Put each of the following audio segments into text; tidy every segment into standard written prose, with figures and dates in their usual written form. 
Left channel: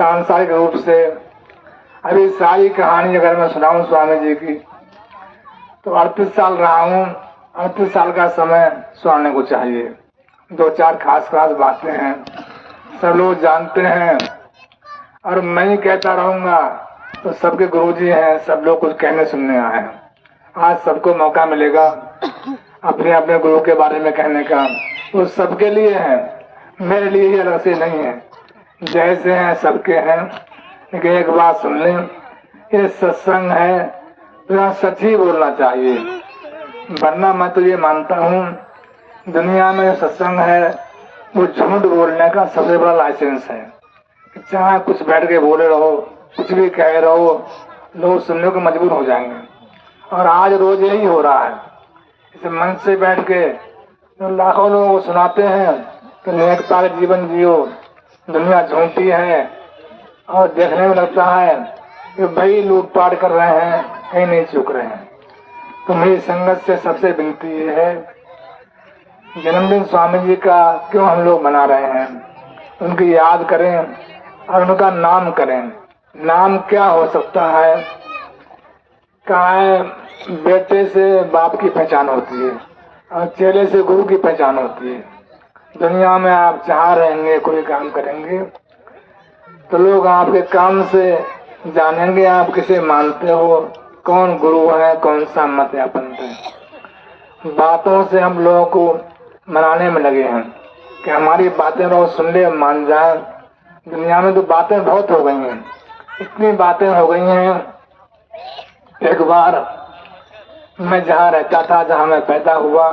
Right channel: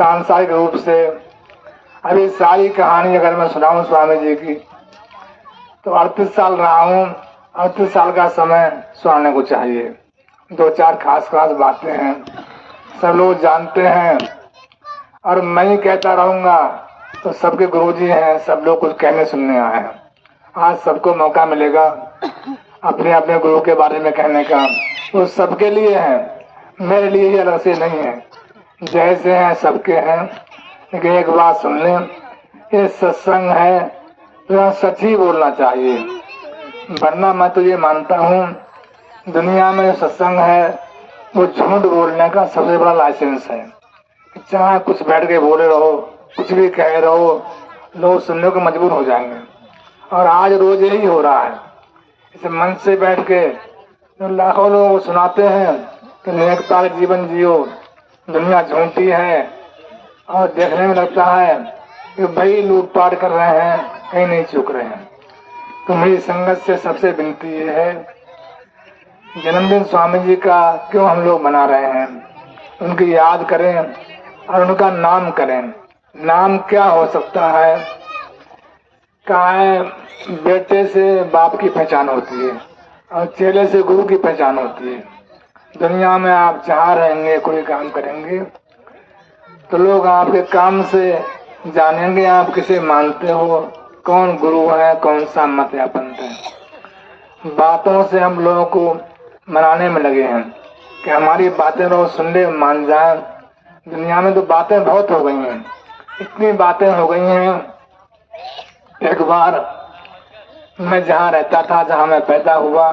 सांसारिक रूप से अभी सारी कहानी अगर मैं सुनाऊं स्वामी जी की तो 38 साल रहा हूँ। 38 साल का समय सुनाने को चाहिए। दो चार खास खास बातें हैं, सब लोग जानते हैं और मैं ही कहता रहूंगा तो सबके गुरुजी हैं, सब लोग कुछ कहने सुनने आए हैं। आज सबको मौका मिलेगा अपने अपने गुरु के बारे में कहने का, वो सबके लिए है, मेरे लिए ही अलग से नहीं है। जैसे हैं सबके हैं, लेकिन एक बात सुन लें, ये सत्संग है तो सच ही बोलना चाहिए। वरना मैं तो ये मानता हूँ दुनिया में सत्संग है वो झूठ बोलने का सबसे बड़ा लाइसेंस है। चाहे कुछ बैठ के बोले रहो, कुछ भी कह रहो, लोग सुनने को मजबूर हो जाएंगे। और आज रोज यही हो रहा है। इस मन से बैठ के लाखों लोगों को सुनाते हैं कि निरंकार जीवन जियो, दुनिया झूठी है, और देखने में लगता है कि भाई लूटपाट कर रहे हैं, कहीं नहीं चूक रहे हैं। तो मेरी संगत से सबसे विनती ये है, जन्मदिन स्वामी जी का क्यों हम लोग मना रहे हैं, उनकी याद करें और उनका नाम करें। नाम क्या हो सकता है? बेटे से बाप की पहचान होती है और चेले से गुरु की पहचान होती है। दुनिया में आप जहाँ रहेंगे, कोई काम करेंगे तो लोग आपके काम से जानेंगे आप किसे मानते हो, कौन गुरु है, कौन सा मत या पंथ है। बातों से हम लोगों को मनाने में लगे हैं कि हमारी बातें लोग सुन ले, मान जाए। दुनिया में तो बातें बहुत हो गई हैं, इतनी बातें हो गई हैं। एक बार मैं जहाँ रहता था, जहाँ मैं पैदा हुआ,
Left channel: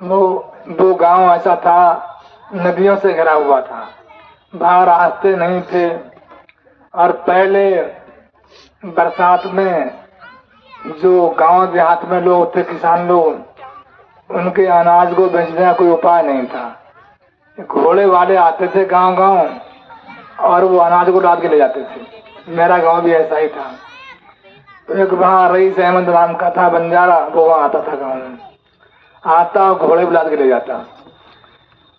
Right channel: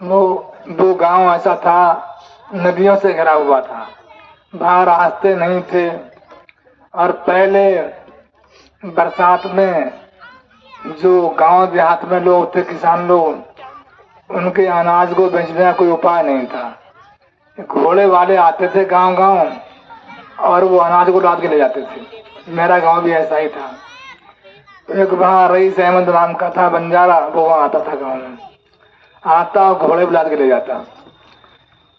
वो गांव ऐसा था, नदियों से घिरा हुआ था, वहाँ रास्ते नहीं थे। और पहले बरसात में जो गांव देहात में लोग थे, किसान लोग, उनके अनाज को बेचने का कोई उपाय नहीं था। घोड़े वाले आते थे गांव गांव और वो अनाज को लाद के ले जाते थे। मेरा गांव भी ऐसा ही था। तो एक वहाँ रईस अहमद राम का था बंजारा, वो वहाँ आता था गाँव में, आता घोड़े भी लाद के ले जाता।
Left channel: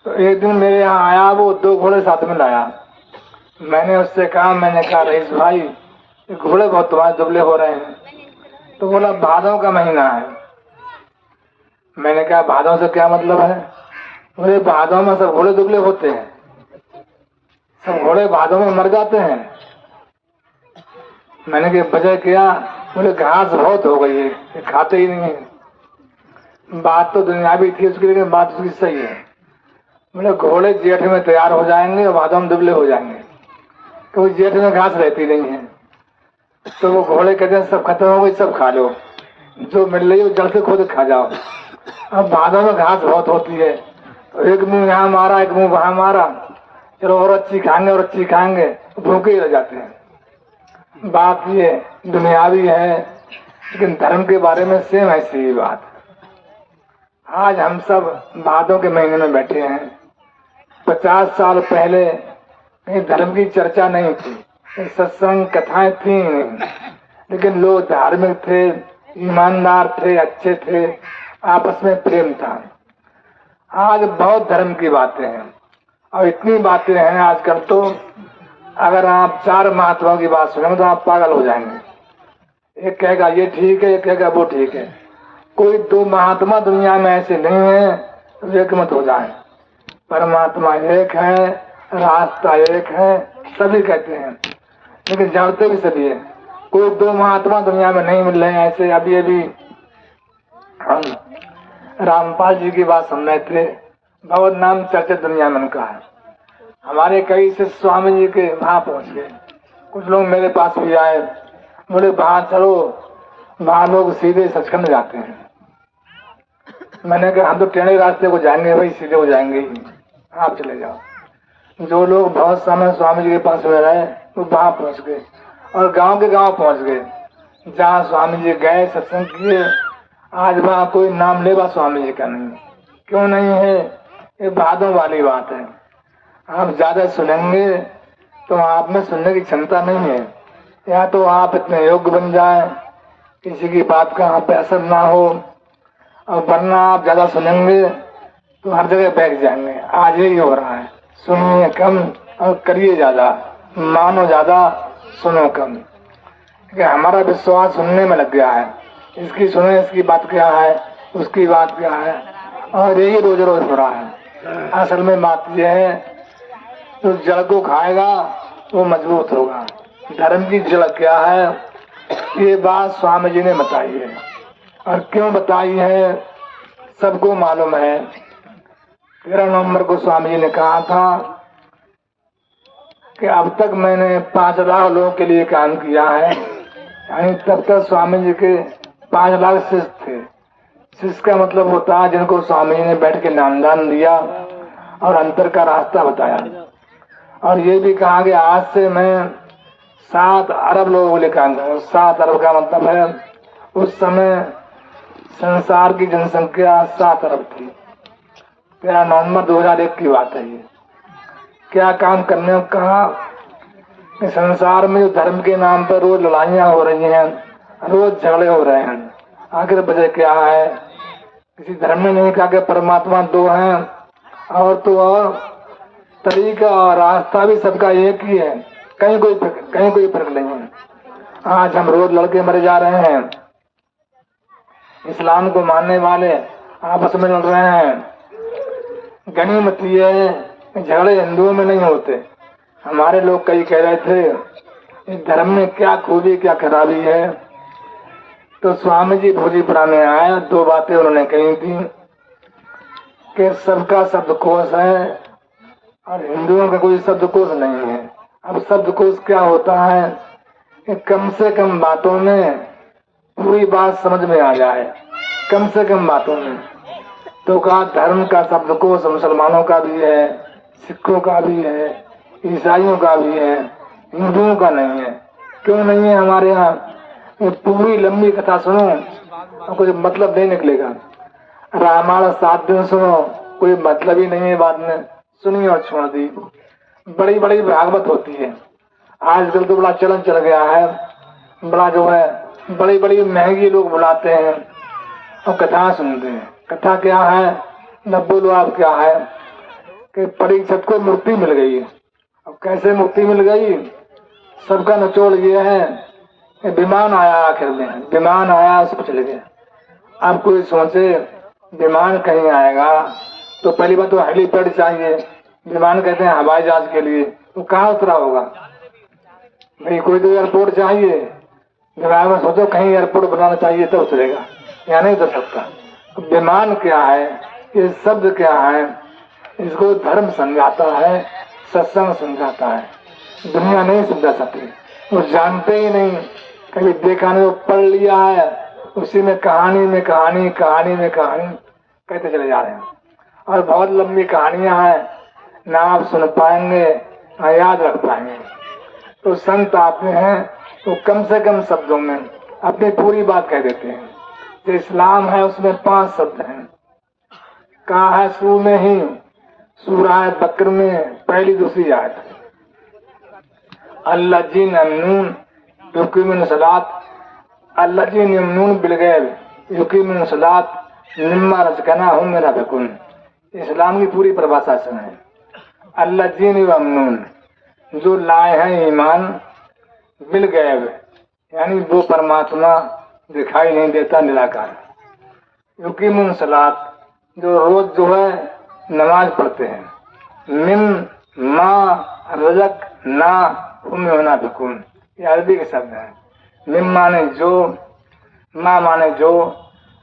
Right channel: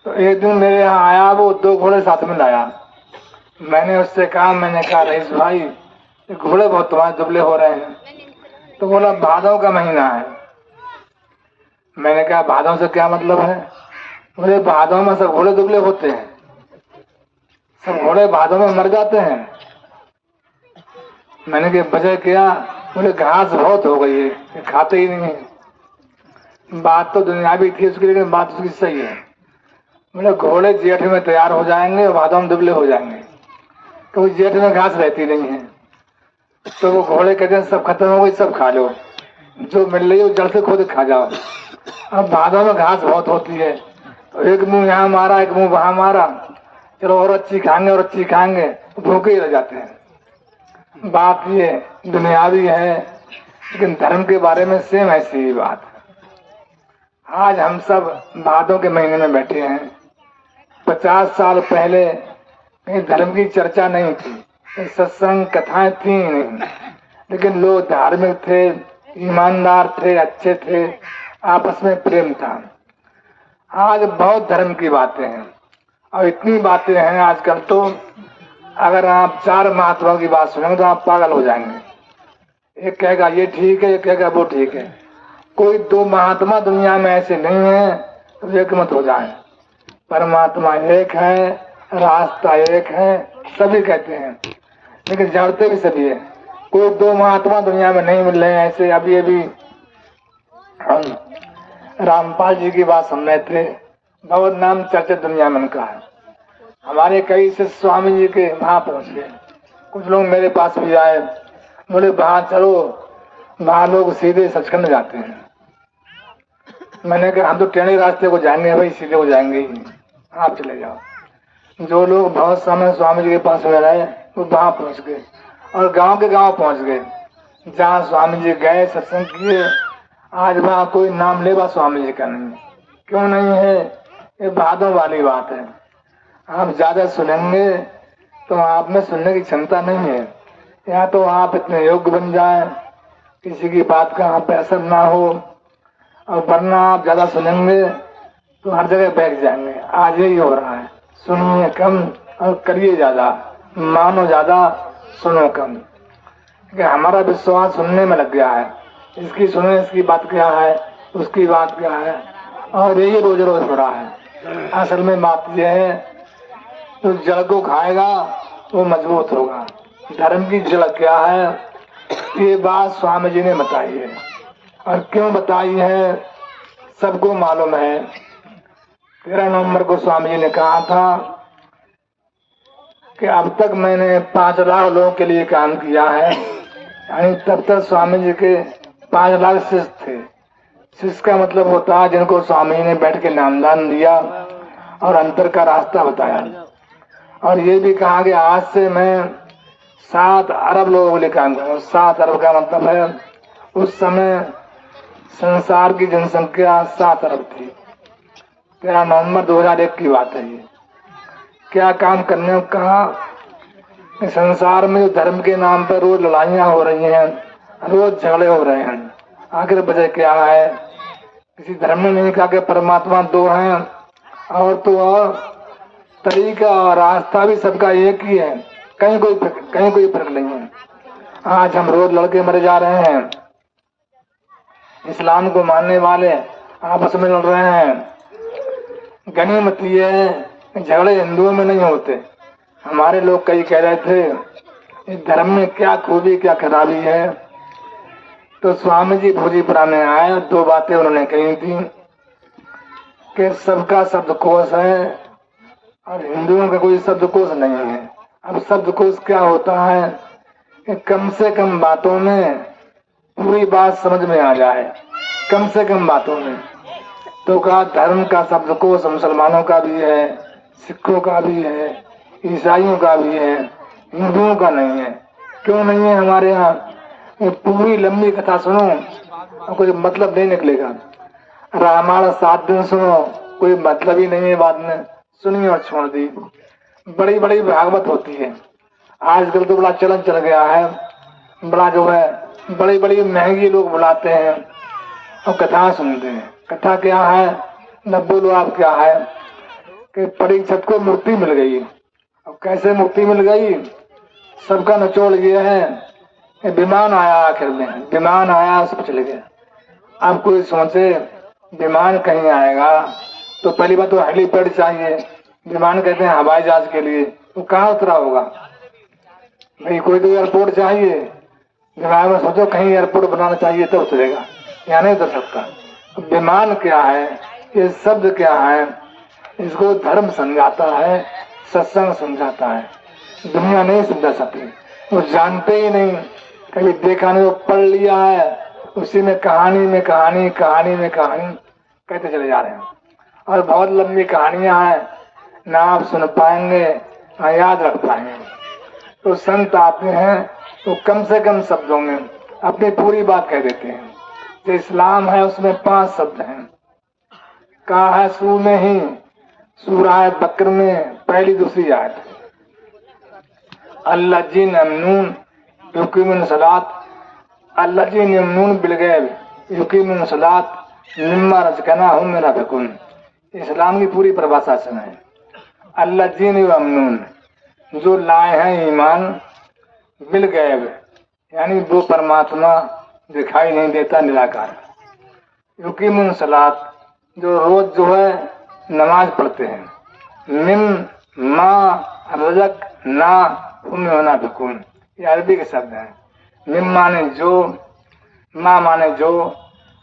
तो एक दिन मेरे यहाँ आया, वो 2 घोड़े साथ में लाया। मैंने उससे कहा, मैंने कहा रईस भाई घोड़े बहुत तुम्हारे दुबले हो रहे हैं। तो बोला भादव का महीना है। मैंने कहा भादव से क्या मतलब है? बोले भादव में सब घोड़े दुबले होते हैं, सब घोड़े भादव में मर जाते हैं। मैंने कहा वजह क्या? बोले घास बहुत हो गई है, खाते ही नहीं है। बात तो दुनियावी थी उसकी, लेकिन बात उसकी सही है। बोले घोड़े जेठ में तैयार हो जाएंगे और भादव में दुबले हो जाएंगे, तो जेठ में घास रहती नहीं है। तो वो घोड़े कहते हैं सब खत्म हो गई, सब खा लो, जो मिल रही है जड़ से खोद खा जाओ। अब भादव में घास बहुत होती है, तो एक मुंह यहाँ मारा, एक मुंह वहां मारा, चलो और अच्छी खाएंगे, भूखे ही रह जाते हैं। बात ये दुनियावी है, लेकिन धर्म के बारे में सेम ऐसी ही बात। आज हम सब भादों के महीने में बैठे हैं। 50 साल पहले कहीं धर्म की चर्चा नहीं थी, सत्संग कथाएं थी नहीं, लेकिन लोग धार्मिक थे, ईमानदार थे, अच्छे थे, आपस में प्रेम था। आज बहुत धर्म की बातें हैं और इतनी बातें हैं आजकल, तो अगर आप 4 महात्माओं की बात सुनेंगे तो आप पागल हो जाएंगे। एक कहेगा ये ठीक है, एक कहेगा वो ठीक है। कोई 2 महात्मा दुनिया में ऐसे नहीं है तो एक मत हो जाए। परमात्मा एक है, रास्ता एक है, सभी कहते हैं, लेकिन जानते भी सभी है। कोई 2 महात्मा दुनिया में नहीं मिल रहे हैं ऐसे। अभी हम रामपाल जी की बात सुन रहे थे, बहुत नाम चर्चित दुनिया में उनका है। हमारे कई से स्वामी जी के वहां पहुंच गए। कुछ लोग मेरे पास भी आए, बोले वहां चलो, वहां लोग सीधे सचखंड जाते हैं। मैंने कहा हम तो टेढ़े रास्ते को जाएंगे भाई, सीधे हो जाएंगे ही, आप चले जाओ। जो लोग बहुत समय स्वामी जी के पास में रहे वो वहां पहुंच गए और गांव के गांव पहुंच गए। जहाँ स्वामी जी गए, सत्संग किए, आज वहां कोई नाम लेवा स्वामी जी का नहीं। क्यों नहीं है? ये भादों वाली बात है। आप ज्यादा सुनेंगे तो आप में सुनने की क्षमता नहीं है, या तो आप इतने योग्य बन जाए किसी की बात का आप पे असर ना हो, और वरना आप ज्यादा सुनेंगे तो हर जगह बैठ जाएंगे। आज यही हो रहा है, सुनिए कम और करिए ज्यादा। मानो ज्यादा सुनो कम, कि हमारा विश्वास सुनने में लग गया है, इसकी सुने, इसकी बात क्या है, उसकी बात क्या है, और यही रोज रोज हो रहा है। असल में बात यह है, तो जड़ को खाएगा वो मजबूत होगा। धर्म की जड़ क्या है, ये बात स्वामी जी ने बताई है, और क्यों बताई है सबको मालूम है। 13 नवंबर को स्वामी जी ने कहा था कि अब तक मैंने 5 लाख लोगों के लिए काम किया है, यानी तब तक स्वामी जी के 5 लाख शिष्य थे। शिष्य का मतलब होता है जिनको स्वामी जी ने बैठ के नामदान दिया और अंतर का रास्ता बताया। और ये भी कहा कि आज से मैं 7 अरब लोगों को लिए काम करूँ। 7 अरब का मतलब है उस समय संसार की जनसंख्या 7 अरब थी। 13 नवंबर 2001 की बात है ये। क्या काम करने को कहा कि संसार में जो धर्म के नाम पर रोज लड़ाइयाँ हो रही हैं, रोज झगड़े हो रहे हैं, आखिर वजह क्या है? किसी धर्म ने नहीं कहा कि परमात्मा 2 हैं, और तो तरीका और रास्ता भी सबका एक ही है, कहीं कोई फर्क नहीं है। आज हम रोज लड़के मरे जा रहे हैं, इस्लाम को मानने वाले आपस में लड़ रहे हैं। गनीमत ये है झगड़े हिंदुओं में नहीं होते। हमारे लोग कई कह रहे थे इस धर्म में क्या खूबी क्या खराबी है, तो स्वामी जी भोजीपुरा में आए, 2 बातें उन्होंने कही थी कि सबका शब्दकोश है और हिंदुओं का कोई शब्दकोश नहीं है। अब शब्दकोश क्या होता है कि कम से कम बातों में पूरी बात समझ में आ जाए, कम से कम बातों में। तो कहा धर्म का शब्दकोश मुसलमानों का भी है, सिखों का भी है, ईसाइयों का भी है, हिंदुओं का नहीं है। क्यों नहीं है हमारे यहाँ? पूरी लंबी कथा सुनो और कोई मतलब नहीं निकलेगा। रामायण 7 दिन सुनो, कोई मतलब ही नहीं है, बाद में सुनी और छोड़ दी। बड़ी बड़ी भागवत होती है, आजकल तो बड़ा चलन चल गया है, बड़ा जो है बड़ी बड़ी महंगी लोग बुलाते हैं और कथा सुनते हैं। कथा क्या है, न बोलो आप क्या है कि परीक्षित को मूर्ति मिल गई। अब कैसे मूर्ति मिल गई? सबका निचोड़ ये है कि विमान आया, आखिर में विमान आया, सब चले गए। अब कोई सोचे विमान कहीं आएगा तो पहली बात तो हेलीपैड चाहिए। विमान कहते हैं हवाई जहाज के लिए, वो कहाँ उतरा होगा भाई? कोई तो एयरपोर्ट चाहिए। दिमाग में सोचो कहीं एयरपोर्ट बनाना चाहिए तो उतरेगा, या नहीं उतर सकता। तो विमान क्या है, ये शब्द क्या है, इसको धर्म समझाता है, सत्संग समझाता है, दुनिया नहीं समझा सकती। वो जानते ही नहीं, कभी देखा नहीं, वो पढ़ लिया है, उसी में कहानी में कहानी, कहानी में कहानी कहते चले जा रहे हैं। और बहुत लंबी कहानियां हैं, ना आप सुन पाएंगे ना याद रख पाएंगे। तो संत आते हैं तो कम से कम शब्दों में अपनी पूरी बात कह देते हैं। जो इस्लाम है उसमें 5 शब्द हैं। कहा है सूर में ही, सूरह बकर में पहली दूसरी आयत, अल्लाजीन अमनून युकीमुन सलात, अल्लाजीन यमनून बिलगैब युकीमुन सलात मिम्मा रज़क़नाहुम में यनफ़िक़ून। इस्लाम की पूरी परिभाषा सुनाए। अल्लाजीन अमनून, जो लाए हैं ईमान, बिलगैब यानी वो परमात्मा दिखाई नहीं देता, निराकार। युकीमुन सलात, जो रोज जो है नमाज पढ़ते हैं। मिम्मा रज़क़नाहुम में यनफ़िक़ून, ये अरबी के शब्द हैं। मिम माने जो, ना माने जो,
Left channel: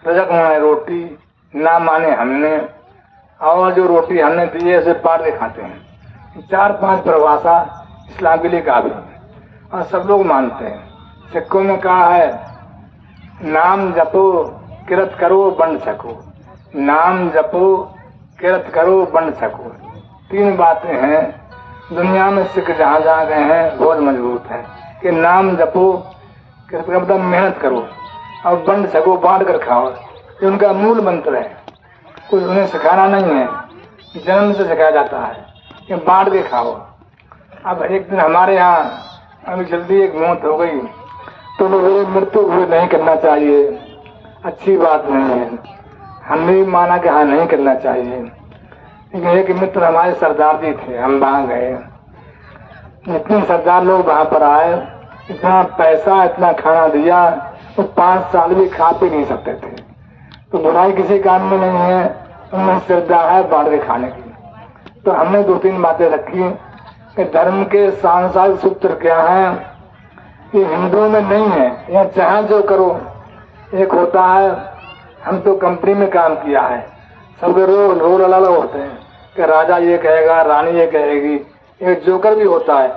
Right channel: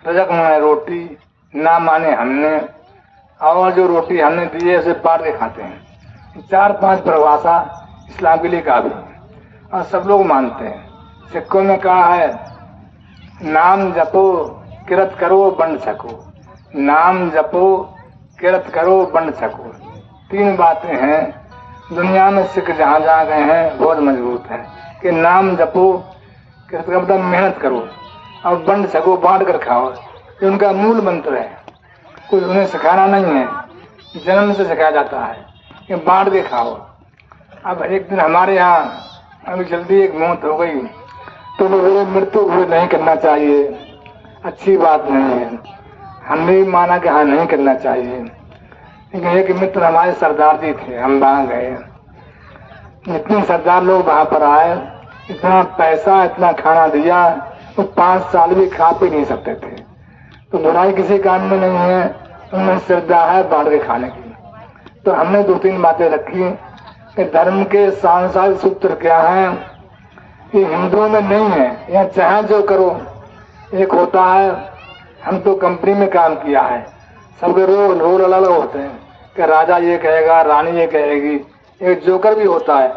रज़क़ माने रोटी, ना माने हमने, और जो रोटी हमने दी है उसे बांट के खाते हैं। 4-5 परिभाषा इस्लाम के लिए काफी है और सब लोग मानते हैं। सिखों में कहा है नाम जपो किरत करो बंड सको, नाम जपो किरत करो बंड सको। 3 बातें हैं दुनिया में। सिख जहाँ जहाँ गए हैं बहुत मजबूत है कि नाम जपो, किरत का मतलब मेहनत करो, और बंड सको, बांट कर खाओ। ये उनका मूल मंत्र है, कुछ उन्हें सिखाना नहीं है, जन्म से सिखाया जाता है कि बांट के खाओ। अब एक दिन हमारे यहाँ अभी जल्दी एक मौत हो गई तो मेरे मृत्यु भी नहीं करना चाहिए, अच्छी बात नहीं है। हमने भी माना कि हाँ नहीं करना चाहिए। लेकिन एक मित्र हमारे सरदार जी थे, हम वहाँ गए, इतने सरदार लोग वहां पर आए, इतना पैसा इतना खाना दिया, तो 5 साल भी खा पी नहीं सकते थे। तो बुराई किसी काम में नहीं है, उनमें श्रद्धा है बांट के खाने की। तो हमने 2-3 बातें रखी कि धर्म के सांसारिक सूत्र क्या है, ये हिंदुओं में नहीं है। यह चाहे जो करो, एक होता है, हम तो कंपनी में काम किया है, सबके रोल अलग अलग होते हैं कि राजा ये कहेगा, रानी ये कहेगी। एक जोकर भी होता है,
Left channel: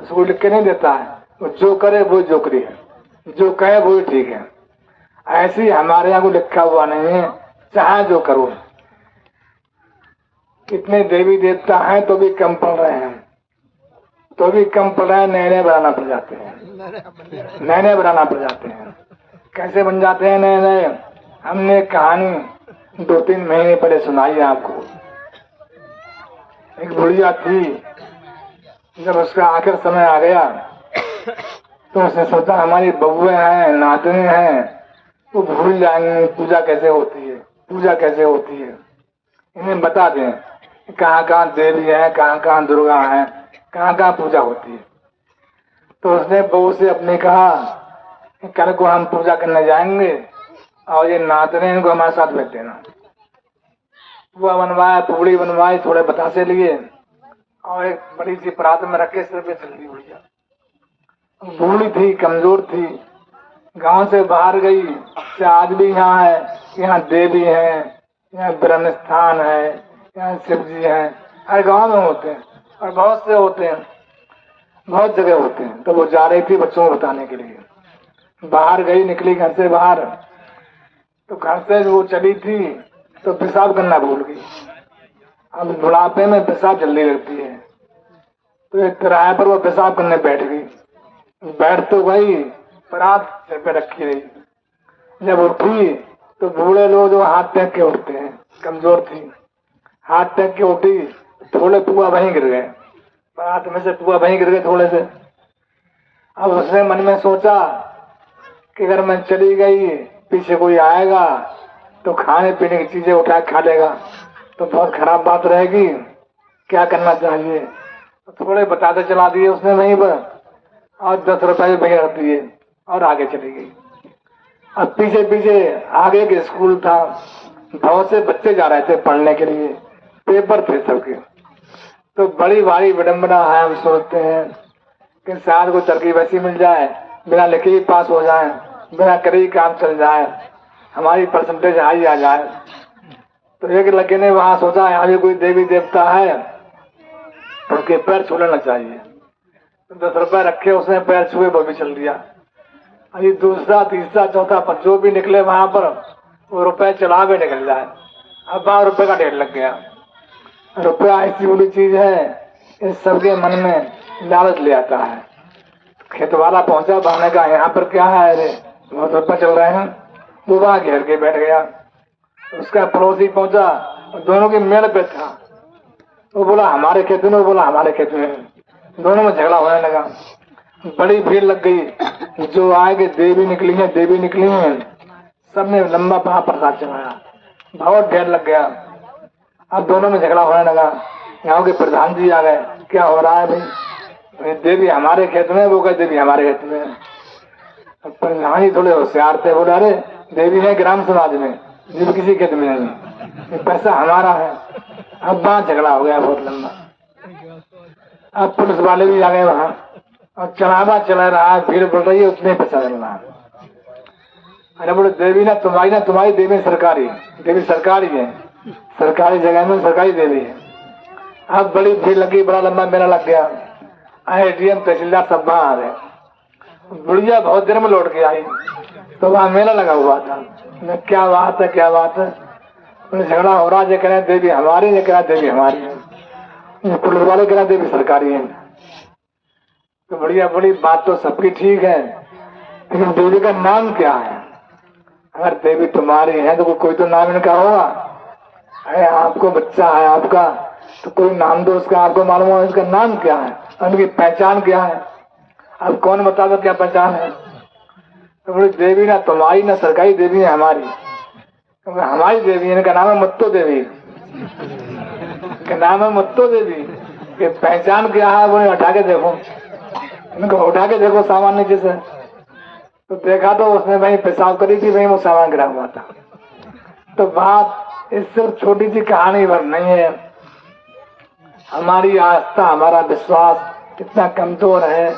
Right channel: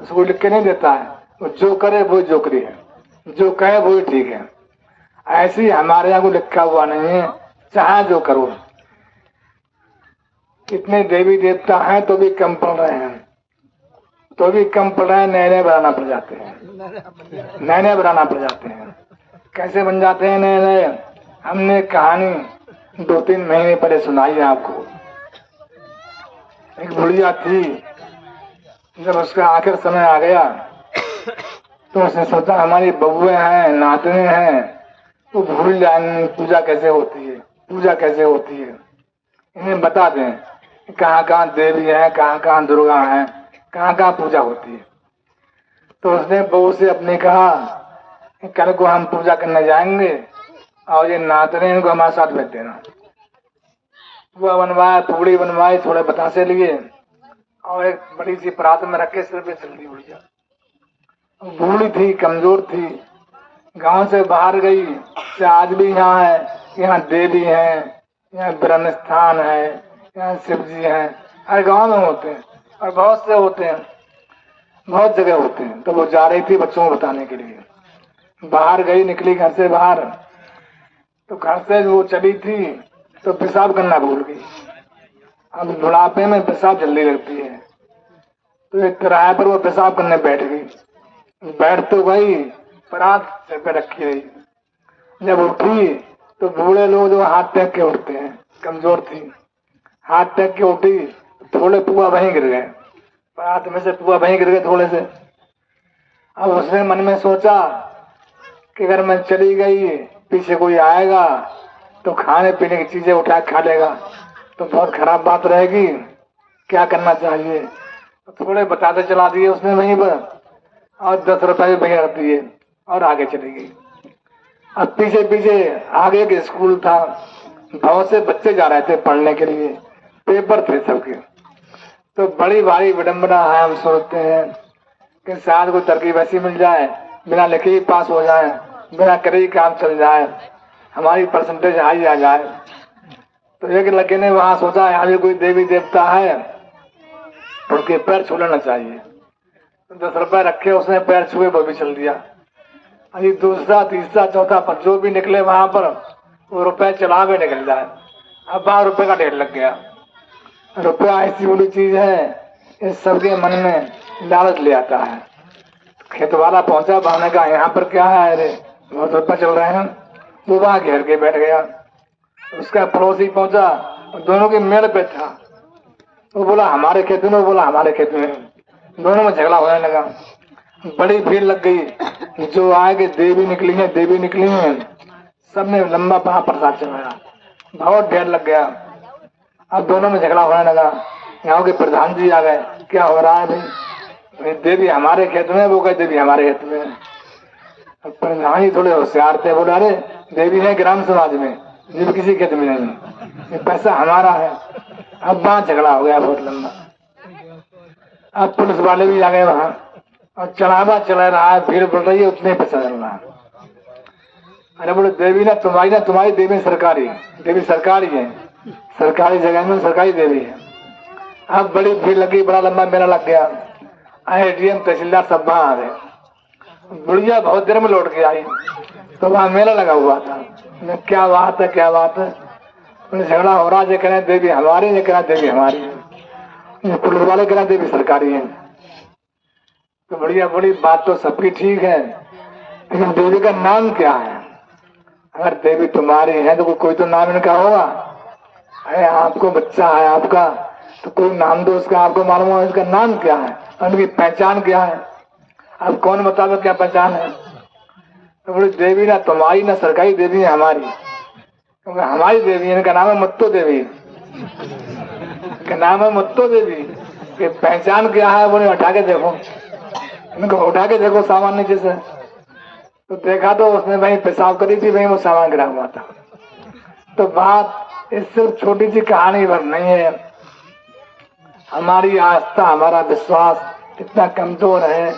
उसको लिख के नहीं देता है, तो जो करे वही जोकरी है, जो कहे वही ठीक है। ऐसे ही हमारे यहाँ को लिखा हुआ नहीं है, चाहे जो करो। इतने देवी देवता हैं तो भी कम पड़ रहे हैं, तो भी कम पड़ रहे हैं, नए नए बनाना पड़ जाते हैं, नए नए बनाना पड़ जाते हैं। कैसे बन जाते हैं नए नए? हमने कहानी 2-3 महीने पहले सुनाई है आपको। एक बुढ़िया थी, जब उसका आखिर समय आ गया तो उसने सोचा हमारी बबुए हैं, नातने हैं, वो भूल जाएंगे पूजा कैसे होती है, पूजा कैसे होती है। इन्हें बता दें कहाँ कहाँ देवी है, कहाँ कहाँ दुर्गा है, कहाँ कहाँ पूजा होती है। तो उसने बहू से अपने कहा कि कल को हम पूजा करने जाएंगे और ये नातने इनको हमारे साथ भेज देना। पुआ बनवाया, पूड़ी बनवाई, थोड़े बतासे लिए और एक बड़ी सी परात में रख के सिर पे चल दी भैया। बूढ़ी थी, कमजोर थी, गांव से बाहर गई। आज भी यहाँ है, यहाँ देवी है, यहाँ ब्रह्म स्थान है, यहाँ शिव जी हैं, हर गांव में होते हैं और बहुत से होते हैं, बहुत जगह होते हैं। तो वो जा रही थी बच्चों को बताने के लिए, बाहर गई, निकली घर से बाहर, तो घर से वो चली थी तो पेशाब करना भूल गई। अब बुढ़ापे में पेशाब जल्दी लगती है, तो एक किराए पर वो पेशाब करने बैठ गई। बैठ तो गई, परात सिर पे रखी रही। जब उठी तो बूढ़े लोग जो हाथ फेंक के उठते हैं, कमजोर थी, हाथ फेंक के उठी, थोड़े पुआ वहीं गिर गए, परात में से पुआ वहीं गिर गए थोड़े से। अब उसने मन में सोचा कि अगर मैं चली गई, पीछे कोई आएगा तो खाने पीने की चीजें उठा खा लेगा, तो बहुत खराब बात रहेगी, क्या करना चाहिए। तो थोड़े बताते चला दिए उसने वहीं पर और 10 रुपए भैया रख दिए और आगे चली गई। अब पीछे पीछे आगे के स्कूल था, बहुत से बच्चे जा रहे थे पढ़ने के लिए, पेपर थे सबके। तो बड़ी भारी विडम्बना है, हम सोचते हैं कि शायद कोई तरकीब ऐसी मिल जाए, बिना लिखे ही पास हो जाए, बिना करे ही काम चल जाए, हमारी परसेंटेज हाई आ जाए। तो एक लड़के ने वहां सोचा यहाँ भी कोई देवी देवता है, उनके पैर छू लेना चाहिए। 10 रुपए रखे, उसने पैर छुए, वो भी चल दिया। अभी दूसरा, तीसरा, चौथा पर जो भी निकले वहां पर वो रुपए चला के निकल जाए। अब 12 रुपए का ढेर लग गया। रुपया ऐसी बड़ी चीज है, इस सबके मन में लालच ले आता है। खेत वाला पहुंचा, भाने का यहाँ पर क्या है, अरे बहुत रुपये चल रहे हैं। वो वहां घेर के बैठ गया। उसका पड़ोसी पहुंचा, दोनों के मेल पे था। वो बोला हमारे खेत में, वो बोला हमारे खेत में, दोनों में झगड़ा होने लगा। बड़ी भीड़ लग गई, जो आगे देवी निकली है, देवी निकली है, सबने लंबा वहां प्रसाद चढ़ाया, बहुत ढेर लग गया। अब दोनों में झगड़ा होने लगा। गाँव के प्रधान जी आ गए, क्या हो रहा है भाई, देवी हमारे खेत में, वो कहे देवी हमारे खेत में। प्रधान जी थोड़े होशियार थे, बोला अरे देवी है ग्राम समाज में, देवी किसी खेत में नहीं, ये पैसा हमारा है। अब वहां झगड़ा हो गया बहुत लंबा। अब पुलिस वाले भी आ गए वहां और चढ़ावा चला रहा है, भीड़ बढ़ रही है, उतने पैसा मिल रहा है। अरे बोले देवी ना तुम्हारी देवी सरकारी, देवी सरकारी है, सरकारी जगह में सरकारी देवी है। अब बड़ी भीड़ लगी, बड़ा लंबा मेला लग गया। एडीएम तहसीलदार सब वहां आ गए। बुढ़िया बहुत देर में लौट के आई, तो वहां मेला लगा हुआ था। क्या बात है, क्या बात है, झगड़ा हो रहा है, कह रहे देवी हमारी, ये कह देवी हमारी है, पुलिस वाले कह देवी सरकारी है। तो बढ़िया, बड़ी बात तो सबकी ठीक है, लेकिन देवी का नाम क्या है? अगर देवी तुम्हारी है तो कोई तो नाम इनका होगा। अरे आपको बच्चा है आपका, तो कोई नाम दो उसका, आपको मालूम है इसका नाम क्या है, उनकी पहचान क्या है। अब कौन बतावे क्या पहचान है? तो बोली देवी ना तुम्हारी ना सरकारी देवी है हमारी। हमारी देवी, इनका नाम है मुत्तो देवी, इनका नाम है मुत्तो देवी। कि पहचान क्या है, वो उठा के देखो, इनको उठा के देखो सामान नीचे से, तो देखा तो उसने वहीं पेशाब करी थी, वहीं वो सामान गिरा हुआ था। तो बात इस सिर्फ छोटी सी कहानी भर नहीं है, हमारी आस्था हमारा विश्वास कितना कमजोर है,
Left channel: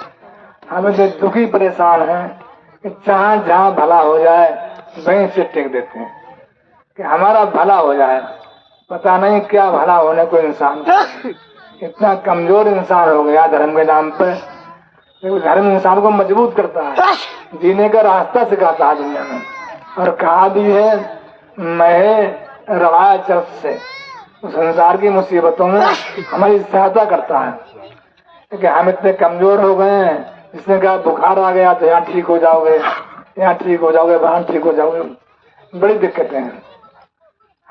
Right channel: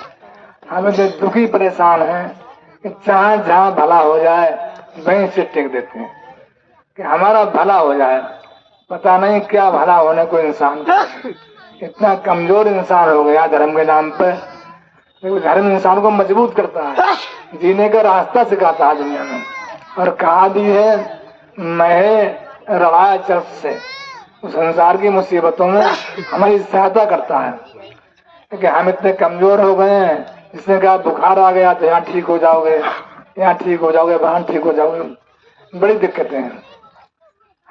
हमें तो दुखी परेशान है कि जहाँ भला हो जाए वहीं से टिक देते हैं कि हमारा भला हो जाए, पता नहीं क्या भला होने को इंसान इतना कमजोर इंसान हो गया धर्म के नाम पर। धर्म इंसान को मजबूत करता है, जीने का रास्ता सिखाता है दुनिया में, और कहा भी है मैं रवाया चर्च से संसार की मुसीबतों में हमारी सहायता करता है, क्योंकि हम इतने कमजोर हो गए हैं। जिसने कहा बुखार आ गया तो यहाँ ठीक हो जाओगे, यहाँ ठीक हो जाओगे, वहां ठीक हो जाओगे, बड़ी दिक्कतें हैं।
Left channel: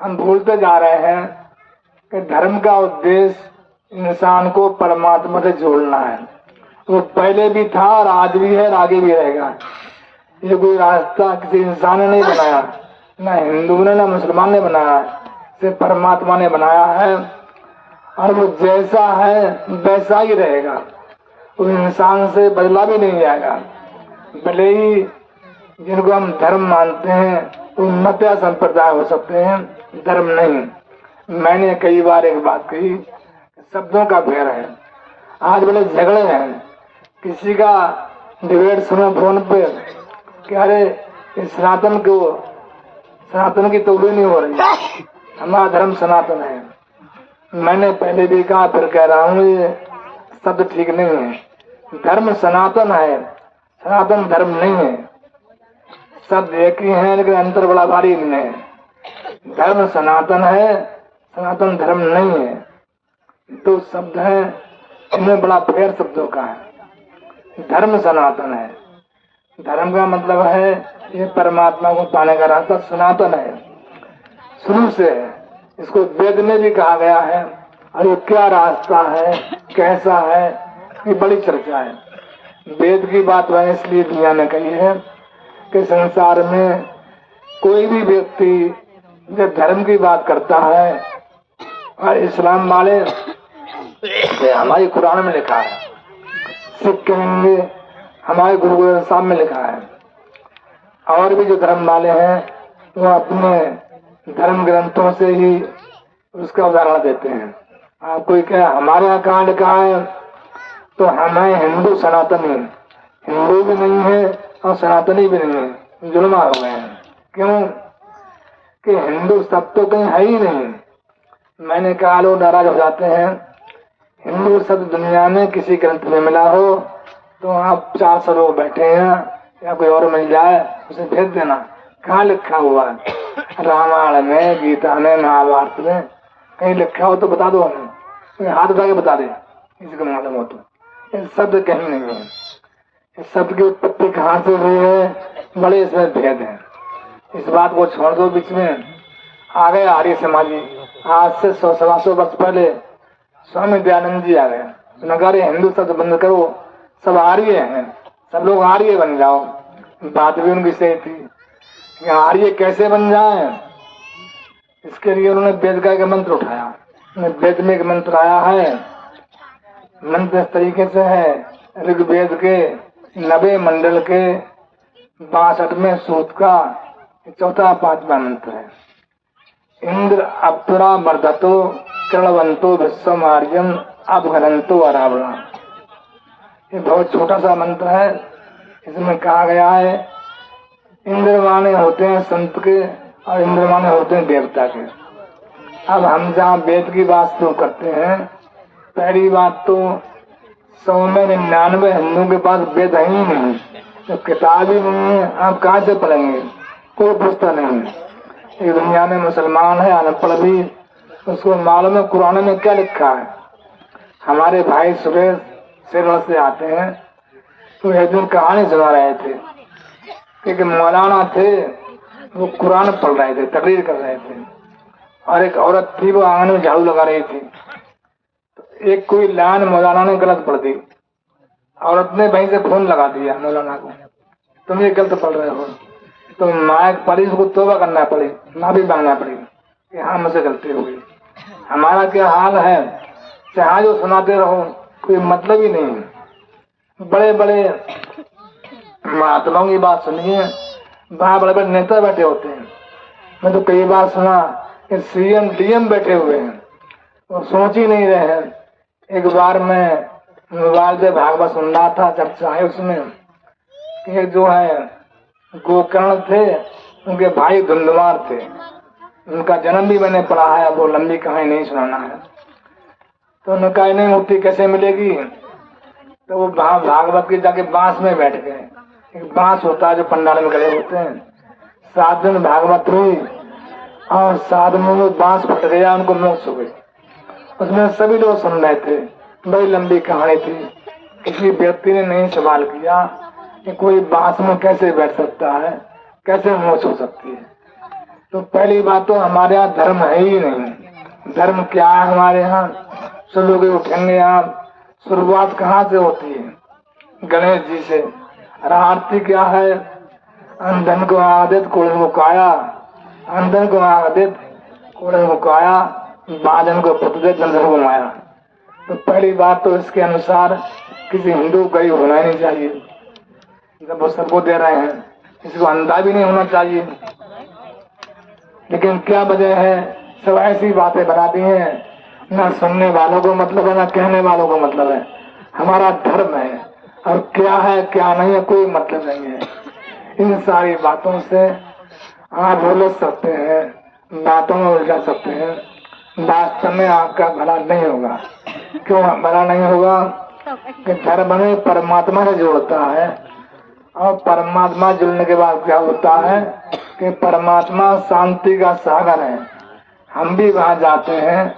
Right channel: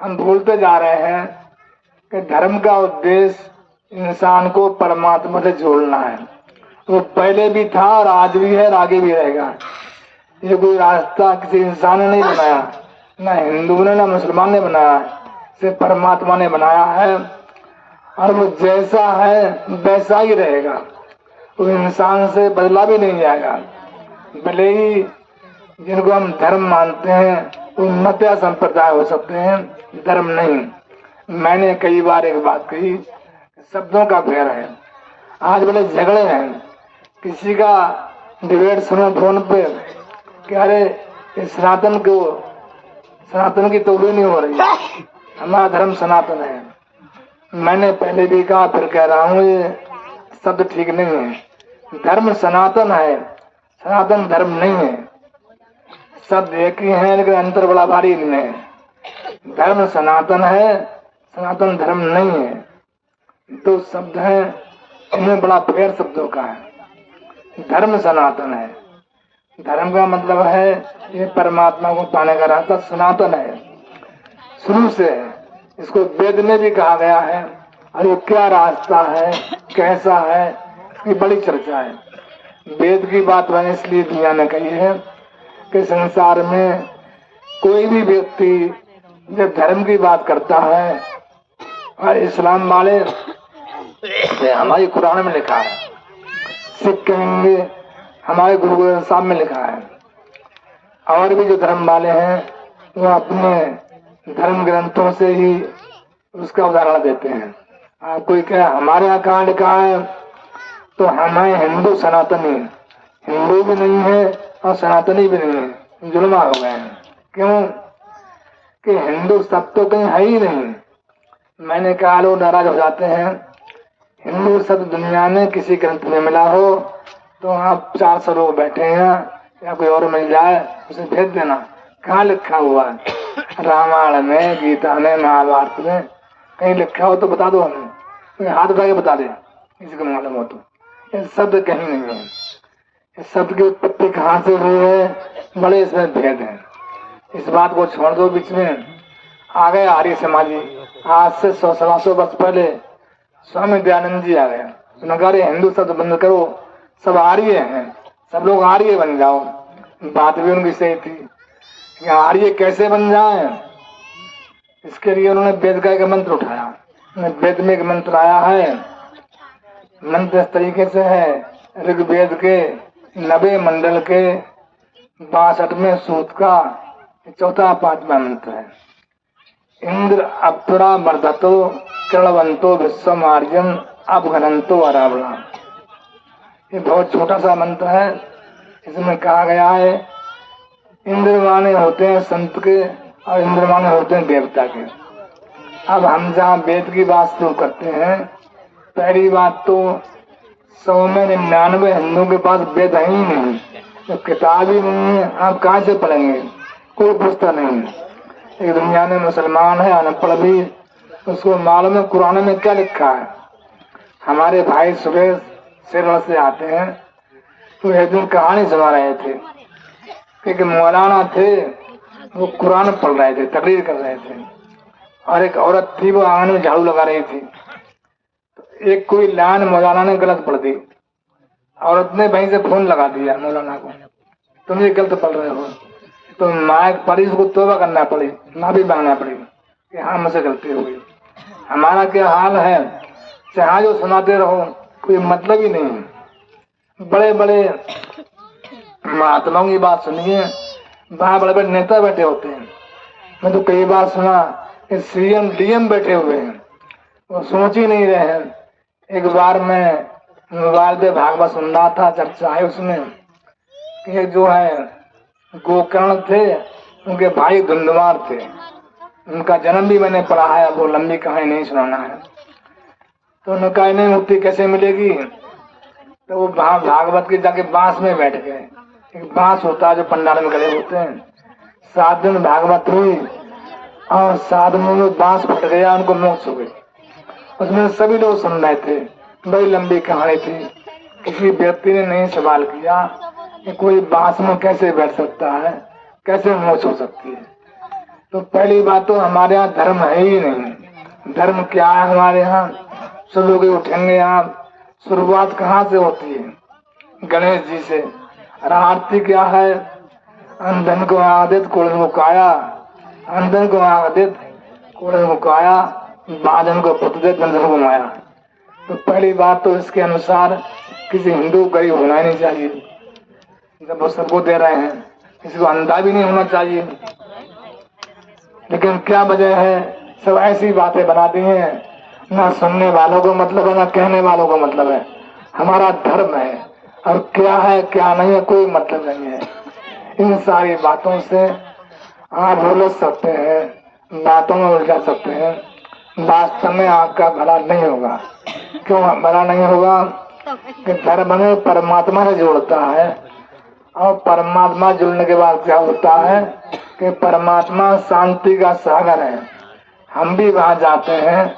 हम भूलते जा रहे हैं कि धर्म का उद्देश्य इंसान को परमात्मा से जोड़ना है। वो पहले भी था और आज भी है और आगे भी रहेगा। ये कोई रास्ता किसी इंसान ने नहीं बनाया, ना हिंदू ने ना मुसलमान ने बनाया, सिर्फ परमात्मा ने बनाया है, और वो जैसा है वैसा ही रहेगा, वो इंसान से बदला भी नहीं जाएगा। भले ही जिनको हम धर्म मानते हैं वो मत या संप्रदाय हो सकते हैं, धर्म नहीं। मैंने कई बार एक बात कही, शब्दों का फेर है। आज बड़े झगड़े हैं, किसी का डिबेट सुनो फोन पे कि अरे सनातन की तोबी नहीं हो रही, हमारा धर्म सनातन है। मैंने पहले भी कहा फिर कह रहा हूँ, ये शब्द ठीक नहीं है। धर्म सनातन है, सनातन धर्म नहीं है। शब्द एक ही है लेकिन अंतर बड़ा भारी नहीं है। धर्म सनातन है, सनातन धर्म नहीं है। तो शब्द है, इनमें बड़ा फेर शब्दों का है। धर्म सनातन है, धर्म का मतलब है ये परमात्मा को पाने का रास्ता सनातन है, शुरू से है। इसको वेद में भी कहा गया है, और ये क्या रास्ता है, कैसा है, इसकी बड़ी चर्चा है। वेद की बात वह इसलिए दुनिया ने कही है कि संसार में कोई भी व्यक्ति जब धर्म की बात करता है, और इस्लाम वाले हमारी कुरान में लिखा है, सिख कहेंगे हमारे गुरु ग्रंथ साहब में लिखा है, और भी जो धर्म वाले हैं वो अपने धर्म ग्रंथों से ही उसका उदाहरण देते हैं। आप कोई कहे हमारे यहाँ कहाँ लिखा है, तो हम हैं हिंदू सनातनी, हिंदू भी नहीं है और सनातनी भी नहीं है, जुल्मा हो गए हैं। क्यों कि हिंदू शब्द तो कहीं है ही नहीं। मैंने कहा लोग नाराज हो जाते हैं, हिंदू शब्द दुनिया में किसी ग्रंथ में मिला हो तो आप 400 लोग बैठे हैं या कोई और मिल जाए उसे भेज देना, कहाँ लिखा हुआ है? रामायण में, गीता में, महाभारत में कहीं लिखा हो तो बता दो, हमें कोई हाथ उठा के बता दे किसी को मालूम हो तो। ये शब्द कहीं नहीं है, इस शब्द की उत्पत्ति कहाँ से हुई है, बड़े इसमें भेद है। इस बात को छोड़ दो, बीच में आ गए आर्य समाजी। आज से 100-125 वर्ष पहले स्वामी दयानंद जी आ गया, नगर हिंदू शब्द बंद करो, सब आर्य हैं, सब लोग आर्य बन जाओ। बात भी उनकी सही थी कि आर्य कैसे बन जाए, इसके लिए उन्होंने वेद का एक मंत्र उठाया। वेद में एक मंत्र आया है, मंत्र इस तरीके से है, ऋग्वेद के 90 मंडल के 62वें सूक्त का 4था 5वां मंत्र है। इंद्र अप्सरा वर्धतो करणवंतो विश्वम आर्यम अपघनंतो अरावण। ये बहुत छोटा सा मंत्र है। इसमें कहा गया है इंद्र माने होते हैं संत के और इंद्र माने होते हैं देवता के। अब हम जहाँ वेद की बात शुरू करते हैं, पहली बात तो 100 में 99 हिंदुओं के पास वेद है ही नहीं, तो किताब ही नहीं है, आप कहाँ से पढ़ेंगे? कोई पुस्तक नहीं है। एक दुनिया में मुसलमान है अनपढ़ भी, उसको मालूम है कुरान में क्या लिखा है। हमारे भाई सुरेश सिरल से आते हैं, तो एक दिन कहानी सुना रहे थे कि मौलाना थे, वो कुरान पढ़ रहे थे, तकरीर कर रहे थे, और एक औरत थी वो आंगन में झाड़ू लगा रही थी। एक कोई लाइन मौलाना ने गलत पढ़ दी, औरत ने वहीं से फोन लगा दिया मौलाना को, तुम ये गलत पढ़ रहे हो। तो माँ पड़ी, उसको तौबा करना पड़ी, माफी मांगना पड़ी कि हाँ मुझसे गलती हो गई। हमारा क्या हाल है, चाहे जो सुनाते रहो, कोई मतलब ही नहीं है। बड़े बड़े महात्माओं की बात सुनिए, वहां बड़े बड़े नेता बैठे होते हैं। मैं तो कई बार सुना कि सीएम डीएम बैठे हुए हैं, वो सोच ही नहीं रहे हैं। एक बार मैं मोबाइल पे भागवत सुन रहा था, चर्चा है उसमें कि जो है गोकर्ण थे, उनके भाई धुंधमार थे। उनका जन्म भी मैंने पढ़ा है, वो लंबी कहानी नहीं सुनाना है। तो उनका इन्हें मुक्ति कैसे मिलेगी? तो वो भागवत के जाके बांस में बैठ गए। एक बांस होता है जो पंडाल में गड़े होते हैं। 7 दिन भागवत हुई और 7 दिन में बांस फट गया, उनको मोक्ष हो गई। उसमें सभी लोग सुन रहे थे, बड़ी लंबी कहानी थी। किसी व्यक्ति ने नहीं सवाल किया कि कोई बांस में कैसे बैठ सकता है, कैसे मोक्ष हो सकती है। तो पहली बात तो हमारे यहाँ धर्म है ही नहीं। धर्म क्या है हमारे यहाँ? सब लोग उठेंगे आप, शुरुआत कहाँ से होती है? गणेश जी से। और आरती क्या है? अंधन को आदित कुड़न को काया, अंधन को आदित कुड़न को काया, बाजन को प्रतिदित बंधन को माया। तो पहली बात तो इसके अनुसार किसी हिंदू गरीब होना नहीं चाहिए। जब वो सबको दे रहे हैं, किसी को अंधा भी नहीं होना चाहिए। लेकिन क्या वजह है? सब ऐसी बातें बनाती हैं, ना सुनने वालों को मतलब है, ना कहने वालों को मतलब है। हमारा धर्म है और क्या है क्या नहीं है कोई मतलब नहीं है। इन सारी बातों से आप उलझ सकते हैं, बातों में उलझा सकते हैं। वास्तव में आपका भला नहीं होगा। क्यों भला नहीं होगा? कि धर्म में परमात्मा से जोड़ता है, और परमात्मा जुड़ने के बाद क्या होता है कि परमात्मा शांति का सागर है। हम भी वहां जाते हैं,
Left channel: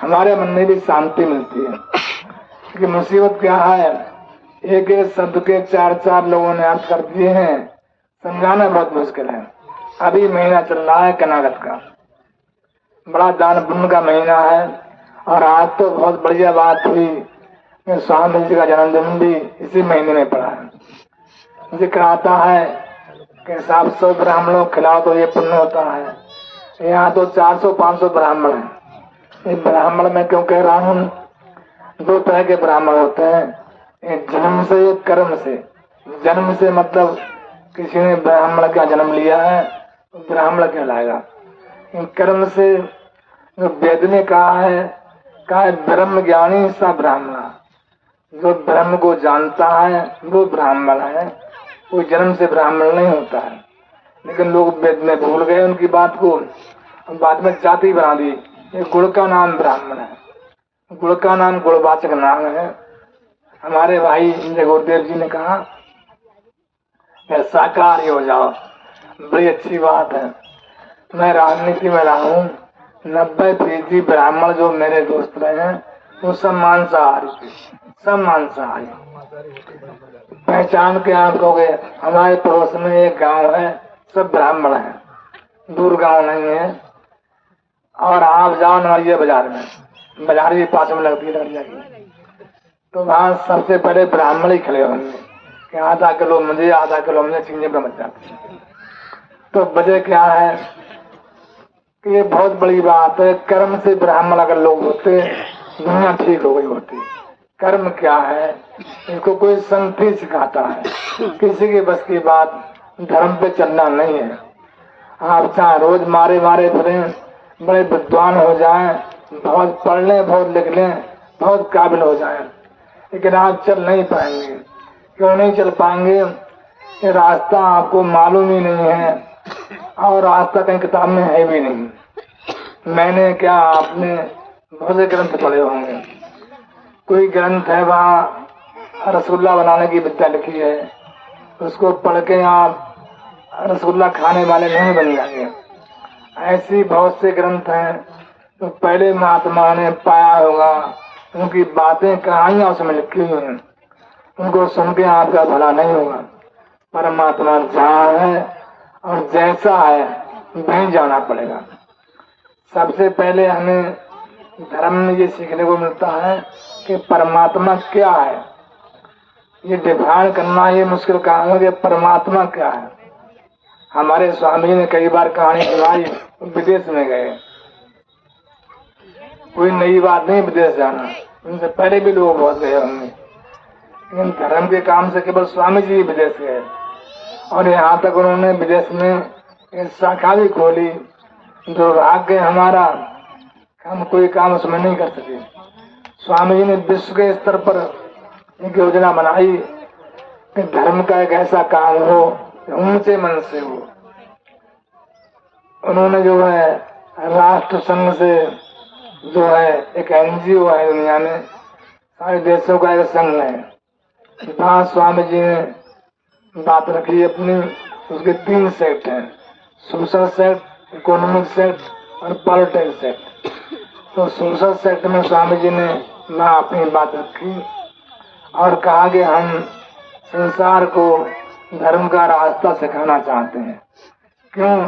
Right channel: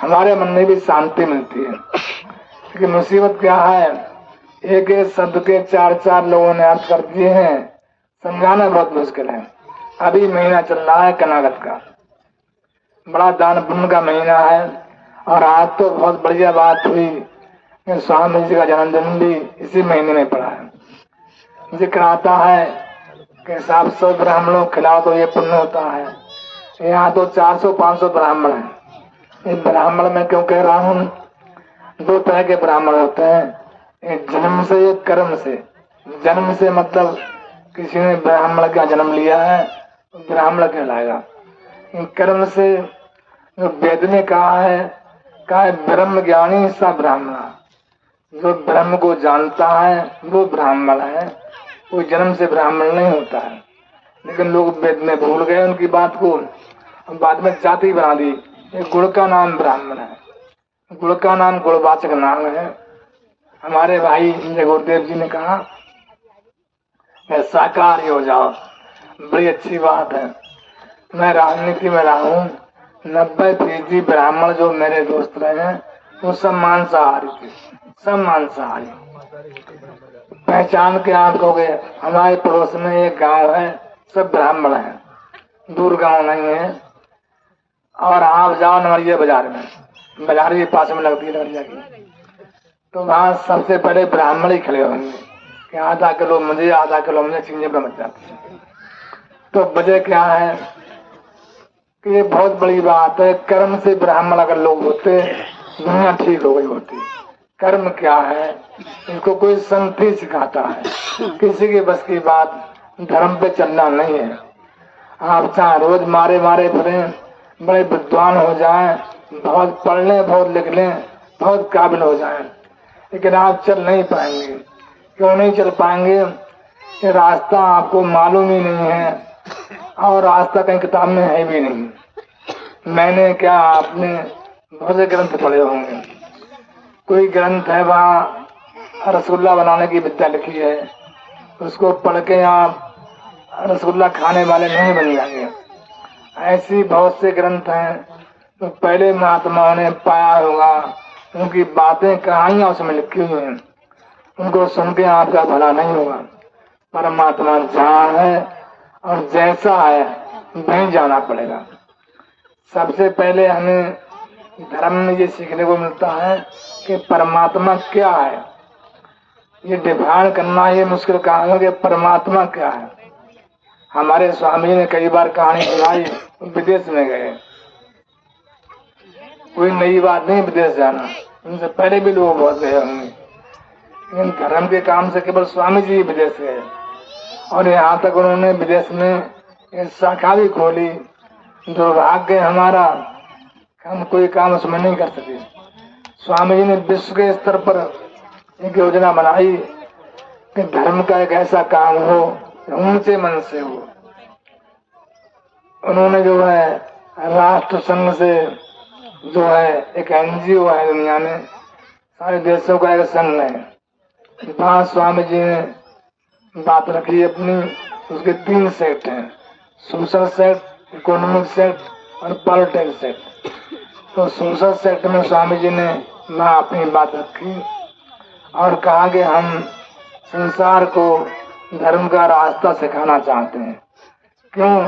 हमारे मन में भी शांति मिलती है। क्योंकि मुसीबत क्या है, एक एक शब्द के 4-4 लोगों ने अर्थ कर दिए हैं, समझाना बहुत मुश्किल है। अभी महीना चल रहा है कनागत का, बड़ा दान पुण्य का महीना है। और आज तो बहुत बढ़िया बात हुई, स्वामी जी का जन्मदिन भी इसी महीने में पड़ा है। जिक्र आता है कि 700 ब्राह्मणों को खिलाओ तो ये पुण्य होता है। यहाँ तो 400-500 ब्राह्मण हैं। ये ब्राह्मण मैं क्यों कह रहा हूँ? 2 तरह के ब्राह्मण होते हैं, एक जन्म से, एक कर्म से। जन्म से मतलब किसी ने ब्राह्मण का जन्म लिया है तो ब्राह्मण कहलाएगा। कर्म से जो वेद में कहा है ब्रह्म ज्ञानी सा ब्राह्मण। जो ब्रह्म को जानता है वो ब्राह्मण है, कोई जन्म से ब्राह्मण नहीं होता है। लेकिन लोग वेद में भूल गए उनकी बात को, बाद में जाति बना दी। गुण का नाम ब्राह्मण है, गुण का नाम गुणवाचक नाम है। हमारे भाई गुरुदेव जी ने कहा शाकाहारी हो जाओ, बड़ी अच्छी बात है। मैं राजनीति में रहा हूँ, 90% ब्राह्मण जो मेरे दोस्त रहे हैं वो सब मांसाहारी थे, सब मांसाहारी। पहचान के आप कहोगे, हमारे पड़ोस में एक गांव है, सब ब्राह्मण है, दूर गांव नहीं है। और आप जाओ नवरिया बाजार में, बाजार भी पास में लगती है नवरिया की, तो वहाँ सबसे बड़े ब्राह्मण ही खड़े होंगे कि आधा किलो मुझे, आधा किलो मुझे, चीजें पे मच जाती है। तो वजह क्या है कि ये बहुत बड़ी बात है। कर्म से ब्राह्मण अगर लोग होते, दुनिया ठीक हो गई होती। कर्म क्या है, इसको कोई संत ही सिखाता है, किसी के बस की बात धर्म पे चलना नहीं है। आप चाहे रोज मारे मारे फिरे, बड़े विद्वान हो जाएं, बहुत पढ़ लें, बहुत लिख लें, बहुत काबिल हो जाएं, लेकिन आप चल नहीं पाएंगे। क्यों नहीं चल पाएंगे? ये रास्ता आपको मालूम ही नहीं है, और रास्ता कहीं किताब में है भी नहीं। मैंने क्या, आपने बहुत से ग्रंथ पढ़े होंगे। कोई ग्रंथ है वहाँ रसगुल्ला बनाने की विद्या लिखी है, उसको पढ़ के आप रसगुल्ला खाने वाले नहीं बन जाएंगे। ऐसी बहुत से ग्रंथ हैं तो पहले महात्माओं ने पाया होगा, उनकी बातें कहानियां उसमें लिखी हुई हैं, उनको सुन के आपका भला नहीं होगा। परमात्मा जहाँ है और जैसा है वहीं जाना पड़ेगा। सबसे पहले हमें धर्म में ये सीखने को मिलता है कि परमात्मा क्या है। ये डिफाइन करना ये मुश्किल काम है कि परमात्मा क्या है। हमारे स्वामी ने कई बार कहानी सुनाई, विदेश में गए। कोई नई बात नहीं विदेश जाना, उनसे पहले भी लोग बहुत गए होंगे, लेकिन धर्म के काम से केवल स्वामी जी विदेश गए और यहाँ तक उन्होंने विदेश में एक शाखा भी खोली। दुर्भाग्य हमारा, हम कोई काम उसमें नहीं कर सके। स्वामी जी ने विश्व के स्तर पर एक योजना बनाई कि धर्म का एक ऐसा काम हो ऊंचे मन से हो। उन्होंने जो है राष्ट्र संघ से जो है एक एनजीओ है दुनिया में, सारे देशों का एक संघ है, वहाँ स्वामी जी ने बात रखी अपनी। उसके 3 सेक्ट हैं, सोशल सेक्ट, इकोनॉमिक सेक्ट और पॉलिटिकल सेक्ट। तो सोशल सेक्ट में स्वामी जी ने वहाँ अपनी बात रखी और कहा कि हम संसार को धर्म का रास्ता सिखाना चाहते हैं। क्यों?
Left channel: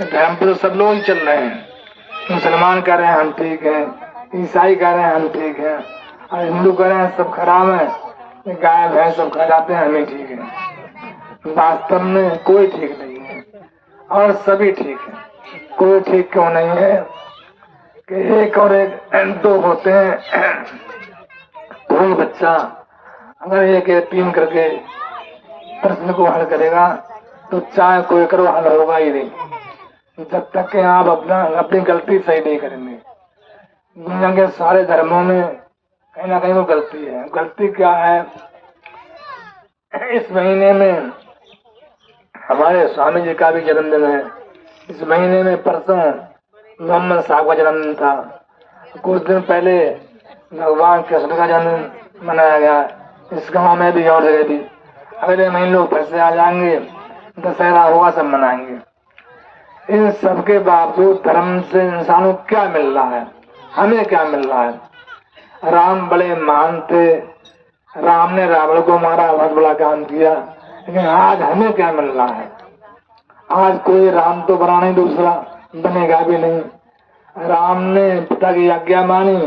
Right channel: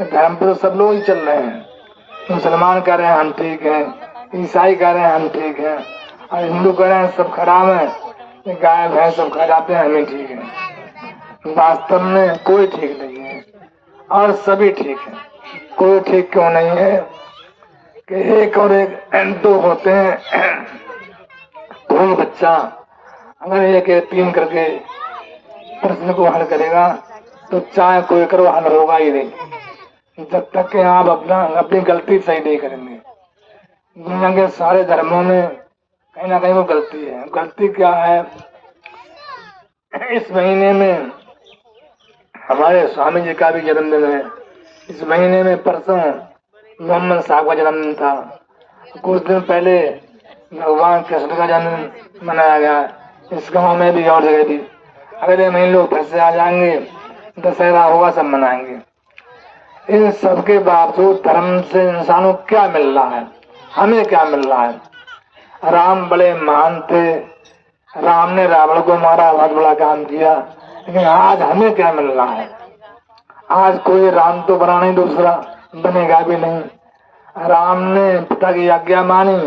धर्म पे तो सब लोग ही चल रहे हैं। मुसलमान कह रहे हैं हम ठीक है, ईसाई कह रहे हैं हम ठीक है, और हिंदू कह रहे हैं सब खराब है, गाय भैंस सब खा जाते हैं, हमें ठीक है। वास्तव में कोई ठीक नहीं है और सभी ठीक है। कोई ठीक क्यों नहीं है कि एक और एक 2 होते हैं। कोई बच्चा अगर एक 3 करके प्रश्न को हल करेगा तो चाहे कोई करो हल होगा ही नहीं, जब तक कि आप अपनी गलती सही नहीं करेंगे। दुनिया के सारे धर्मों में कहीं ना कहीं वो गलती है। गलती क्या है? इस महीने में हमारे स्वामी जी का भी जन्मदिन है। इस महीने में परसों मोहम्मद साहब का जन्मदिन था। कुछ दिन पहले भगवान कृष्ण का जन्म मनाया गया। इस गांव में भी और जगह भी अगले महीने लोग फिर से आ जाएंगे, दशहरा होगा, सब मनाएंगे। इन सब के बावजूद धर्म से इंसानों को क्या मिल रहा है? हमें क्या मिल रहा है? राम बड़े महान थे, राम ने रावण को मारा, बहुत बड़ा काम किया, लेकिन आज हमें क्या मिल रहा है? आज कोई राम तो बना नहीं, दूसरा बनेगा भी नहीं। राम ने पिता की आज्ञा मानी,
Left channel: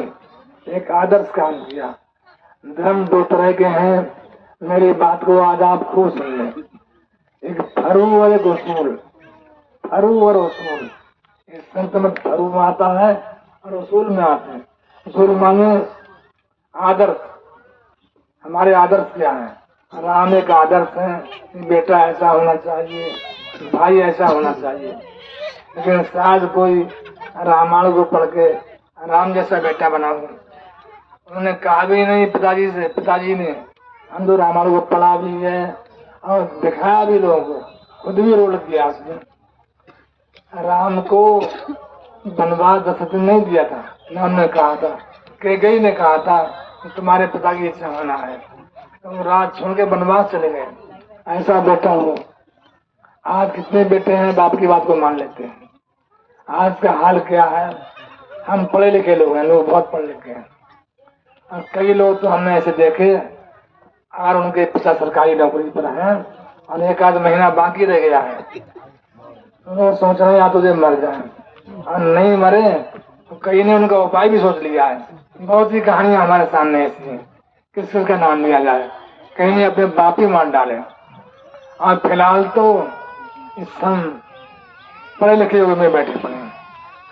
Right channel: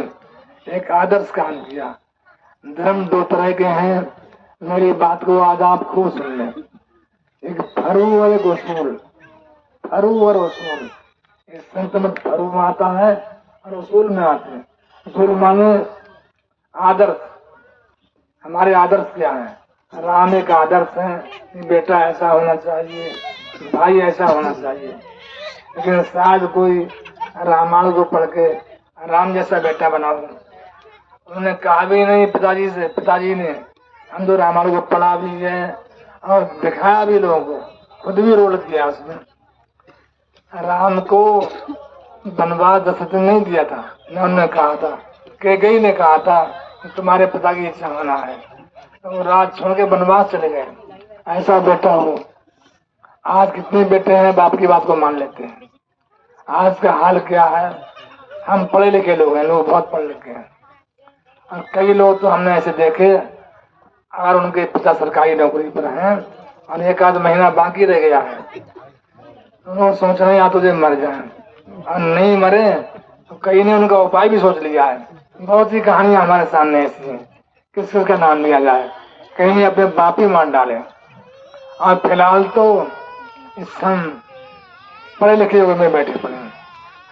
एक आदर्श काम किया। धर्म 2 तरह के हैं, मेरी बात को आज आप खूब सुन लें। एक फरू और एक उसूल। फरू और उसूल, इस संत में फरू में आता है और उसूल में आते हैं। उसूल माने आदर्श। हमारे आदर्श क्या है? राम एक आदर्श है, बेटा ऐसा होना चाहिए, भाई ऐसा होना चाहिए। लेकिन शायद कोई रामायण को पढ़ के राम जैसा बेटा बनाओ। उन्होंने कहा भी नहीं पिताजी से, पिताजी ने हम तो रामायण को पढ़ा भी है और दिखाया भी लोगों को, खुद भी रोल दिया उसमें। राम को वनवास 10 दिन नहीं दिया था, न उन्होंने कहा था, कैकेयी ने कहा था तुम्हारे पिता की इच्छा होना है, तुम राज छोड़ के वनवास चले गए, ऐसा बेटा हो। आज कितने बेटे हैं बाप की बात को मान लेते हैं। आज का हाल क्या है? हम पढ़े लिखे लोग हैं, लोग बहुत पढ़े लिखे हैं, और कई लोग तो हमने ऐसे देखे और उनके पिता सरकारी नौकरी पर हैं और 1 आध महीना बाकी रह गया है, वो सोच रहे हैं या तुझे मर जाए, और नहीं मरे तो कई ने उनका उपाय भी सोच लिया है। बहुत सी कहानियां हमारे सामने ऐसी हैं, किस का नाम लिया जाए, कहीं ने अपने बाप ही मार डाले। और फिलहाल तो इस हम पढ़े लिखे हुए में बैठे पड़े हैं।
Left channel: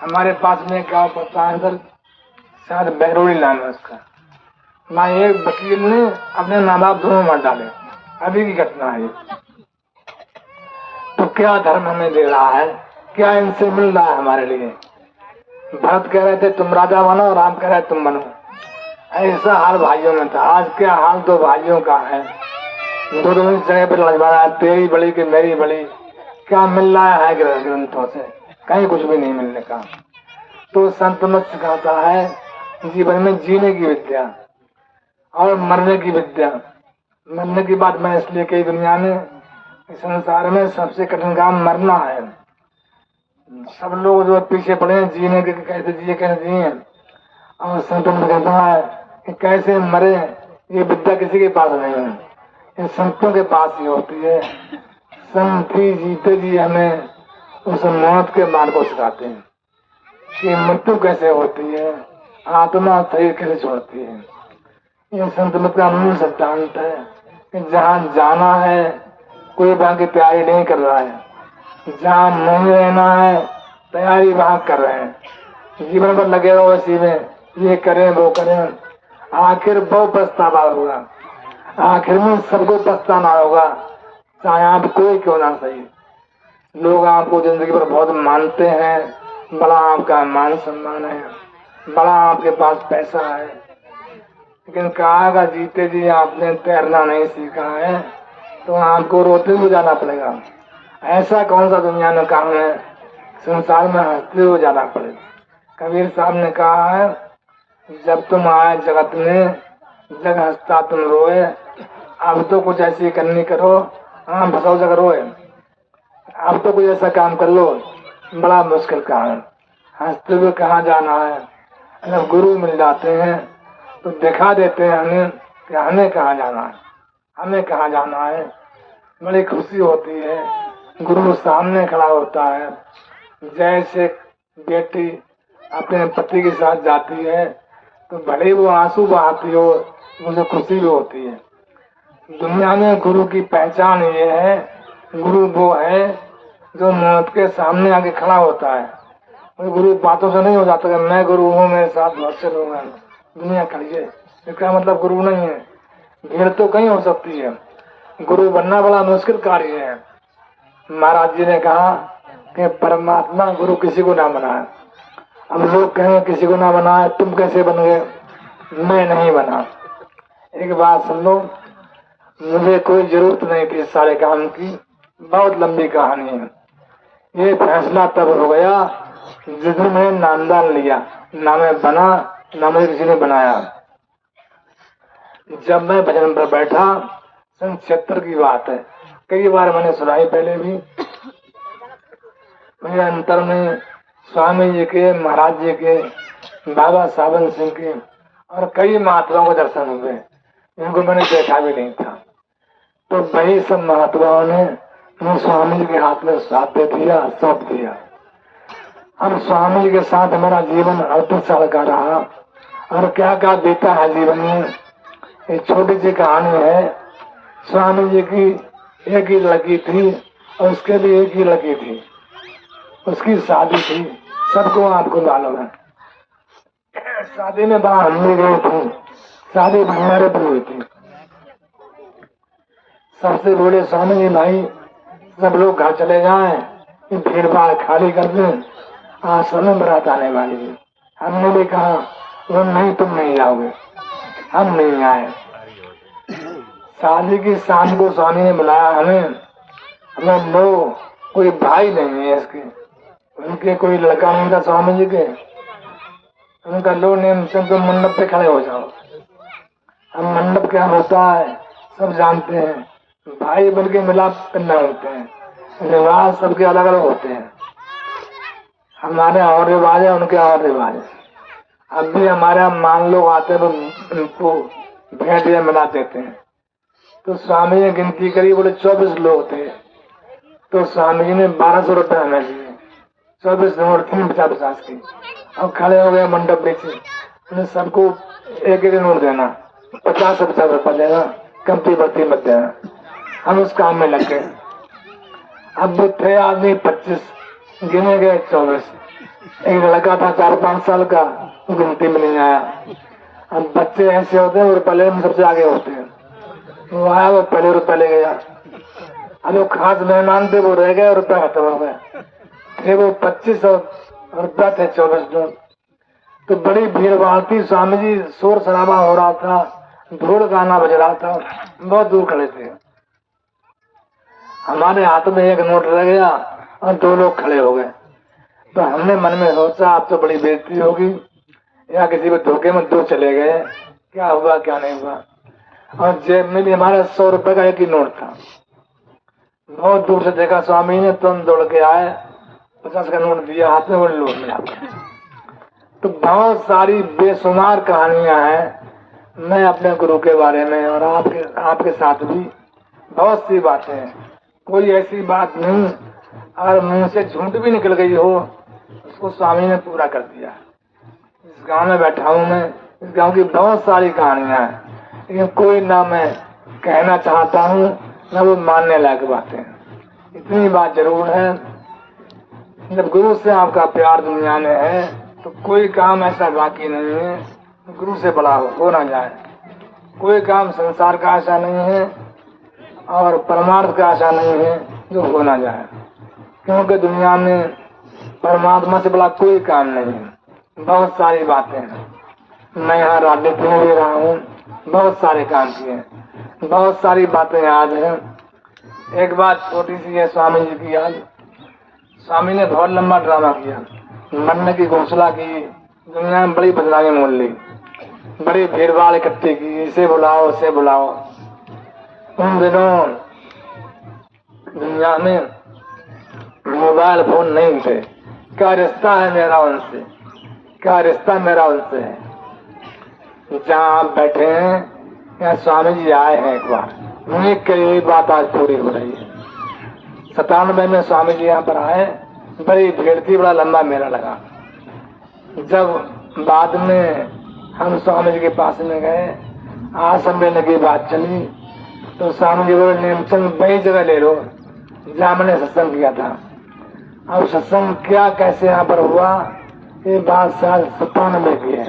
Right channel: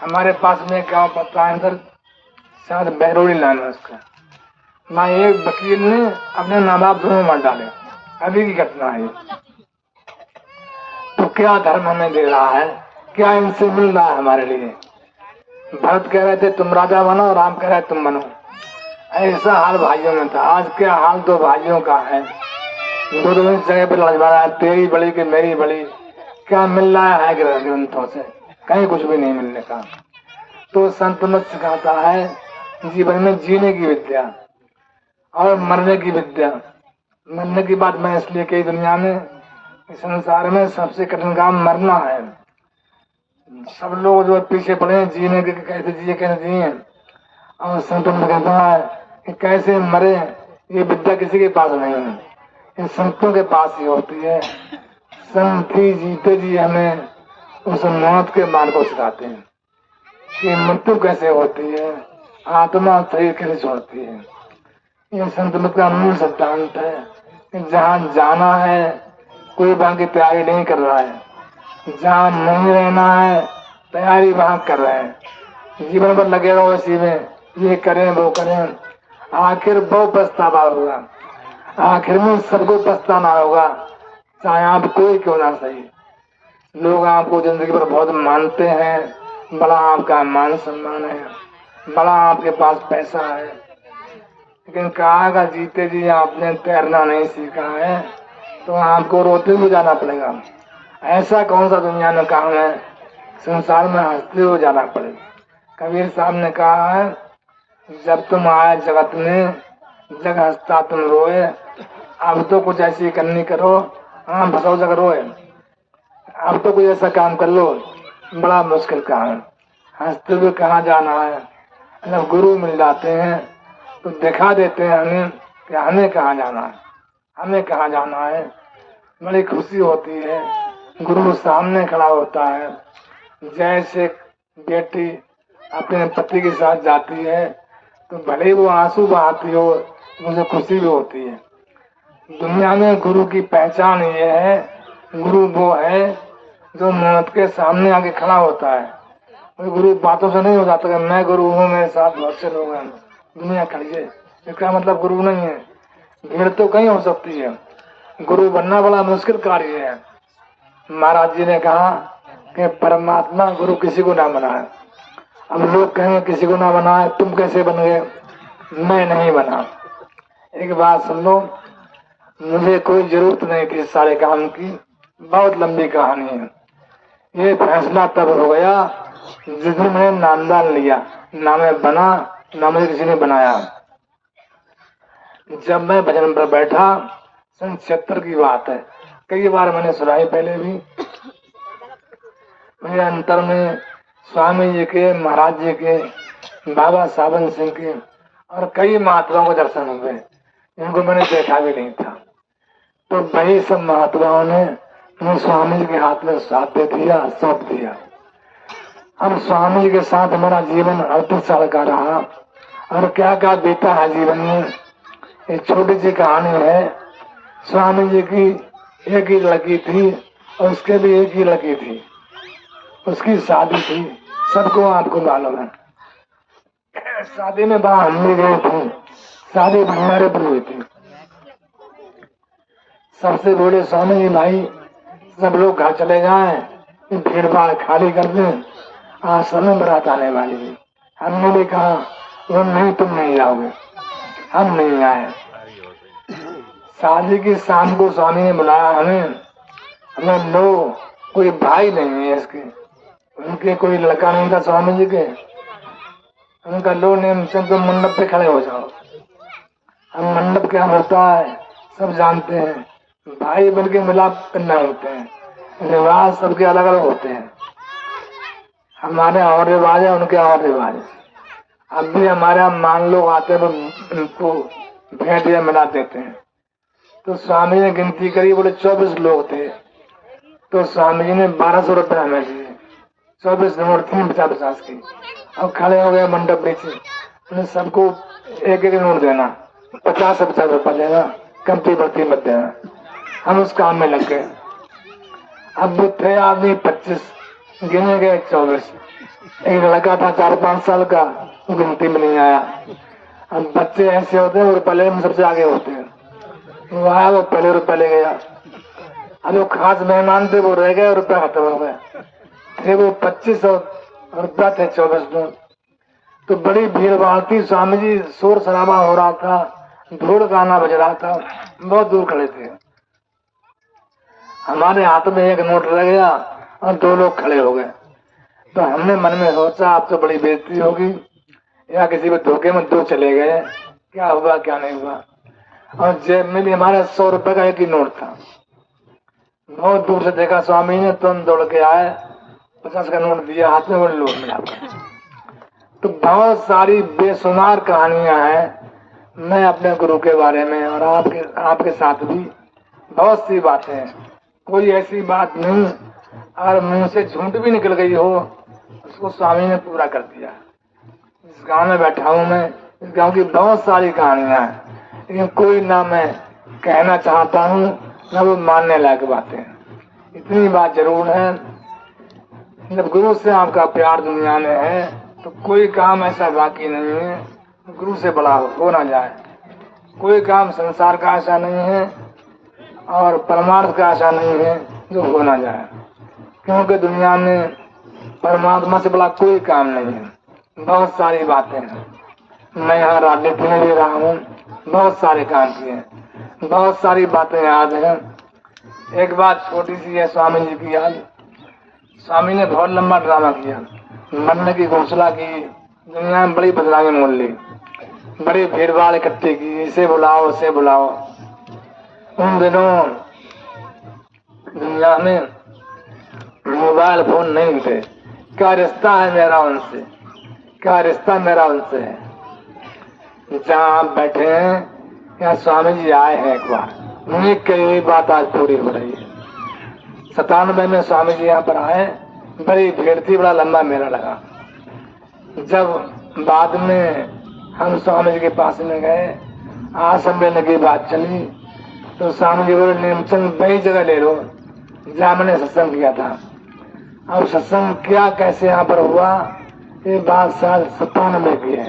हमारे पास में गाँव पड़ता है अंदर, शायद बहरोली लाइन है उसका, ना एक वकील ने अपने माँ बाप दोनों मार डाले, अभी की घटना है। तो क्या धर्म हमें दे रहा है? क्या इनसे मिल रहा है हमारे लिए? भरत कह रहे थे तुम राजा बनो, राम कह रहे तुम बनो, ऐसा हाल भाइयों में था। आज क्या हाल 2 भाइयों का है, दोनों जगह पर लड़वाना, तेरी बड़ी कि मेरी बड़ी। क्या मिल रहा है ग्रंथों से? कहीं कुछ भी नहीं मिलने का। तो संत मत सिखाता है जीवन में जीने की विद्या और मरने की विद्या। मरने की बात मैं इसलिए कही, दुनिया में इस संसार में सबसे कठिन काम मरना है। सब लोग जो पीछे पड़े हैं जीने के, कैसे जिए कैसे जिए, और संत में कहता है कि कैसे मरे, ये विद्या किसी के पास नहीं है, ये संतों के पास ही होती है। संत ही जीते जी हमें उस मौत के मार्ग को सिखाते हैं कि मृत्यु कैसे होती है, आत्मा शरीर कैसे छोड़ती है। ये संत मित्र का मूल सिद्धांत है कि जहाँ जाना है कोई वहां की तैयारी नहीं कर रहा है, जहाँ नहीं रहना है तैयारी वहां कर रहे हैं। जीवन भर लगे रहो इसी में, ये करें वो करें, आखिर बहुत पछतावा होगा, आखिर में सबको पछताना होगा, चाहे आप कोई क्यों ना सही। लोग आपको जिंदगी भर बहुत मानते हैं, बड़ा आपका मान सम्मान है, बड़ा आपके पास पैसा है, लेकिन कहा जीते जी आपने तैरना नहीं सीखा है तो आपको रोते हुए जाना पड़ेगा। ऐसा कौन सा दुनिया में काम है संसार में हंसते हुए जाना पड़ेगा। कबीर साहब ने कहा है, जब तुम आए जगत में जग हंसता तुम रोए, अब तो कुछ ऐसी करनी करो, हाँ भसो जग रोए। अब तो कुछ ऐसा काम कर लो, बड़ा मुश्किल काम है, हंसते हुए कहाँ जाना है। अगर गुरु मिल जाते हैं तो दिखा देते हैं हमें कि हमें कहाँ जाना है, हमें कहाँ जाना है। बड़ी खुशी होती है, गुरु सामने खड़ा होता है। जैसे बेटी अपने पति के साथ जाती है तो भले वो आंसू बहाती हो, मुझे खुशी भी होती है। दुनिया में गुरु की पहचान ये है, गुरु वो है जो मौत के सामने आके खड़ा होता है। और गुरु बातों से नहीं हो जाता कि मैं गुरु हूँ, मेरे साथ बहुत से लोग हैं, दुनिया खड़ी है, इसका मतलब गुरु नहीं है। भीड़ तो कहीं हो सकती है, गुरु बनना बड़ा मुश्किल कार्य है। महाराज जी ने कहा कि परमात्मा गुरु किसी को ना बनाए। अब लोग कहेंगे किसी को ना बनाए, तुम कैसे बन गए? मैं नहीं बना। एक बात सुन लो, मुझे कोई जरूरत नहीं थी सारे काम की, बहुत लंबी कहानी है। ये फैसला तब हो गया जिस दिन मैंने नामदान लिया, ना मैं बना ना मुझे किसी ने बनाया। जब मैं भजन पर बैठा, सन 76 की बात है, कई बार मैंने सुनाई पहले भी। मेरे अंतर में स्वामी जी के, महाराज जी के, बाबा सावन सिंह के और कई महात्माओं के दर्शन हुए, इनको मैंने देखा भी नहीं था। तो वही सब महात्माओं ने मुझे स्वामी जी के हाथ में साथ दे दिया, सौंप दिया। अब स्वामी जी के साथ हमारा जीवन 38 साल का रहा, और क्या क्या बीता है जीवन में। एक छोटी सी कहानी है। स्वामी जी की एक ही लड़की थी और उसके भी एक ही लड़की थी, उसकी शादी थी, सबको आपको मालूम है। शादी में वहां हम भी गए थे, शादी हमारे पर हुई थी। सबसे बोले स्वामी जी भाई सब लोग घर चले जाएं, भीड़ भाड़ खाली कर दें, आज समय बरात आने वाली है। हमने भी कहा वो नहीं, तुम नहीं जाओगे, हम नहीं आए। शादी की शाम को स्वामी ने बुलाया हमें, हमें लो, कोई भाई नहीं है इसके, उनके कोई लड़का नहीं था स्वामी जी के, उनका लो नेम चंद मंडप पे खड़े हो जाओ। हम मंडप क्या होता है सब जानते हैं, भाई बन के मिलाप करना होते हैं, रिवाज सबके अलग अलग होते हैं। हमारे और रिवाज है, उनके और रिवाज है। अब भी हमारे यहाँ मान लोग आते हैं तो उनको भेंट या मिला देते हैं। तो स्वामी ने गिनती करी, बोले 24 लोग थे, तो स्वामी जी ने 1200 रुपये हमें दिए, 24 नोट थी 50-50 की। अब खड़े हो गए मंडप बेचे, सबको एक एक नोट देना, 50-50 रुपया देना, कमती बढ़ती मत देना। हम उस काम में लग गए। अब वो थे आदमी 25, गिने गए 24। एक लड़का था 4-5 साल का, गिनती में नहीं आया। अब बच्चे ऐसे होते हैं वो पहले में सबसे आगे होते हैं, वो आया वो पहले रुपया ले गया। अब वो खास मेहमान थे वो रह गए और रुपया खत्म हो गया। थे वो 25 और रुपया थे 24 लोग। तो बड़ी भीड़ भाड़ थी, स्वामी जी शोर शराबा हो रहा था, ढोल गाना बज रहा था, बहुत दूर खड़े थे। हमारे हाथ में एक नोट रह गया और 2 लोग खड़े हो गए। तो हमने मन में सोचा अब तो बड़ी बेइज्जती होगी, या किसी भी धोखे में 2 चले गए, क्या हुआ क्या नहीं हुआ। और जेब में भी हमारा 100 रुपए का एक ही नोट था। बहुत दूर से देखा स्वामी ने, तुरंत दौड़ के आए, 50 का नोट दिया हाथ में, वो लौट लिया। तो बहुत सारी बेशुमार कहानियां हैं मैं अपने गुरु के बारे में, और आपके साथ भी बहुत सी बातें हैं। कोई ऐसी बात नहीं अगर मुंह से झूठ भी निकल गई हो, उसको स्वामी ने पूरा कर दिया। इस गांव में बैठा हूं मैं, इस गांव की बहुत सारी कहानियां हैं, लेकिन कोई ना मैं कहना चाहता हूँ ना वो मानने लायक बातें। इतनी बात जरूर है, जब गुरु से आपका प्यार दुनिया में है तो कोई काम ऐसा बाकी नहीं है गुरु से बड़ा हो ना जाए। कोई काम संसार का ऐसा नहीं है और परमार्थ का ऐसा नहीं है जो हो ना जाए, क्योंकि दुनिया में परमात्मा से बड़ा कोई काम नहीं है। बहुत सारी बातें हैं, मैं यहाँ राजनीति में ले रहा हूँ, बहुत सारे काम किए, बहुत सारी बातें याद हैं। एक बात छोटी सी है स्वामी जी की याद। स्वामी ने बहुत लंबा ड्रामा किया, मरने की घोषणा की, दुनिया में बड़ी बदलावें मोल ली, बड़ी भीड़ भाड़ इकट्ठी की, इसे बुलाओ उसे बुलाओ। उन दिनों दुनिया में मोबाइल फोन नहीं थे। क्या रिश्ता है मेरा उनसे, क्या रिश्ता मेरा उनसे है। जहाँ आप बैठे हैं यहाँ स्वामी जी आए हैं, एक बार उन्हीं कही हुई बात आज पूरी हो रही है। 97 में स्वामी जी यहाँ पर आए, बड़ी भीड़ थी, बड़ा लंबा मेला लगा। जब बाद में हम स्वामी जी के पास में गए, आश्रम लेने की बात चली, तो स्वामी जी बोले नेमचंद वही जगह ले लो जहाँ मैंने सत्संग किया था। अब सत्संग क्या कैसे यहाँ पर हुआ, ये बात साल 97 की है।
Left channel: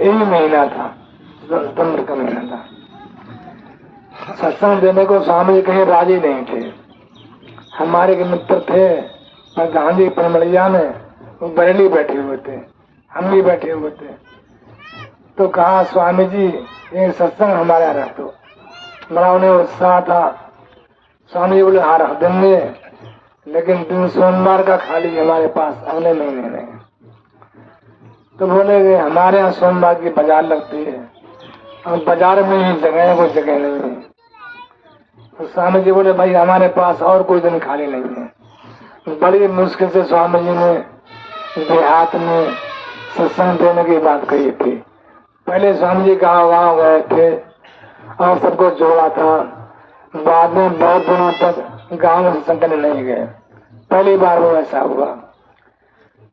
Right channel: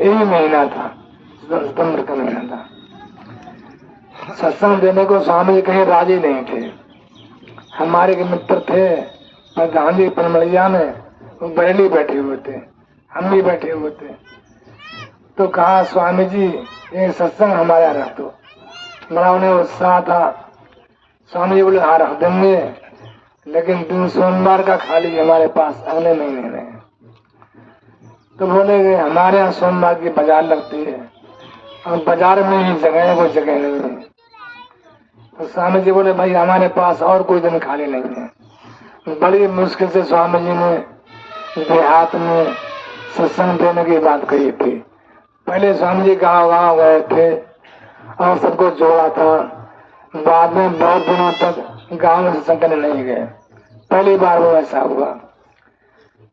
यही महीना था, सितंबर का महीना था। सत्संग देने को स्वामी जी कहीं राजी नहीं थे। हमारे के मित्र थे और गांधी परमड़िया में वो बरेली बैठे हुए थे, हम भी बैठे हुए थे। तो कहा स्वामी जी ये सत्संग हमारा रख दो। बड़ा उन्हें उत्साह था। स्वामी जी बोले हाँ रख देंगे, लेकिन दिन सोमवार का खाली हमारे पास अगले महीने में। तो बोले हमारे यहाँ सोमवार की बाजार लगती है और बाजार में ही जगह है, कोई जगह नहीं है। तो स्वामी जी बोले भाई हमारे पास और कोई दिन खाली नहीं है। बड़ी मुश्किल से स्वामी जी ने देहात में सत्संग देने की बात कही थी। पहले स्वामी जी गाँव गए थे और सबको जोड़ा था। बाद में बहुत दिनों तक गाँव में सत्संग करने नहीं गए, पहली बार वो ऐसा हुआ।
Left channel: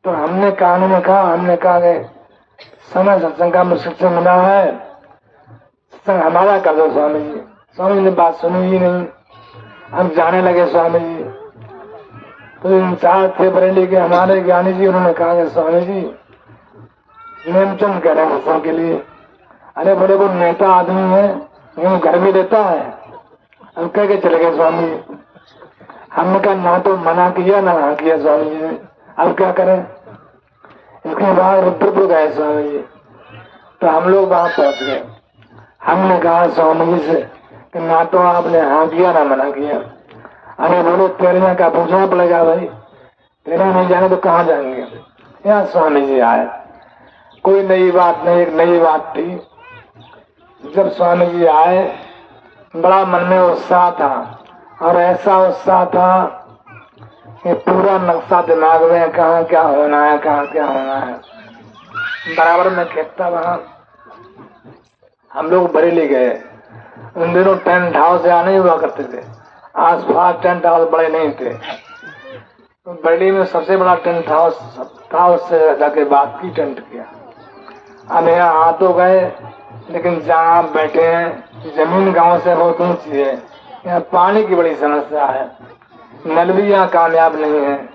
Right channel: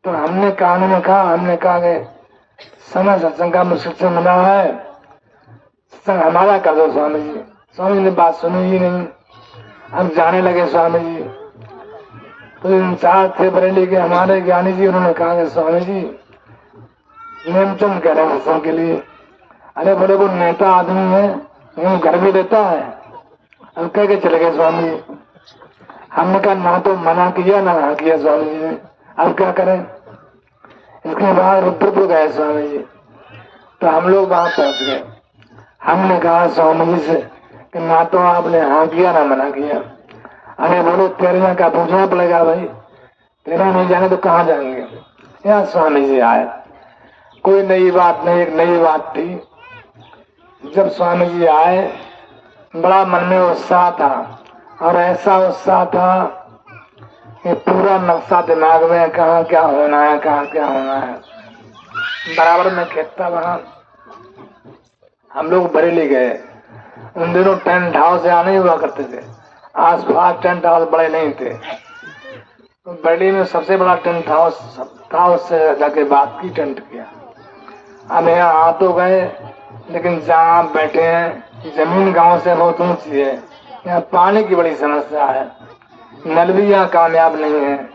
तो हमने कानून में कहा, हमने कहा कि समय सत्संग का मुश्किल से मिला है, सत्संग हमारा कर दो स्वामी जी। स्वामी ने बात सुनी ही नहीं। हम जाने लगे स्वामी जी। तो इंचार्ज थे बरेली के हमारे ज्ञानी जी, उन्होंने कहा कि स्वामी जी नेमचंद कह रहे हैं सत्संग के लिए। अरे बोले वो नेता आदमी है, वो घर में रहता है। हम कह के चले गए स्वामी जी। हमने कहा ना तो मना किया ना हाँ किया स्वामी जी ने, अब क्या करें। इसके बाद रुद्रपुर गए स्वामी जी। तो हम लोग वहां पहुंच गए। हमने कहा स्वामी जी से कि ना तो आपने हाँ किया ना मना किया। हमें बोले तेरे यहाँ का पूछना पड़ेगा भाई, तेरे नहीं जाने तो कहाँ जाएंगे। यहाँ स्वामी जी आए, कोई नई बात नहीं, एक नई बात थी। जब स्वामी जी आए बड़ा मन में उत्साह था, और ऐसा उत्साह था कि पूरा नक्शा दिमाग में, कहाँ क्या होना है, कहाँ क्या होना है बराबर में खेतता वहां। हम लोग बरेली गए। उन दिनों टेंट हाउस यहाँ नहीं हुआ करते थे, आस पास टेंट हाउस बड़े नहीं थे। तो बरेली में सबसे बड़ा टेंट हाउस था, उससे जाके बात की, टेंट किया। हम यहाँ आ तो गए, लेकिन जहाँ बैठे हैं जमीन गांव से बहुत ऊंची है, यहाँ पानी की बड़ी समस्या है, नल भी यहाँ कामयाब नहीं है।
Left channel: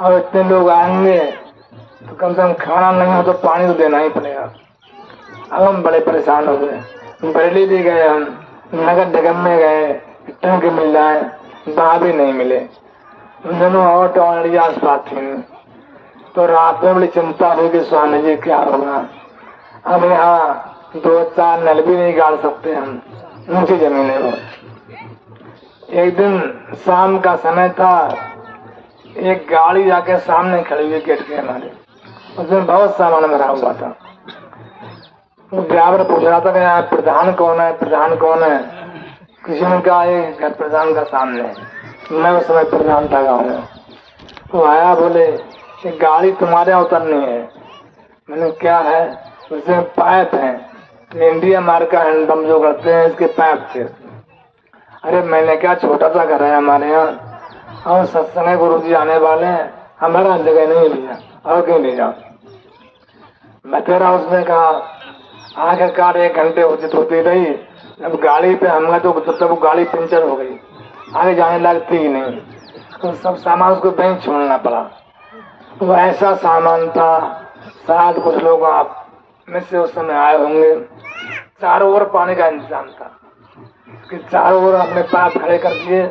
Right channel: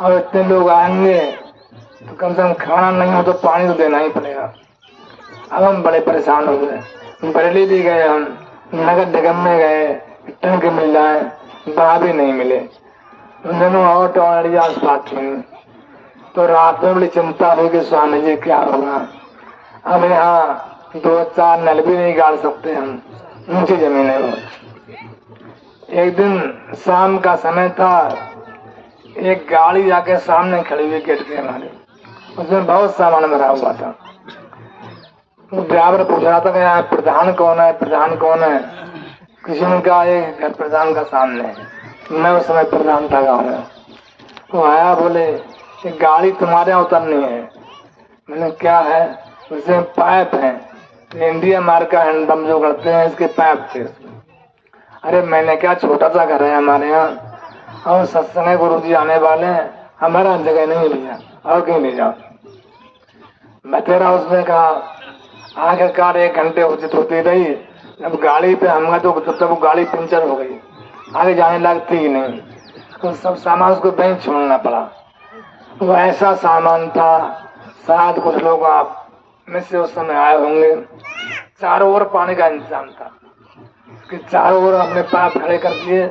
और इतने लोग आएंगे तो कम से कम खाना नहीं हो तो पानी तो देना ही पड़ेगा। अब हम बड़े परेशान हो गए। बरेली भी गए, हम नगर निगम में गए, टैंक मिल जाए, वहां भी नहीं मिले। उन दोनों ऑटो आस पास थी। तो रात में बड़ी चिंता हुई कि स्वामी जी क्या होगा। अब यहाँ 2-4 नल भी नहीं गाड़ सकते हम, ऊंची जमीन है। एक दिन शाम का समय था, एक गाड़ी जाके सामने खड़ी हुई गेट के हमारे, उसमें बहुत सामान भरा हुआ था। ड्राइवर पूछ रहा था कि यहाँ प्रधान कौन है, प्रधान कौन है। किसी ने कहा ये प्रधान का सामने है। मैं उस समय प्रधान था गाँव में। वो आया, बोले गाड़ी तुम्हारे उतरनी है। मैंने क्या है, इसमें पाइप है, इंडिया मार का हैंडपम्प जो करते हैं इसके पाइप थे। अरे मैंने क्या, छोटा सा घर है हमारे यहाँ और सत्संग गुरु जी आने वाले हैं, हमारा जगह नहीं लिया, और क्यों ले जाओ। मैं तेरा उसने कहा, आखिरकार 1 घंटे होती रही। अब गाड़ी पे हमला तो जब तक वो गाड़ी पंचर हो गई, आगे जाने लगती ही नहीं, तो सब सामान उसको बैंक छोड़ना पड़ा। वो ऐसा सामान था, शायद कुछ लोग आप में से उस समय आए होंगे। चारों ओर पानी का इंतजाम था कि चारों ओर अपने पाप खड़े कर दिए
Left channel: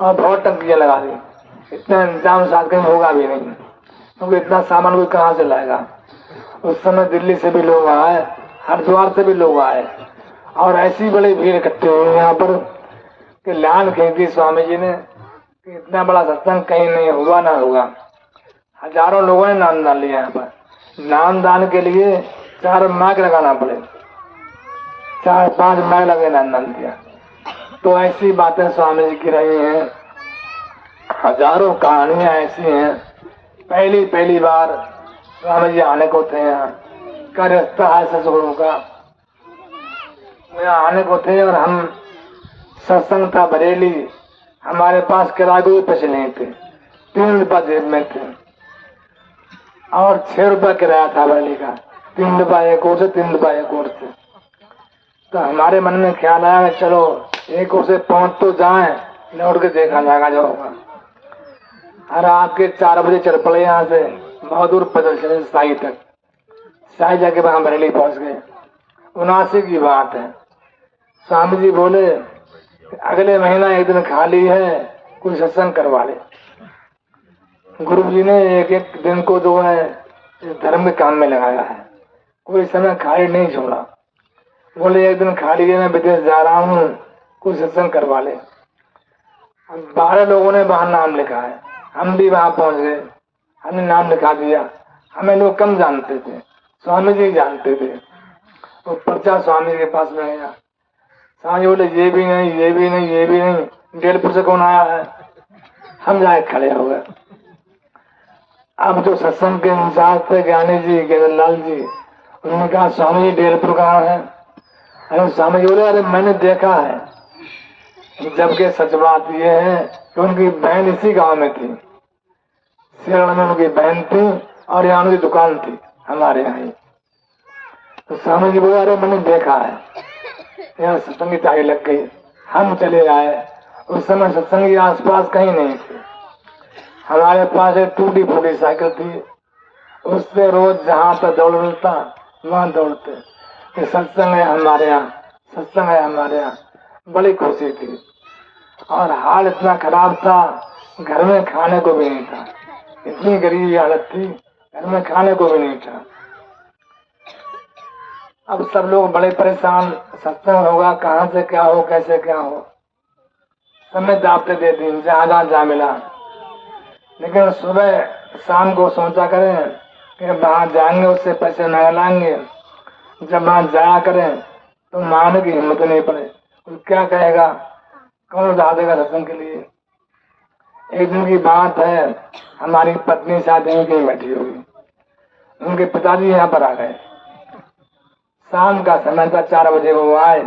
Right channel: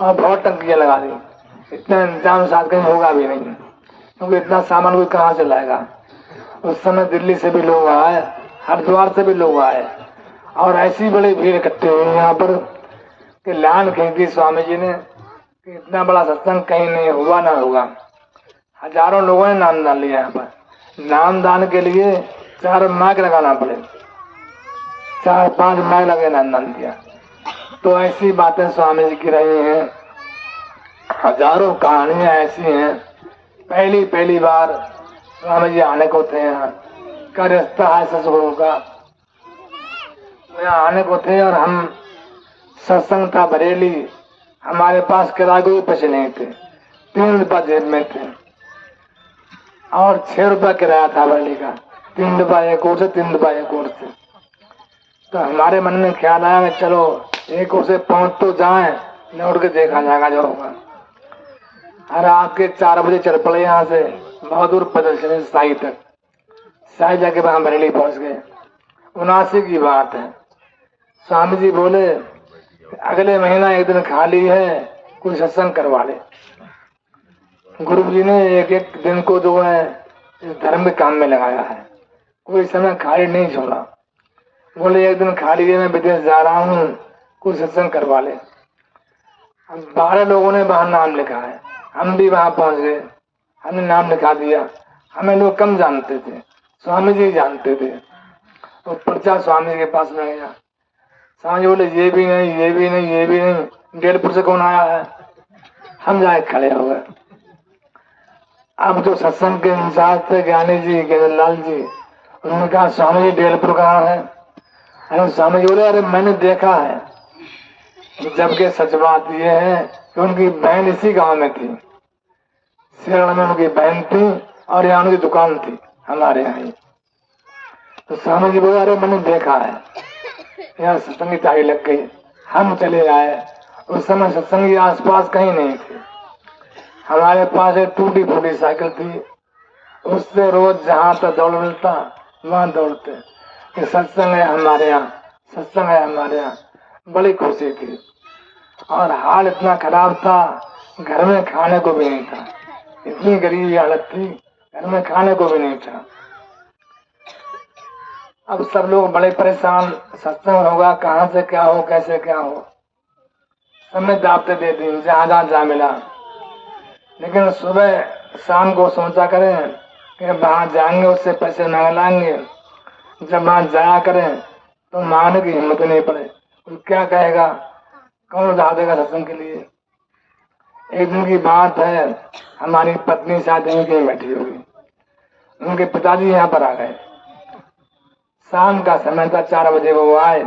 और बहुत टंकियां लगा दी। इतना इंतजाम साथ कहीं होगा भी नहीं, क्योंकि इतना सामान कोई कहाँ से लाएगा। उस समय दिल्ली से भी लोग आए, हरिद्वार से भी लोग आए और ऐसी बड़ी भीड़ इकट्ठी हुई यहाँ पर कि लान खींची स्वामी जी ने कि इतना बड़ा सत्संग कहीं नहीं हुआ ना होगा। हजारों लोगों ने नामदान लिया। यहाँ पर नामदान के लिए 4 माइक लगाना पड़े, 4-5 माइक लगे नामदान दिया। तो ऐसी बातें स्वामी जी की रही हैं, हजारों कहानियां ऐसी हैं। पहली बार स्वामी जी आने को थे यहाँ, का रिश्ता है सतगुरु का, यहाँ आने को थे और हम सत्संग था बरेली, हमारे पास किराए के पैसे नहीं थे, 3 रुपया जेब में थे और 6 रुपया किराया था बरेली का, 3 रुपया एक ओर से, 3 रुपया एक ओर से। तो हमारे मन में ख्याल आया कि चलो एक ओर से पहुंच तो जाए, लौट के देखा जाएगा जो होगा। और रात के 4 बजे चल पड़े यहाँ से, बहुत दूर पैदल चले साई तक। साई जाके वहां बरेली पहुंच गए। 79 की बात है। स्वामी जी बोले अगले महीना एक दिन खाली है, कोई सत्संग करवा ले। गुरु जी ने एक दिन को जो है इस धर्म के काम में लगाया है, कोई समय खाली नहीं छोड़ा। बोले एक दिन खाली है, मैं विदेश जा रहा हूँ, कोई सत्संग करवा ले। 12 लोगों ने वहां नाम लिखा है, हम भी वहां पहुंच गए, हमने नाम लिखा दिया। हमें लोग कम जानते थे, स्वामी जी जानते थे। तो पर्चा स्वामी के पास में गया। स्वामी बोले ये भी नहीं, ये भी नहीं, ये भी नहीं, जयपुर से कौन आया है? हम जाए खड़े हो गए। अब तो सत्संग के इंचार्ज थे ज्ञानी जी, गेंदलाल जी, उन्होंने कहा स्वामी जी जयपुर कहाँ है? अरे स्वामी जी बोले अरे मैंने देखा है, जबकि सच बात यह है कि उनकी बहन इसी गांव में थी, शरण में उनकी बहन थी और यहाँ उनकी दुकान थी हमारे यहाँ ही। तो स्वामी जी बोले अरे मैंने देखा है, यहाँ सत्संग की ताई लग गई। हम चले आए। उस समय सत्संग के आसपास कहीं नहीं थे। हमारे पास एक टूटी फूटी साइकिल थी, उससे रोज जहाँ तक दौड़ मिलता वहां दौड़ते कि सत्संग है हमारे यहाँ, सत्संग है हमारे यहाँ। बड़ी खुशी थी। और हाल इतना खराब था, घर में खाने को भी नहीं था, इतनी गरीबी हालत थी, घर में खाने को भी नहीं था। अब सब लोग बड़े परेशान, सत्संग होगा कहाँ से क्या हो, कैसे क्या हो। हमने दावते दे दी जहाँ जहाँ जा मिला, लेकिन सुबह शाम को सोचा करें कि वहां जाएंगे उससे पैसे न लाएंगे। जब वहां जाया करें तो मानने की हिम्मत नहीं पड़े, तो क्या कहेगा, कौन जा देगा सत्संग के लिए। एक दिन की बात है, हमारी पत्नी शादी में कहीं बैठी हुई, उनके पिताजी यहाँ पर आ गए। शाम का समय था, 4 बजे वो आए।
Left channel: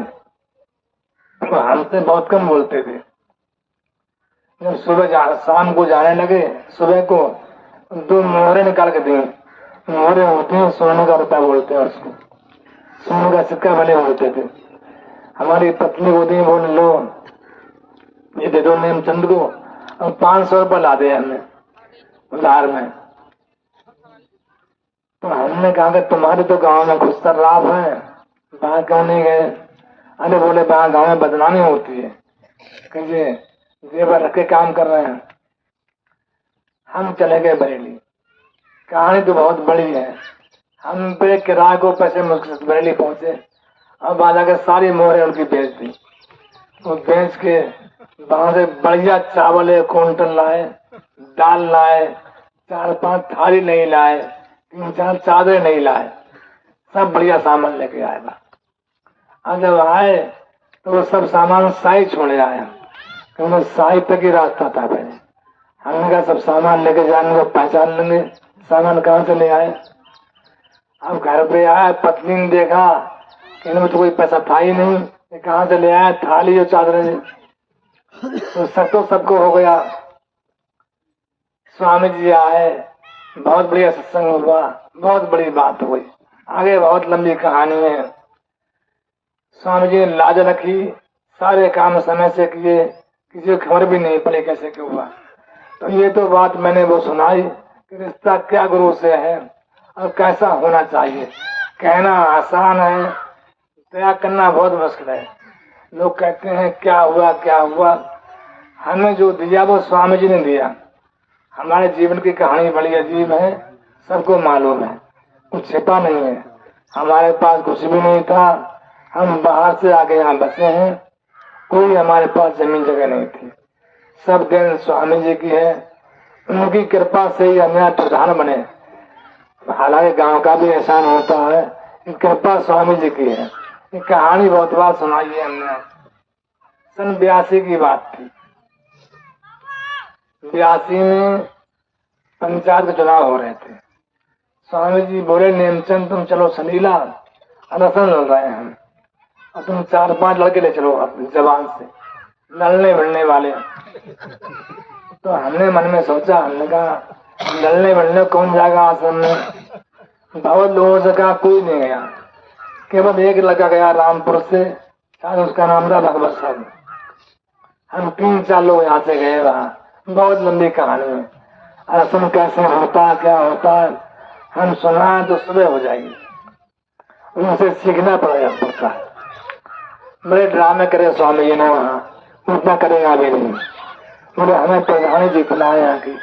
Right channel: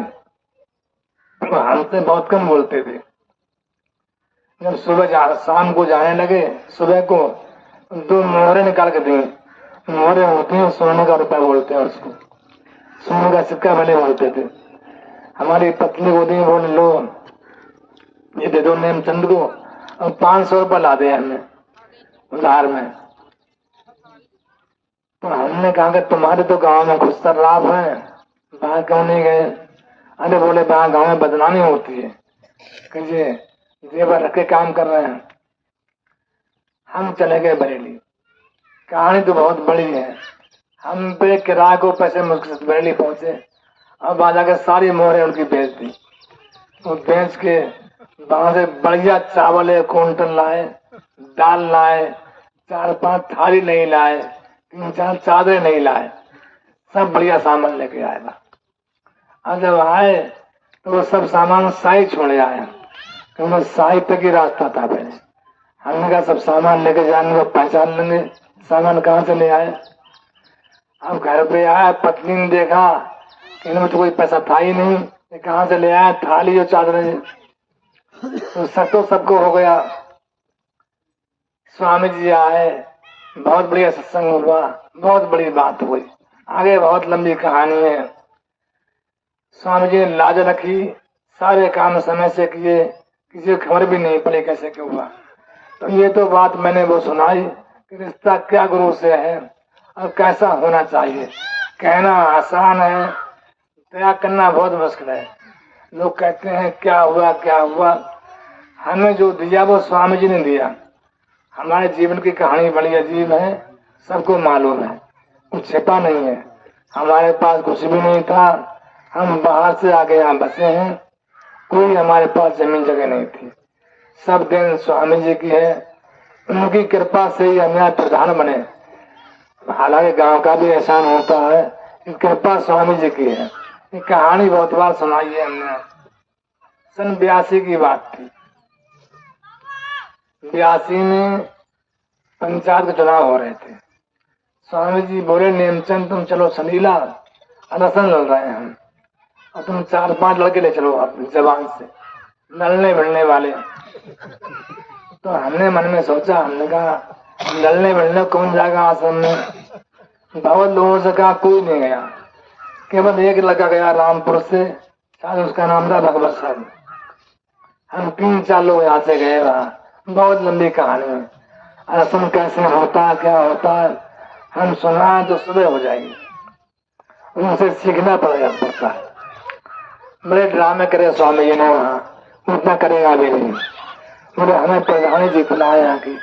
तो हमसे बहुत कम बोलते थे। जब शाम को जाने लगे, सुबह को 2 मोहरे निकाल के दिए। मोहरे होते हैं सोने का रुपया बोलते हैं उसको, सोने का सिक्का बने होते थे। हमारी पत्नी को दिए, बोले लो ये दे दो नेमचंद को, और 500 रुपया ला दे हमने उधार में। तो हमने कहा कि तुम्हारे तो गांव में घुसकर लाभ है, वहां क्यों नहीं गए? अरे बोले वहां गांव में बदनामी होती है, कहिए जेवर रख के काम कर रहे हैं। हम चले गए बरेली। कहानी तो बहुत बड़ी है। हम पे किराए को पैसे मुश्किल से बरेली पहुंचे, अब आ जाकर सारी मोहरें उनकी बेच दी। वो बेच के वहां से बढ़िया चावल 1 क्विंटल लाए, दाल लाए, 4-5 थाली नहीं लाए, 3-4 चादरें नहीं लाए, सब बढ़िया सामान लेके आए। और जब आए तो वो सब सामान साई छोड़े आए, क्योंकि साई तक ही रास्ता था पहले। हमने कहा सब सामान लेके जाएंगे तो पहचान लेंगे सामान कहाँ से ले आए। अब घर पे आया, पत्नी ने देखा कि इनमें तो कोई पैसा था ही नहीं, कहाँ से ले आया थाली और चादरें। तो सबको हो गया। स्वामी जी आए, बहुत बढ़िया सत्संग हुआ, बहुत बड़ी बात हुई। आगे बहुत लंबी कहानी है। स्वामी जी ने लाज रखी, सारे काम समय से किए, किसी को खबर भी नहीं पड़ी कैसे क्यों हुआ। तो ये तो बात मैंने वो सुनाई कि रिश्ता क्या गुरु से है और कैसा होना चाहिए। कहना आसान है, त्याग करना बहुत मुश्किल है। लोग कहते हैं क्या हुआ क्या हुआ, हमें जो दिया वो स्वामी जी ने दिया। हमारे जीवन की कहानी बड़ी अजीब है, सबको मालूम है, कुछ छिपा नहीं है। हमारे पास कुछ भी नहीं था, हम बाहर से आके यहाँ बसे हैं, कोई हमारे पास जमीन जगह नहीं थी। सब दिन स्वामी जी की है, उनकी कृपा से ही हम यहाँ प्रधान बने। हालांकि गांव का भी एहसान होता है, कृपा स्वामी जी की है। ये कहानी बहुत बार सुनाई है हमने। सन 82 की बात थी। 82 में पंचायत के चुनाव हो रहे थे। स्वामी जी बोले नेमचंद तुम चलो सलीला, इलेक्शन लड़ रहे हैं और तुम 4-5 लड़के ले चलो जवान से, लड़ने भिड़ने वाले। तो हमने मन में सोचा, हमने कहा लड़ने भिड़ने कौन जाएगा आश्रम में। बहुत लोगों से कहा, कोई नहीं गया, केवल एक लड़का गया रामपुर से, शायद उसका नाम था भगवत साहब। हम 3-4 लोग यहाँ से गए वहाँ। बहुत लंबी कहानी है, आश्रम कैसे होता है क्या होता है हम सुना तो सुबह हो जाएगी, उनसे सीखना पड़ता है। बड़े ड्रामे करे स्वामी जी ने वहाँ, उतना करेगा भी नहीं। बोले हमें प्रधानी जी बुलाए यहाँ की।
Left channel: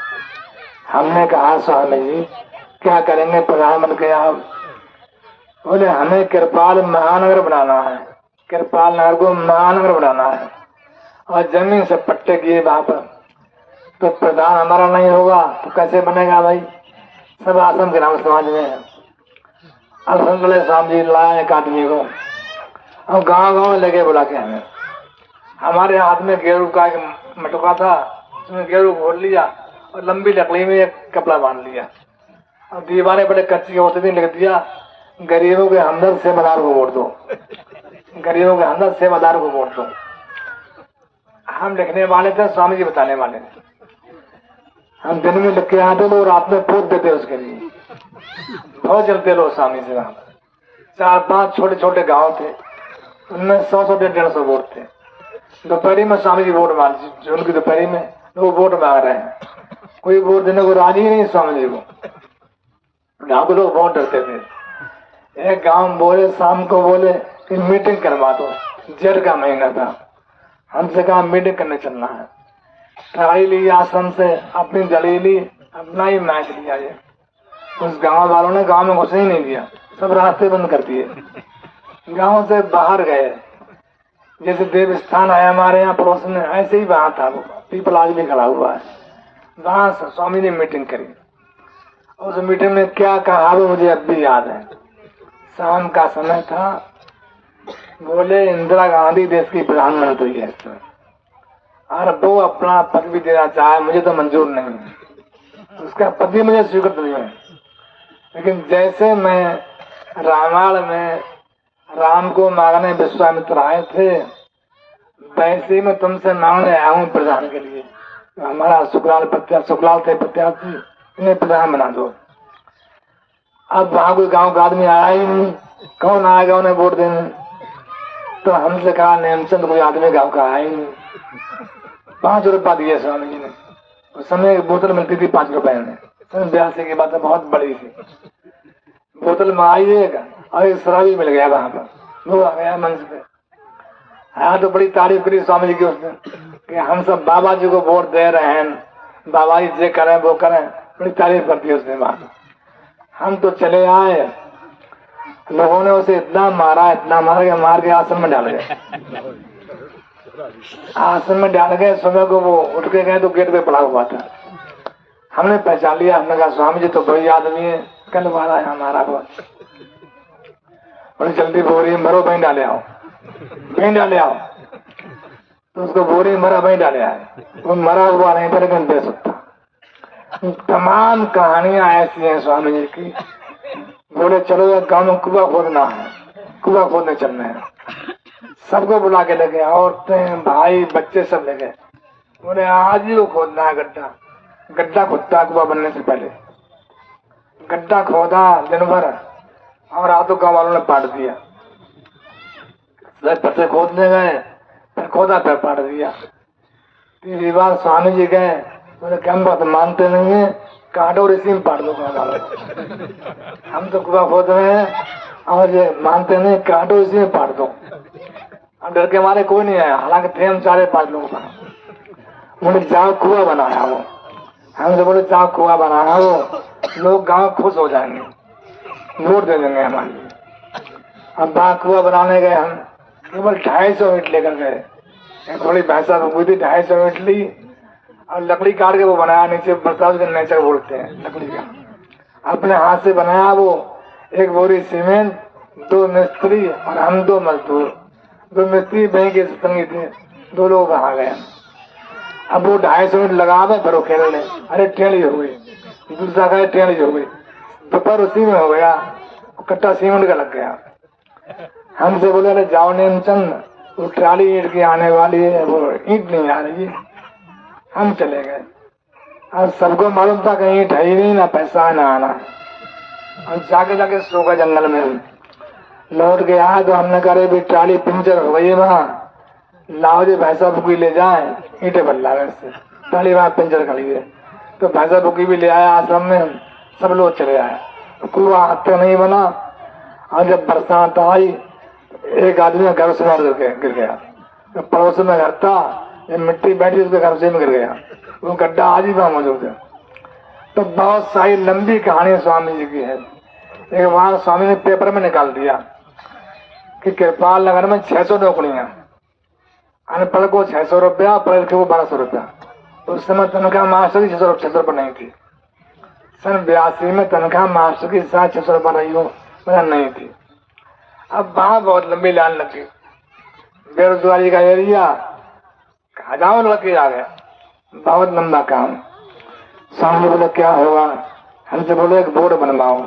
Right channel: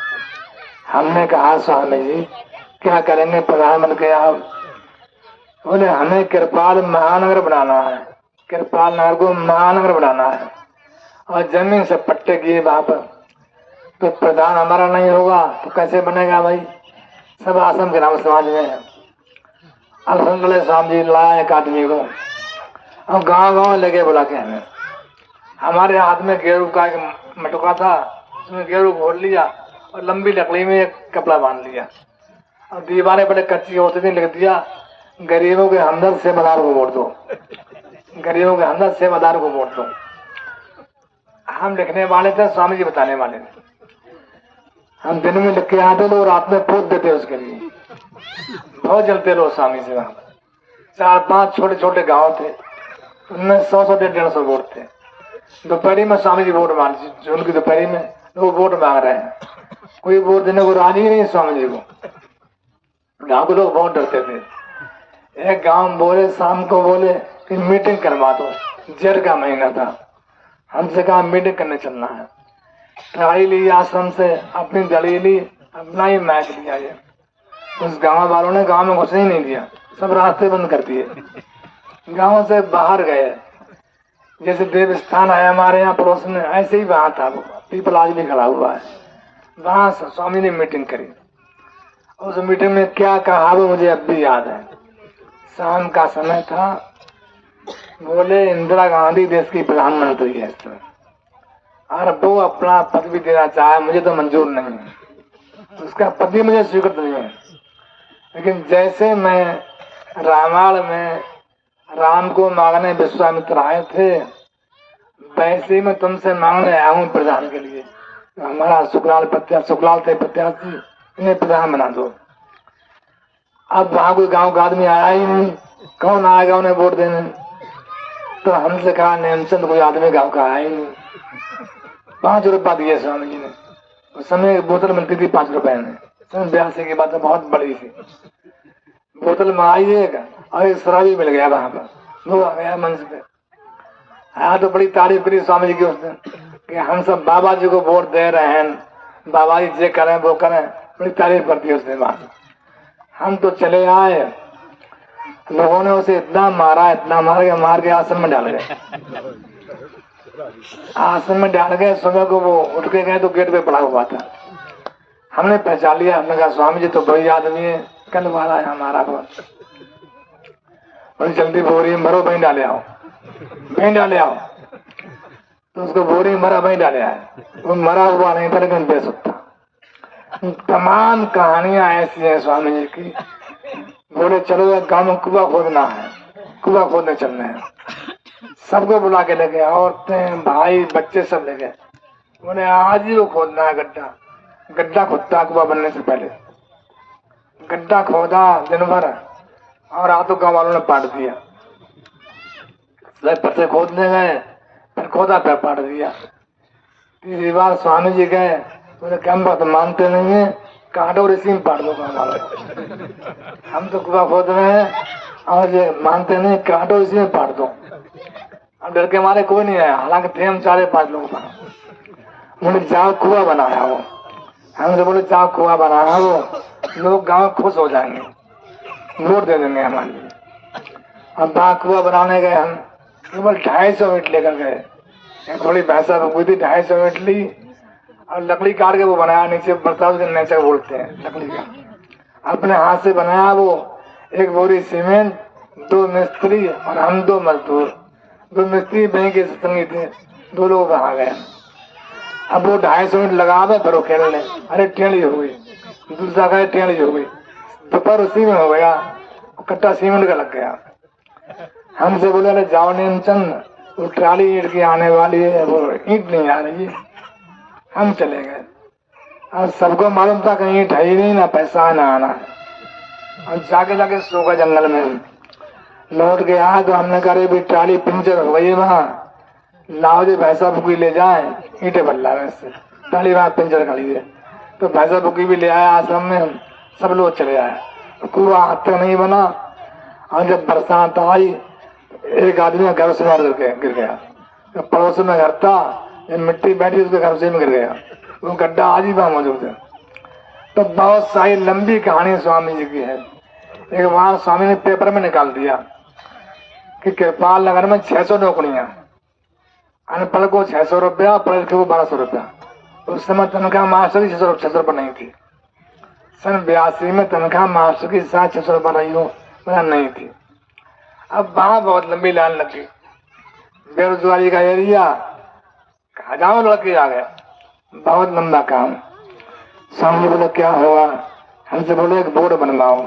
हमने कहा स्वामी जी क्या करेंगे प्रधान बन के आप। बोले हमें कृपाल महानगर बनाना है, कृपाल नगर को महानगर बनाना है और जमीन से पट्टे किए वहां पर। तो प्रधान हमारा नहीं होगा तो कैसे बनेगा भाई, सब आश्रम के नाम समाज में है। अब हम बोले स्वामी जी लाए एक आदमी को और गांव लेके बुला के हमें। हमारे हाथ में गेरू का एक मटका था, उसने गेरू घोल लिया और लंबी लकड़ी में एक कपड़ा बांध लिया और दीवारें बड़े कच्ची होती थी, लिख दिया गरीबों के हमदर्द सेवादार को वोट दो, गरीबों के हमदर्द सेवादार को वोट दो। हम लिखने वाले थे, स्वामी जी बताने वाले थे। हम दिन में लिख के आते थे और रात में पोत देते उसके लिए। बहुत जलते लोग स्वामी जी। 4-5 छोटे छोटे गांव थे, उनमें 100-150 वोट थे। दोपहरी में स्वामी जी वोट मांग, उनकी दोपहरी में वो वोट मांग रहे हैं, कोई वोट देने को राजी नहीं स्वामी जी को। गाँव के लोग बहुत डरते थे। एक गांव बोले शाम को बोले कि मीटिंग करवा दो, जेठ का महीना था। हमसे कहा मीटिंग करने चलना है। गाड़ी ली आश्रम से, अपनी दड़ी ली, अपना ही मैच लिया। ये उस गांव वालों ने गांव में घुसने ही नहीं दिया, सब रास्ते बंद कर दिए। गांव से बाहर गए, जैसे देव स्थान है हमारे यहाँ पड़ोस में, ऐसे ही वहां था वो पीपल आज भी खड़ा हुआ है। वहां से स्वामी ने मीटिंग करी। उस मीटिंग में क्या कहा वो मुझे अब भी याद है। शाम का समय था, बोले इंदिरा गांधी देश की प्रधानमंत्री है और वो अपना पद भी देना चाहे, मुझे तो मंजूर नहीं है, उसका पद भी मुझे स्वीकृत नहीं है। लेकिन जैसे मैं रामायण में राम को मांगने विश्वामित्र आए थे, वैसे ही मैं तुमसे मांगने आया हूँ प्रधान के लिए। हमारा शुक्लाल थे प्रत्याशी, इन्हें प्रधान बना दो। अब वहां कोई गांव का आदमी आया ही नहीं, कौन आएगा उन्हें वोट देने। तो हमसे कहा नेमचंद कोई आदमी गांव का आया ही नहीं। 5 रुपया दिए स्वामी जी ने। उस समय एक बोतल मिलती थी 5 रुपए में। 82 की बात है, बहुत बड़ी थी। बोतल में आइएगा और शराबी मिल गया वहां पर, वो आ गया मंच पे। हाँ तो बड़ी तारीफ करी स्वामी जी की उसने कि हम सब बाबा जी को वोट दे रहे हैं, बाबा जी जे करें वो करें, बड़ी तारीफ करती है उसने बात। हम तो चले आए, लोगों ने उसे इतना मारा कि मार के आश्रम में डाल गए। आश्रम में डाल गए, सुबह को वो उठ के गए तो गेट पे पड़ा हुआ था। हमने पहचान लिया, हमने कहा स्वामी जी तो बड़ी आदमी है, कल वाला है हमारा हुआ। बड़ी जल्दी बोरी मरो वहीं डाले आओ, वहीं डाले आओ। तो उसको बोरी मरा वहीं डाले आए, वो मरा हुआ नहीं था लेकिन दे सकता। तमाम कहानियां ऐसी हैं स्वामी जी की। बोले चलो यार गाँव में कुआं खोदना है, कुआं खोदने चलना है। सबको बुला के ले गए, औरतें भाई बच्चे सब ले गए। बोले आज ही वो खोदना है गड्ढा। गड्ढा खुदता कुआं बनने से पहले गड्ढा खोदा दिन भर और रातों गाँव वालों ने पाट दिया। पत्ते खोदने गए, फिर खोदा फिर पाट दिया। तीसरी बार स्वामी जी गए, बोले कम बात मानते नहीं है, काटो और इसी में पाट दो गाँव वाले। हम तो कुआं खोद रहे हैं और जो मानते नहीं, काटो इसी में पाट दो। और डर के मारे कोई नहीं आया, हालांकि थे हम 4-5 लोग। बोले जाओ कुआं बनाया वो, हमसे बोले जाओ कुआं बनाया वो, लोग गांव खुश हो जाएंगे, वोट दे देंगे हमारे लिए। अब कुआं बनाने गए हम, केवल 250 ईंट लेकर गए। थोड़ी भैंसा हुई थी, 250 ईंट ली और लकड़ी काट के वो बनाया, नीचे बर्ताव नेचर बोलते हैं लकड़ी का, अपने हाथ से बनाया वो। 1 बोरी सीमेंट, 2 मिस्त्री और हम 2 मजदूर। 2 मिस्त्री बैंक के संगी थे, 2 लोग आ गए। अब वो 250 ईंट लगा दे फिर खेलने, अरे टेढ़ी हो गई, दूसरा कहे टेढ़ी हो गई, दोपहर उसी में हो गया, कट्टा सीमेंट का लग गया। हमसे बोले अरे जाओ नेमचंद, वो ट्राली ईंट की आने वाली है, वो ईंट नहीं आ रही। हम चले गए। अब सबको मालूम था कि ईंट है ही नहीं, ना पैसा ना आना। और जाके सो गए जंगल में। लौट के आया तो हमने कहा भी ट्राली पंचर हो गई वहाँ, लाओ जी भैंसा बुकी ले जाए, ईंटे बल्ला में से ट्राली वहाँ पंचर खड़ी है। तो भैंसा बुकी भी ले आया आश्रम में, सब लोग चले आए। कुआं हाथ नहीं बना। और जब बरसात आई, एक आदमी घर से गिर गया, तो पड़ोस में घर था, मिट्टी बैठी उसके घर से में गिर गया, वो गड्ढा आज ही वहां मौजूद है। तो बहुत सारी लंबी कहानी स्वामी जी की है। एक बार स्वामी ने पेपर में निकाल दिया कि कृपाल नगर में 600 नौकरियां, अनपढ़ को 600 रुपया, पढ़े लिखे को 1200 रुपया। उस समय तनख्वाह मास्टर की 600 रुपये नहीं थी। सन 82 में तनख्वाह मास्टर की 600 रुपये रही हो नहीं थी। अब वहां बहुत लंबी लाइन लगी, बेरोजगारी का एरिया, हजारों लड़के आ गए, बहुत लंबा काम। सामने बोले क्या होगा, हमसे बोले एक बोर्ड बनवाओ।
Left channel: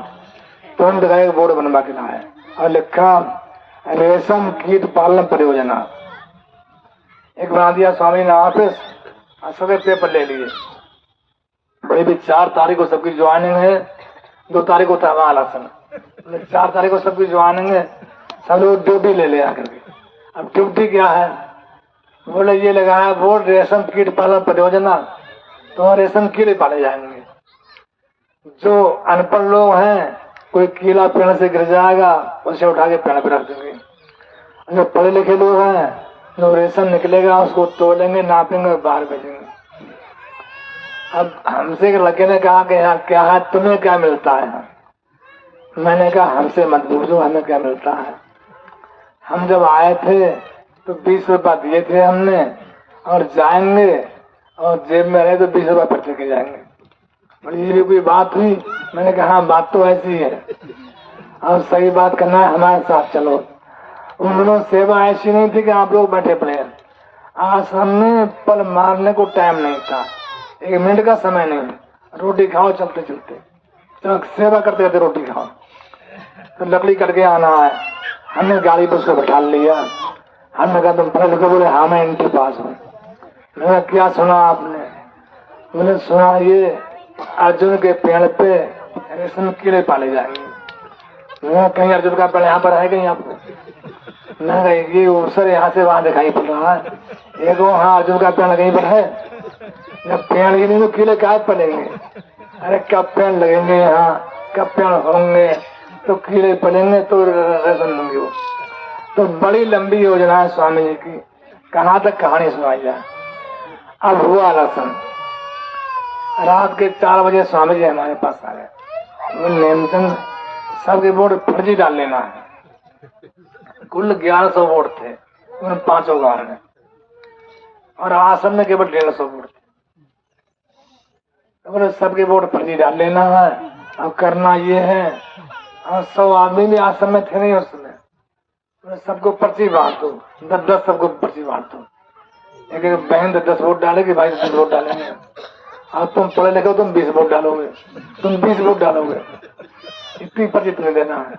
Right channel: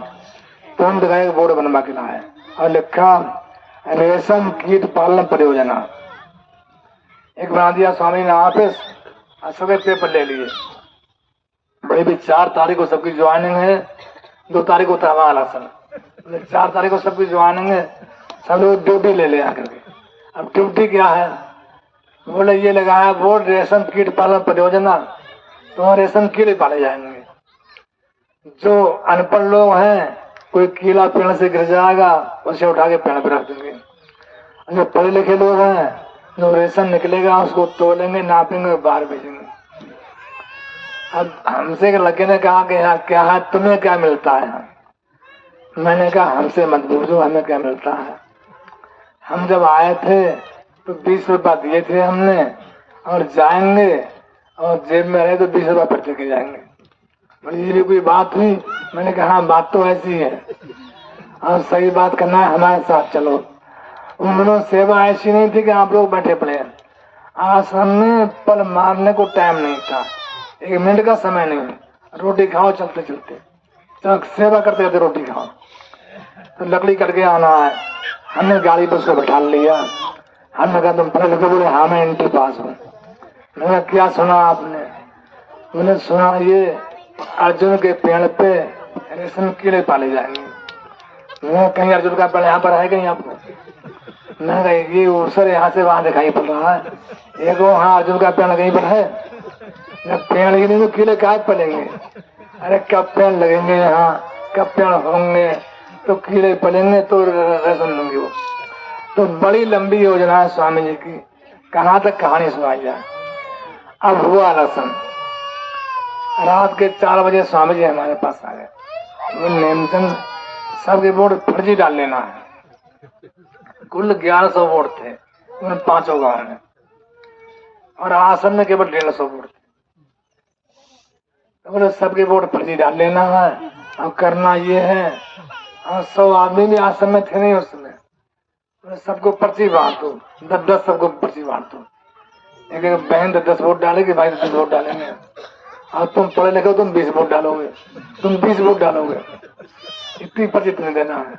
तो हम दिखाए एक बोर्ड बनवा के लाए और लिखा रेशम कीट पालन परियोजना। एक बना दिया स्वामी ने ऑफिस, और सभी पेपर ले लिए। भाई भी 4 तारीख को सबकी ज्वाइनिंग है, 2 तारीख को था आसन, 4 तारीख को सबकी ज्वाइनिंग है, सब लोग ड्यूटी ले ले आकर के। अब ड्यूटी क्या है, बोले ये लगाया बोर्ड रेशम कीट पालन परियोजना, तो रेशम कीड़े पाले जाएंगे। जो अनपढ़ लोग हैं, कोई कीड़ा पेड़ से गिर जाएगा, उसे उठा के पेड़ पर रख देंगे। जो पढ़े लिखे लोग हैं, जो रेशम निकलेगा उसको तोलेंगे, नापेंगे और बाहर भेजेंगे। अब हमसे लड़के ने कहा कि यार क्या है, तुम्हें क्या मिलता है? मैंने कहा हमसे मत पूछो हमें क्या मिलता है। हम जब आए थे तो 20 रुपया दिए थे हमने, और जाएंगे और जेब में रहे तो 20 रुपया पर्चे के जाएंगे। बोली ये भी कोई बात हुई? मैंने कहा हाँ बात तो ऐसी है, और सही बात करना है, हमारे साथ चलो। उन्होंने सेवा ऐसी नहीं थी कि आप लोग बैठे पड़े, आश्रम में पल मारने को टाइम नहीं था, 1 मिनट का समय नहीं, रोटी खाओ चलते चलते, तो सेवा करते करते रोटी खाओ। तो लकड़ी करके आना है, हमने गाड़ी पर उसको बैठा लिया। हमने कहा तुम पढ़े लिखे? बोले हाँ मैं इंटर पास हूँ। मैंने क्या सुना आपने? मैंने सुना ये अर्जुन के पेड़ पे रेशम कीड़े पाले जाएंगे। मैं कहीं अर्जुन का पेड़ यहाँ पर है कहीं आपको? नहीं, ये अवसर यहाँ से वहां दिखाई पड़ रहा है। एक हाँ अर्जुन का पेड़ कहीं पर है, पेड़ ही नहीं तो कीड़े कहाँ पड़ेंगे? अरे कब पेड़ लगेंगे यहाँ, कब पेड़ होंगे तो कीड़े पड़ेंगे तो रेशम होंगे वो। तो बड़ी लंबी योजना है स्वामी जी की, कहाँ तक कहानी सुनाई जाए। अब हुआ लसन, रात के 4 बजे स्वामी जी हमारे पास आ गए। वो नेमचंद सबके वोट फर्जी डाल लेना है। कुल 1100 वोट थे उन 5 गांव में, और आश्रम में केवल 150 वोट थे। तो सबके वोट फर्जी डाल लेना है, और करना ये है, और 100 आदमी भी आश्रम में थे नहीं उसमें, सबको पर्ची बांटो, 10-10 सबको पर्ची बांटो। एक बहन 10 वोट डालेगी, भाई 10 वोट डालेंगे, और तुम पढ़े लिखे तुम 20 वोट डालोगे, तुम 20 वोट डालोगे, इतनी पर्ची तुम्हें देना है।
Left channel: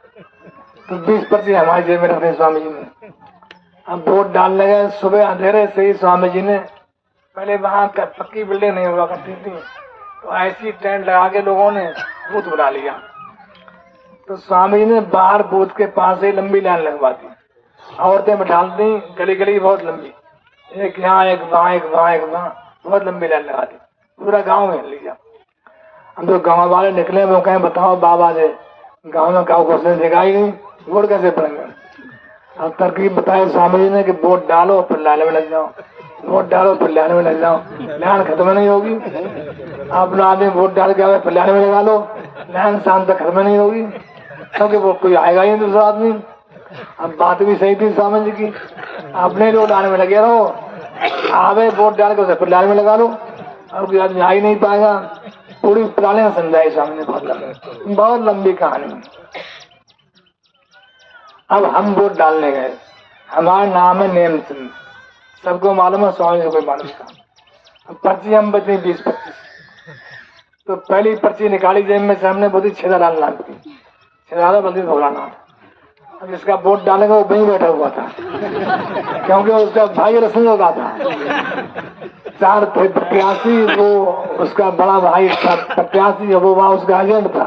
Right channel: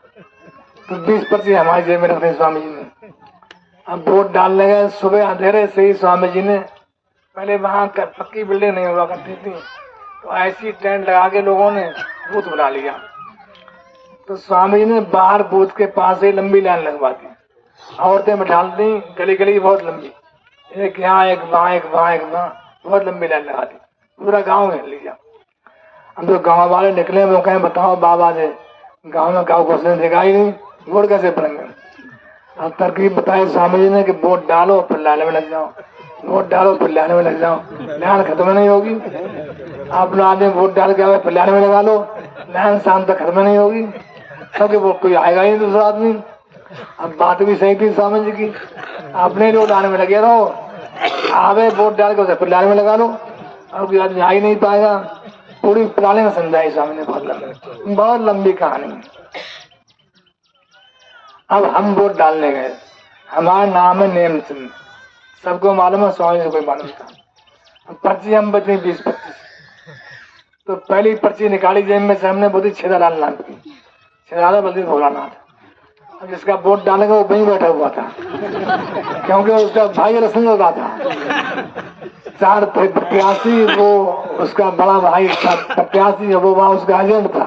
तो 20 पर्ची हमारी जेब में रखते स्वामी जी ने। अब वोट डालने गए, सुबह अंधेरे से ही स्वामी जी ने, पहले वहां पक्की बिल्डिंग नहीं हुआ करती थी, तो ऐसी टेंट लगा के लोगों ने बूथ बना लिया। तो स्वामी जी ने बाहर बूथ के पास ही लंबी लाइन लगवा दी, औरतें बैठा दी, गली गली बहुत लंबी, एक यहाँ एक वहाँ एक वहाँ एक वहाँ, बहुत लंबी लाइन लगा दी, पूरा गांव में लिया। अब जो गांव वाले निकले वो कहें बताओ बाबा जी गांव में गाँव घोषणा दिखाई गई, वोट कैसे पड़ेंगे? अब तरकीब बताए स्वामी जी ने कि वोट डालो फिर लाने में लग जाओ, वोट डालो फिर लाने में लग जाओ, लाइन खत्म नहीं होगी। अपना आदमी वोट डाल के फिर लाने में लगा लो, लाइन शाम तक खत्म नहीं होगी, क्योंकि वो कोई आएगा ही दूसरा आदमी। अब बात भी सही थी स्वामी जी की, अपने लोग लाने में लगे रहो, आवे वोट डाल के फिर लाने में लगा लो, और कोई आदमी आ ही नहीं पाएगा। पूरी पुराने में समझाई स्वामी ने, बहुत लंबी कहानी। अब हम वोट डालने गए, हमारा नाम है नेम सिंह, सबको मालूम है, स्वामी जी को मालूम था। पर्ची हम बची 20-25, तो पहली पर्ची निकाली जेब में से हमने, बोली छेदालाल नाम की, छेदालाल बल्दी भोलानाथ। अब जिसका वोट डालेगा वो वहीं बैठा हुआ था, क्योंकि उसका भाई रसमी होता था। 4 प्रत्याशी, वो उसका बड़ा भाई था प्रत्याशी, वो वहां उसका एजेंट था।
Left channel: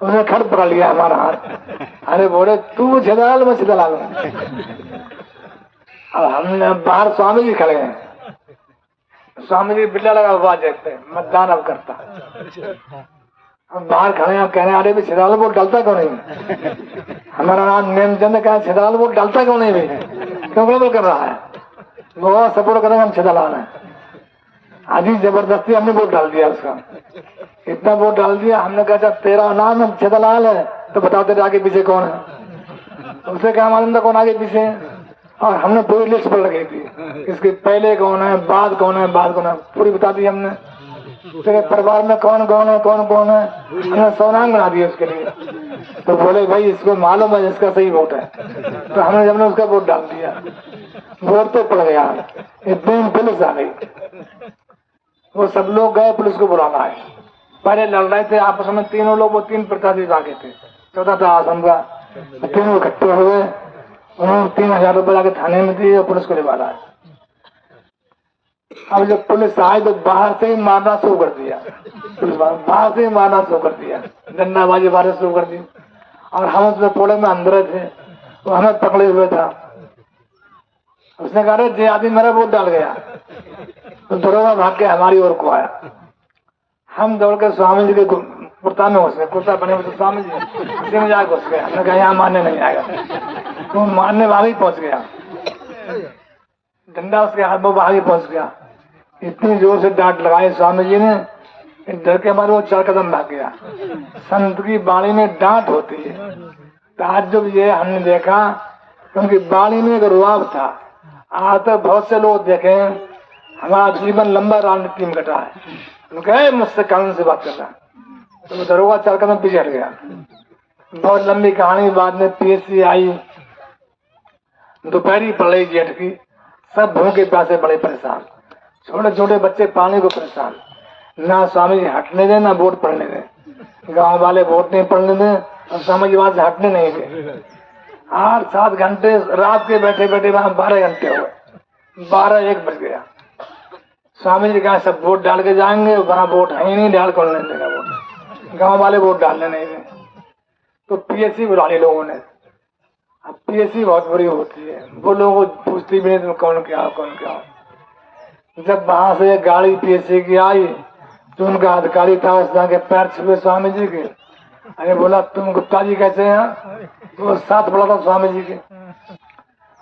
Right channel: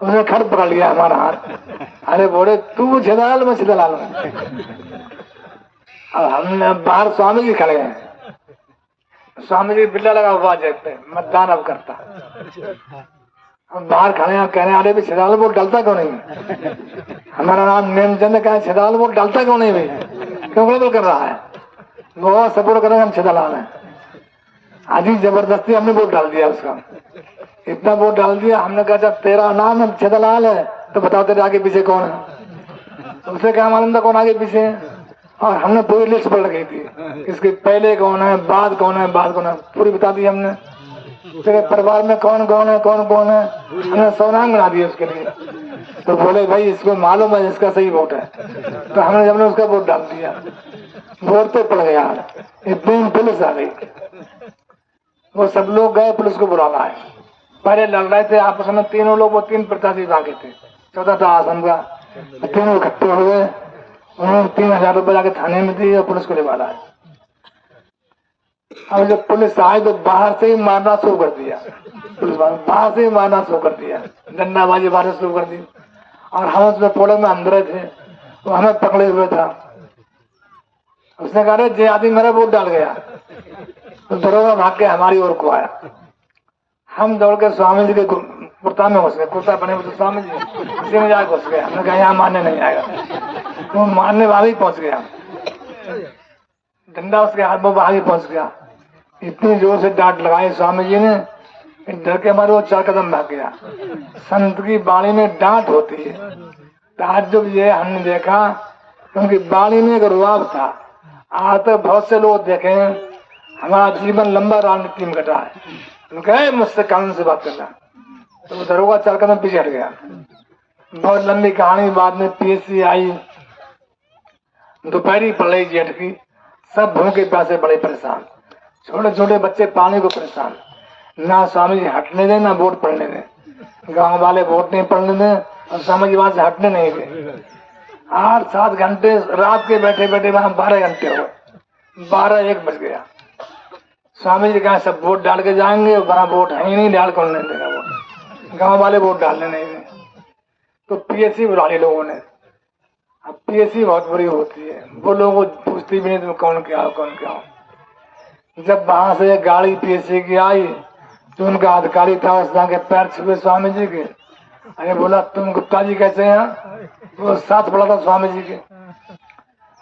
उसने खड़ पकड़ लिया हमारा हाथ, अरे बोले तू छेदालाल, मैं छेदालाल। अब हमने बाहर स्वामी जी खड़े हैं, स्वामी जी बिल्ला लगा हुआ देखते मतदान अब करता। अब बाहर खड़े हैं, कह रहे अरे भी छेदालाल वोट डालता क्यों नहीं? हमारा नाम नेमचंद, कहा छेदालाल वोट डालता क्यों नहीं भाई, क्यों गड़बड़ कर रहा है? वो सपोर्ट करेंगे, हम छेदालाल है। आज ही जबरदस्ती हमने वोट डाल दिया उसका, इतना वोट डाल दिया। हमने कहा तेरा नाम छेदालाल है तो बताओ तेरे आगे पीछे कौन है? उसे क्या मालूम था कौन आगे पीछे, और हमने पूरी लिस्ट पढ़ रखी थी, इसके पहले कौन है, बाद कौन है, बाद कौन है, पूरी बता दी हमने। तेरे परिवार में कौन कौन है, कौन कौन है, हमने 100 नाम बना दिए उसके लिए। तो बोले भाई इसको मालूम है इसका सही वोट है, तो हमने उसका वोट डाल दिया। वोट तो पड़ गया, इतने में पुलिस आ गई, वो सब लोग गए पुलिस को बुलाना है। पहले लड़ रहे थे आपस में तीनों लोग, वो 3 प्रत्याशी आगे थे, 14 था आसन का, तीनों इकट्ठे हुए, उन्होंने 3000 रुपए लाके थाने में दिए और पुलिस को निभा रहा है। और जब पुलिस आई तो बाहर से ही मारना शुरू कर दिया, बाहर से ही मारना शुरू कर दिया, डंडाबाजी मारना शुरू कर दी। और हम उसमें थोड़े में अंदर थे, तो हमें पकड़े हुए था। उसने कहा जे आदमी मेरा वोट डाल गया, तो दरोगा भाग के हमारी ओर को आया। हम दौड़ के स्वामी जी के कुर्ता में घुस गए, कुर्ता बने हुए स्वामी जी उसी में जाकर घुस गया। मैंने कहा यहाँ मारने नहीं आएगा, तो मारने वाले ही पहुंच गया, डंडा उसके हाथ में बाहर ही पहुंच गया। इतनी जोर से डांट लगाई स्वामी जी ने, डर के मारे वो 4 कदम भाग गया। संत की वाणी में डांट होती है, ताज्जुब ये हमने देखा, क्योंकि वाणी में एक रुआब था। आज तक बहुत से लोग देखे, हमारा जीवन लंबा राजनीति में कटा है, मुझसे कानून से बात करना, तो दरोगा 4 कदम पीछे हट गया। बहुत लंबी कहानी। बाद में पीएससी आई, दोपहरी पड़ रही जेठ की, सब भूखे प्यासे बड़े परेशान, छोटे छोटे बच्चे पानी को परेशान, ना स्वामी जी हटने दें ना वोट पड़ने दें। गांव वाले वोट नहीं पड़ने दें और स्वामी जी वहां से हटने नहीं दें। 8-7 घंटे रात के बैठे बैठे वहां 12 घंटे हो, 12-1 बज गया। स्वामी जी कहा सब वोट डाल के जाएंगे, वहां वोट है ही नहीं, डाल कौन नहीं देगा वोट, गांव वाले वोट डालने नहीं दें। तो पीएससी बुला ली लोगों ने। अब पीएससी बहुत बुरी होती है, वो लोगों को पूछती भी नहीं तुम कौन क्या हो, कौन क्या हो। जब वहां से गाड़ी पीएससी की आई तो उनका अधिकारी था, उसने के पैर छुए स्वामी जी के। अरे बोला तुम गुप्ता जी कैसे हैं? वो साथ पड़ा था स्वामी जी के।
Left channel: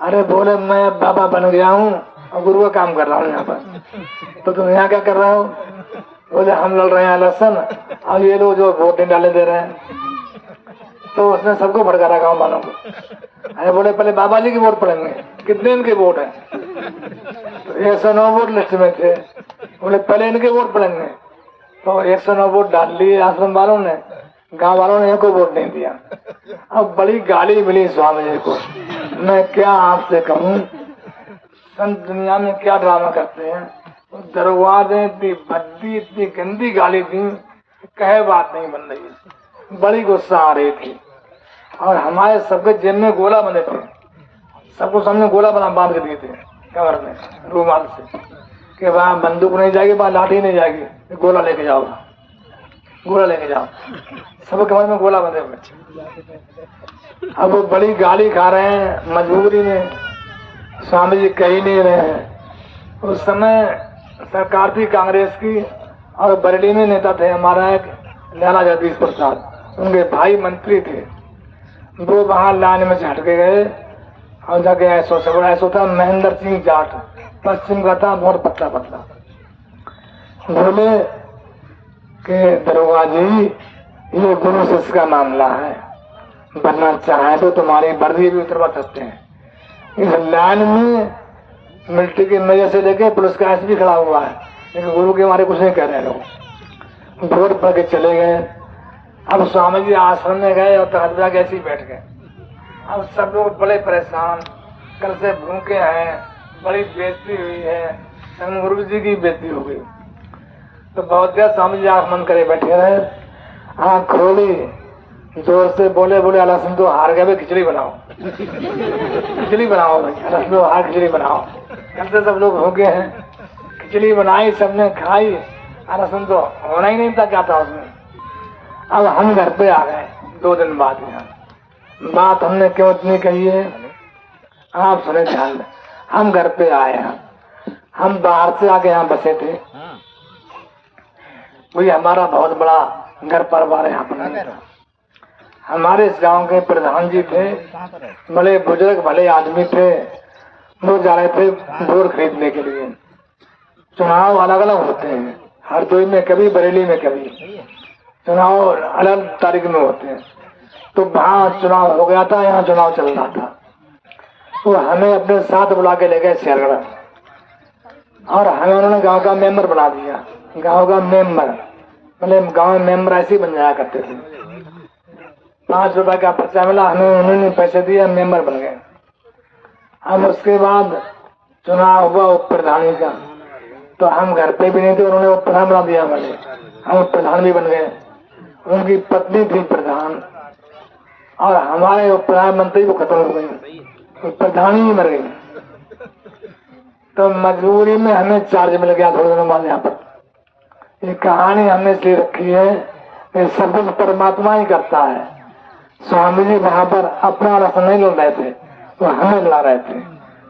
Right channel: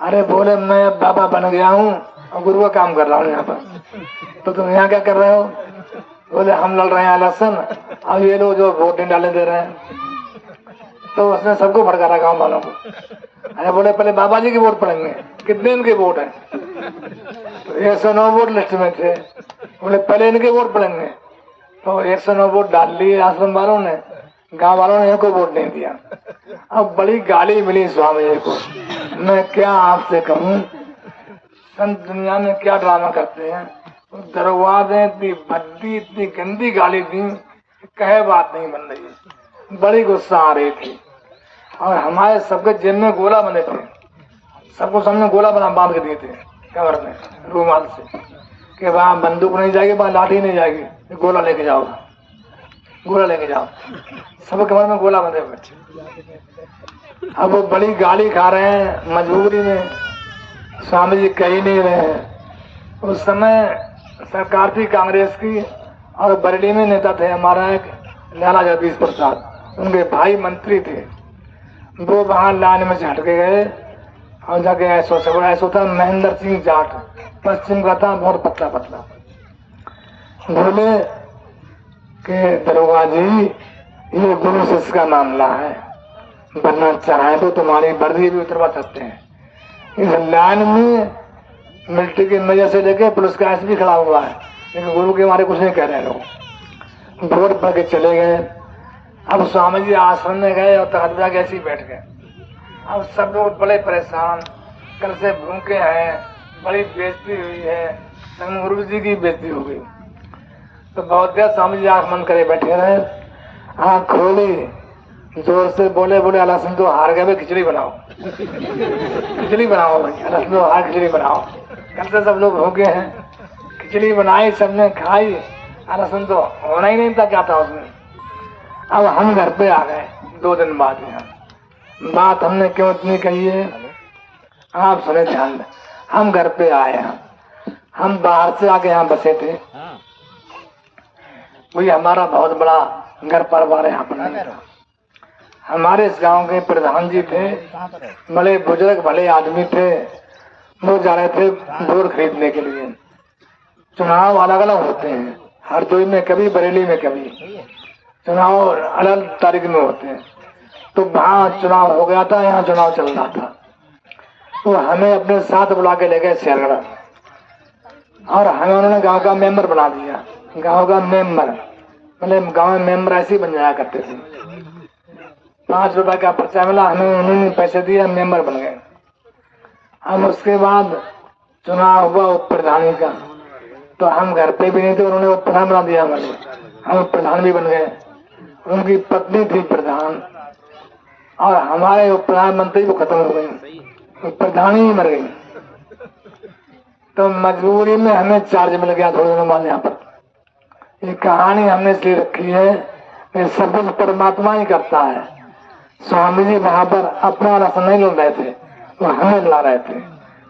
अरे बोले मैं बाबा बन गया हूँ और गुरु का काम कर रहा हूँ यहाँ पर। तो तुम यहाँ क्या कर रहे हो? बोले हम लड़ रहे हैं इलेक्शन, अब ये लोग जो वोट नहीं डालने दे रहे हैं। तो उसने सबको भड़का रहा गाँव वालों को। अरे बोले पहले बाबा जी के वोट पड़ेंगे, कितने इनके वोट है? तो 109 वोट लिस्ट में थे। बोले पहले इनके वोट पड़ेंगे, तो 109 वोट डाल लिए आश्रम वालों ने, गांव वालों ने इनको वोट नहीं दिया। अब बड़ी गाली मिली स्वामी जी को। मैं क्या आपसे कहूँ, संत दुनिया में क्या ड्रामा करते हैं। तो दरवाजे इतनी भद्दी, इतनी गंदी गाली दी, कहे बात नहीं बन रही। बड़ी गुस्सा आ रही थी और हमारे सबके जेब में गोला बंधे थे, सबको सामने गोला बांध के दिए थे कमर में रूमाल से, कि वहाँ बंदूक नहीं जाएगी, वहाँ लाठी नहीं जाएगी, गोला लेके जाओ, गोला लेके जाओ। सब कमर में गोला बंधे हुए। अब वो बड़ी गाली खा रहे हैं मजबूरी में, स्वामी जी कह ही नहीं रहे हैं। उस समय सरकार थी कांग्रेस की और बरेली में नेता थे हमारा एक लाला जगदीश प्रसाद, उनके भाई मंत्री थे। वो वहां लाइन में से हट के गए और जाके ऐसा था महेंद्र सिंह जाट, पश्चिम का था, बहुत पतला पतला। बोले कि दरोगा जी ये गुरु शिष्य का मामला है, बनना चाहे तो तुम्हारी वर्दी भी उतरवा सकते हैं। इस लाइन में मिलिट्री की नजर से लेके पुलिस का एसपी खड़ा हुआ है, लेकिन गुरु के हमारे कुछ नहीं कह रहे लोग। भोर पड़ के चले गए। अब स्वामी जी आश्रम में गए और तहलदा कैसे बैठ गए। अब सब लोग बड़े परेशान, कल से भूखे हैं, बड़ी बेइज्जती हुई है, गुरु जी की बेइज्जती हो गई। तो बहुत देर स्वामी जी आंख बंद करे बैठे रहे, आंख खोली, जोर से बोले अल्लाह सुन तो हार गए, खिचड़ी बनाओ खिचड़ी बनाओ, अल्लाह सुन हार खिचड़ी बनाओ। कल से सब लोग हो गए हैं, खिचड़ी बनाई, सबने खाई, अल्लाह सुन तो होना ही नहीं था क्या था उसमें। अब हम घर पे आ गए 2 दिन बाद में। बात हमने क्यों इतनी कही है आप सुने ध्यान। हम घर पे आए हैं, हम बाहर से आके यहाँ बसे थे। वही हमारा बहुत बड़ा घर परिवार है। यहाँ पर हमारे इस गांव के प्रधान जी थे, बड़े बुजुर्ग भले आदमी थे। वो जा रहे थे बोर खरीदने के लिए। चुनाव अलग अलग होते हैं, हरदोई में कभी, बरेली में कभी, चुनाव अलग तारीख में होते हैं। तो वहाँ चुनाव हो गया था, यहाँ चुनाव चल रहा था। तो हमें अपने साथ बुला के ले गए सियालगढ़, और हमें उन्होंने गांव का मेंबर बना दिया। गांव का मेंबर मतलब गांव में मेंबर ऐसे ही बन जाया करते थे। 5 रुपए का पर्चा मिला, हमें उन्होंने पैसे दिए, मेंबर बन गए। हम उसके बाद चुनाव हुआ उप प्रधानी का, तो हम घर पे भी नहीं थे, उन्होंने उप प्रधान बना दिया हमें, हम प्रधान भी बन गए। उनकी पत्नी थी प्रधान, और हमारे उप प्रधानमंत्री वो खत्म हो गई, उप प्रधान ही मर गई। तो मजबूरी में हमें चार्ज मिल गया थोड़े दिनों बाद यहाँ पर। ये कहानी हमने इसलिए रखी है कि सब कुछ परमात्मा ही करता है। स्वामी जी वहां पर अपना रस नहीं लड़ रहे थे, वो हमें ला रहे थे।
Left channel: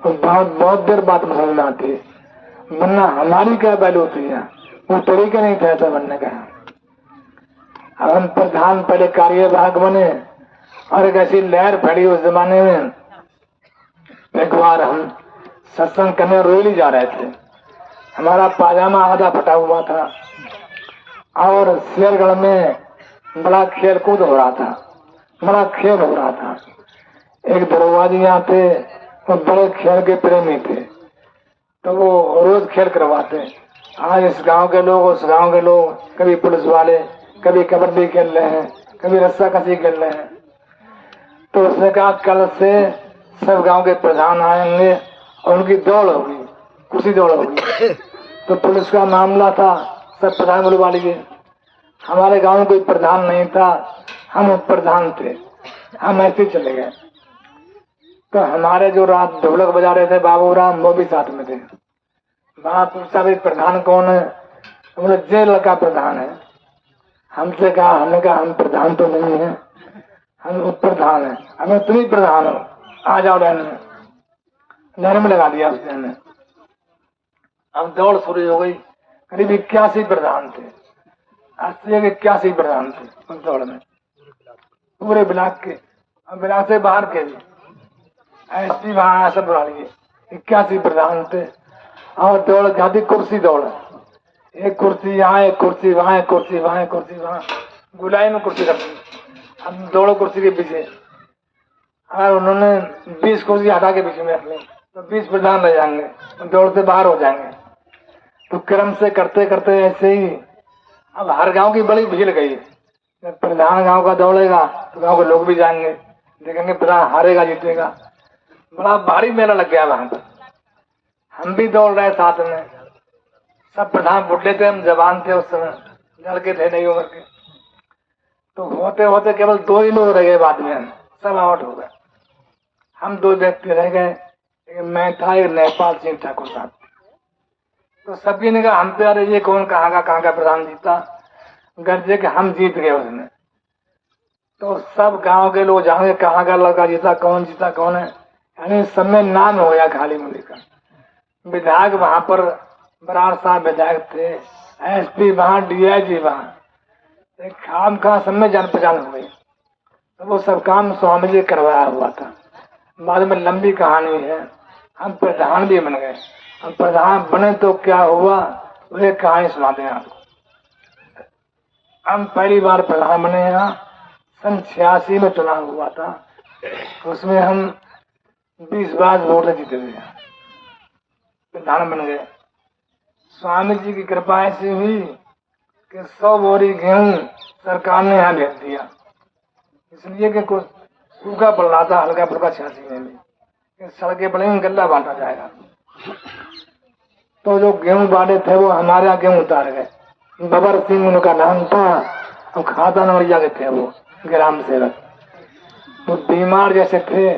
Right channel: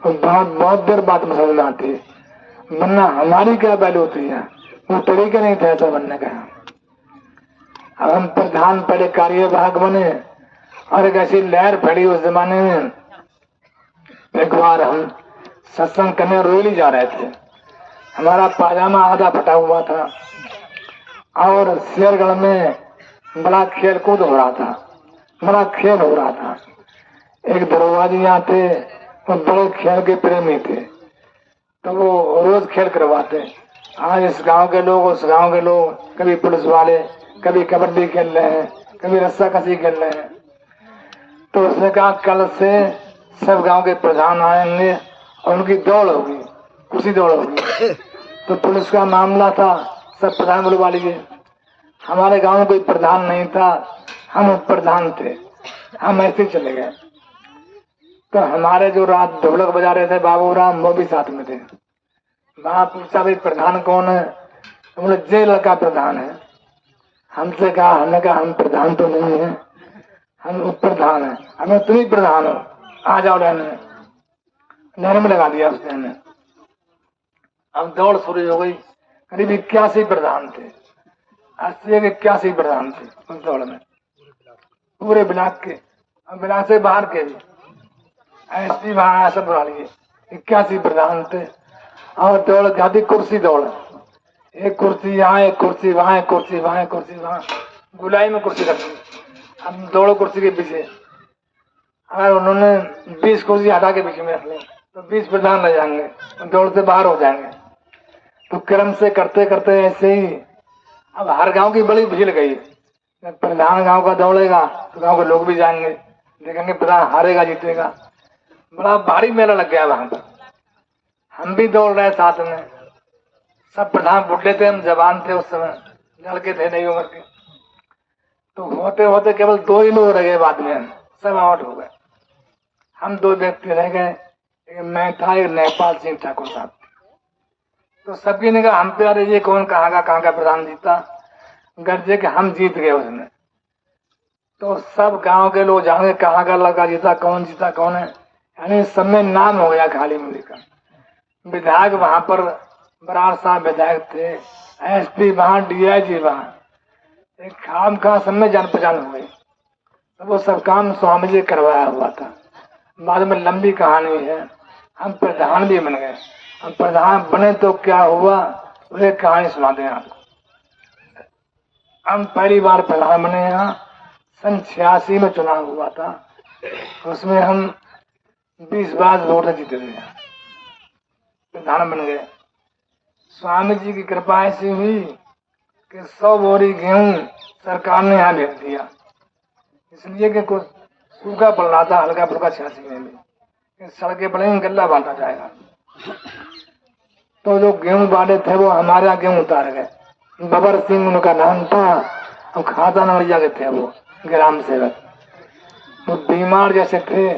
तो बहुत देर बात समझ में आती, वरना हमारी क्या वैल्यू होती है, वो तरीके नहीं थे ऐसा बनने का। अब हम प्रधान पहले कार्यवाहक बने, और एक ऐसी लहर फैली उस जमाने में। एक बार हम सत्संग करने रोली जा रहे थे, हमारा पाजामा आधा फटा हुआ था, और शेरगढ़ में बड़ा खेल कूद हो रहा था, बड़ा खेल हो रहा था। एक दरोगा जी यहाँ थे, वो बड़े खेल के प्रेमी थे, तो वो रोज खेल करवाते। आज इस गांव के लोग, उस गांव के लोग, कभी पुलिस वाले, कभी कबड्डी खेल रहे हैं, कभी रस्सा कसी खेल रहे हैं। तो उसने कहा कल से सब गांव के प्रधान आएंगे और उनकी दौड़ होगी, कुर्सी दौड़ होगी। तो पुलिस का मामला था, सब प्रधान बुलवा लिए। हमारे गांव में कोई प्रधान नहीं था, हम प्रधान थे, हम ऐसे चले गए। तो हमारे जो रात ढोलक बजा रहे थे बाबू राम, वो भी साथ में थे। वहां पूछा भाई प्रधान कौन है, तो बोले जे लड़का प्रधान है। हमसे कहा, हमने कहा हम प्रधान तो नहीं है, हम उप प्रधान है। हमें तुम ही प्रधान हो, आ जाओ लाइन में। लाइन में लगा दिया उसने। अब दौड़ शुरू हो गई, करीब 81 प्रधान थे, 80 के 81 प्रधान थे उस दौड़ में, पूरे ब्लॉक के और ब्लॉक से बाहर के भी। एसपी वहां सब बुला लिए, 81 प्रधान थे। और दौड़ गाती कुर्सी दौड़, एक कुर्सी यहाँ, एक कुर्सी वहां, एक कुर्सी वहां, एक कुर्सी वहां, गुलाई में कुर्सी रखी। हम दौड़ो कुर्सी के पीछे, और उन्होंने 20 कुर्सी हटा के पीछे में रख ली, तो 20 प्रधान रह जाएंगे, तो दौड़ से बाहर हो जाएंगे। तो क्रम से करते करते ऐसे ही अब हर गांव की बड़ी भीड़ गई। प्रधान गांव का दौड़ेगा तो गांव के लोग भी जाएंगे, देखेंगे प्रधान हारेगा जीतेगा। बड़ा भारी मेला लग गया वहां पर। हम भी दौड़ रहे साथ में, सब प्रधान बुढ़े थे, हम जवान थे उस समय, लड़के थे नहीं उम्र के। तो होते होते केवल 2 ही लोग रह गए, बाद में सब आउट हो गए। हम 2 व्यक्ति रह गए, एक मैं था, एक नेपाल सिंह ठाकुर साहब। तो सभी ने कहा हम पे, अरे ये कौन कहाँ का प्रधान जीता, गर्जे के हम जीत गए उसने। तो सब गांव के लोग जाने कहाँ का लड़का जीता, कौन जीता कौन है, यानी सब में नाम हो गया खाली मुंडी का। विधायक वहां पर बराड़ साहब विधायक थे, एसपी वहां, डीआईजी वहां, खाम खा सब में जान पहचान हो गई। तो वो सब काम स्वामी जी करवाया हुआ था। बाद में लंबी कहानी है, हम प्रधान भी बन गए। हम प्रधान बने तो क्या हुआ, वो एक कहानी सुनाते हैं आपको। हम पहली बार प्रधान बने, यहाँ सन 86 में चुनाव हुआ था। उसमें हम 20 वोट जीते थे, प्रधान बन गए। स्वामी जी की कृपा ऐसी हुई कि 100 बोरी गेहूं सरकार ने यहाँ भेज दिया, इसलिए कि कुछ सूखा पड़ रहा था हल्का फुल्का 86 में भी, सड़कें बनेंगी, गल्ला बांटा जाएगा। तो जो गेहूं बांटे थे वो हमारे यहाँ गेहूं उतार गए। बबर सिंह उनका नाम था और खाता नवड़िया के थे वो ग्राम सेवक। वो बीमार जैसे थे,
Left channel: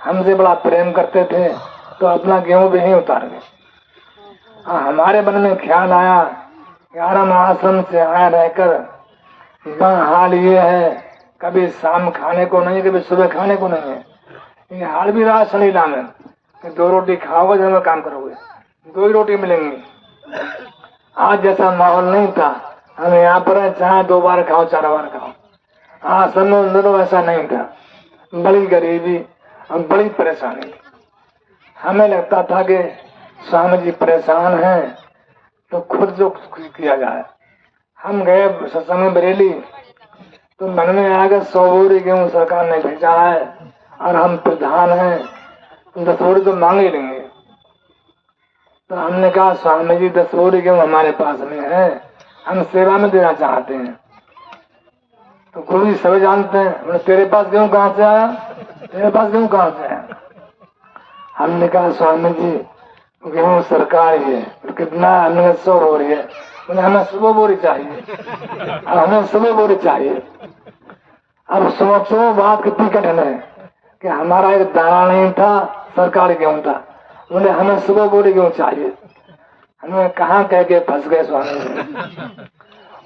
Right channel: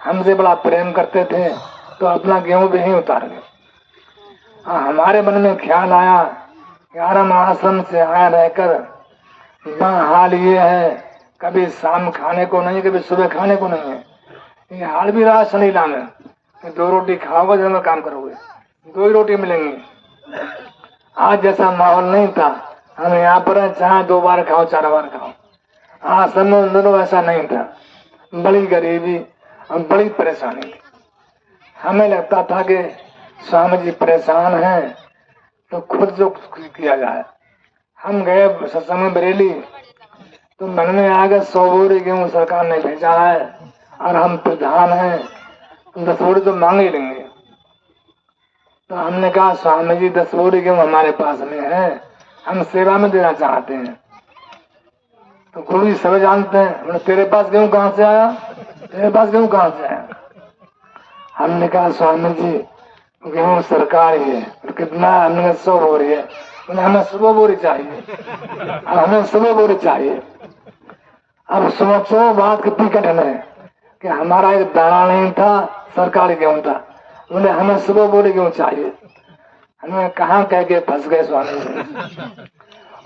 हमसे बड़ा प्रेम करते थे, तो अपना गेहूं भी ही उतार गए। हमारे मन में ख्याल आया कि आराम आश्रम से आया रहकर हाल ये है, कभी शाम खाने को नहीं, कभी सुबह खाने को नहीं है। ये हाल भी रहा शनिला में, 2 रोटी खाओगे जब काम करोगे, 2 ही रोटी मिलेंगी। आज जैसा माहौल नहीं था, हम यहाँ पर चाहे 2 बार खाओ 4 बार खाओ। आश्रम में दोनों ऐसा नहीं था, बड़ी गरीबी और बड़ी परेशानी थी। हमें लगता था कि स्वामी जी परेशान हैं तो खुद जो किया जाए। हम गए सत्संग बरेली, तो मन में आ गया 100 बोरी गेहूं सरकार ने भेजा है और हम प्रधान हैं, 10 बोरी तो मांग ही लेंगे। तो हमने कहा स्वामी जी 10 बोरी गेहूं हमारे पास में है, हम सेवा में देना चाहते हैं। तो गुरु जी सब जानते हैं, तेरे पास गेहूं कहाँ से आया, तेरे पास गेहूं कहाँ से आया। हमने कहा स्वामी जी गेहूं सरकार ही है, कितना, हमने 100 बोरी है, हमें 100 बोरी चाहिए, हमें 100 बोरी चाहिए। अब सोचो बात कितनी कठिन है कि हमारा एक दाना नहीं था, सरकारी गेहूं था, बोले हमें 100 बोरी गेहूं चाहिए। हमें कहाँ कह के फंस गए स्वामी जी।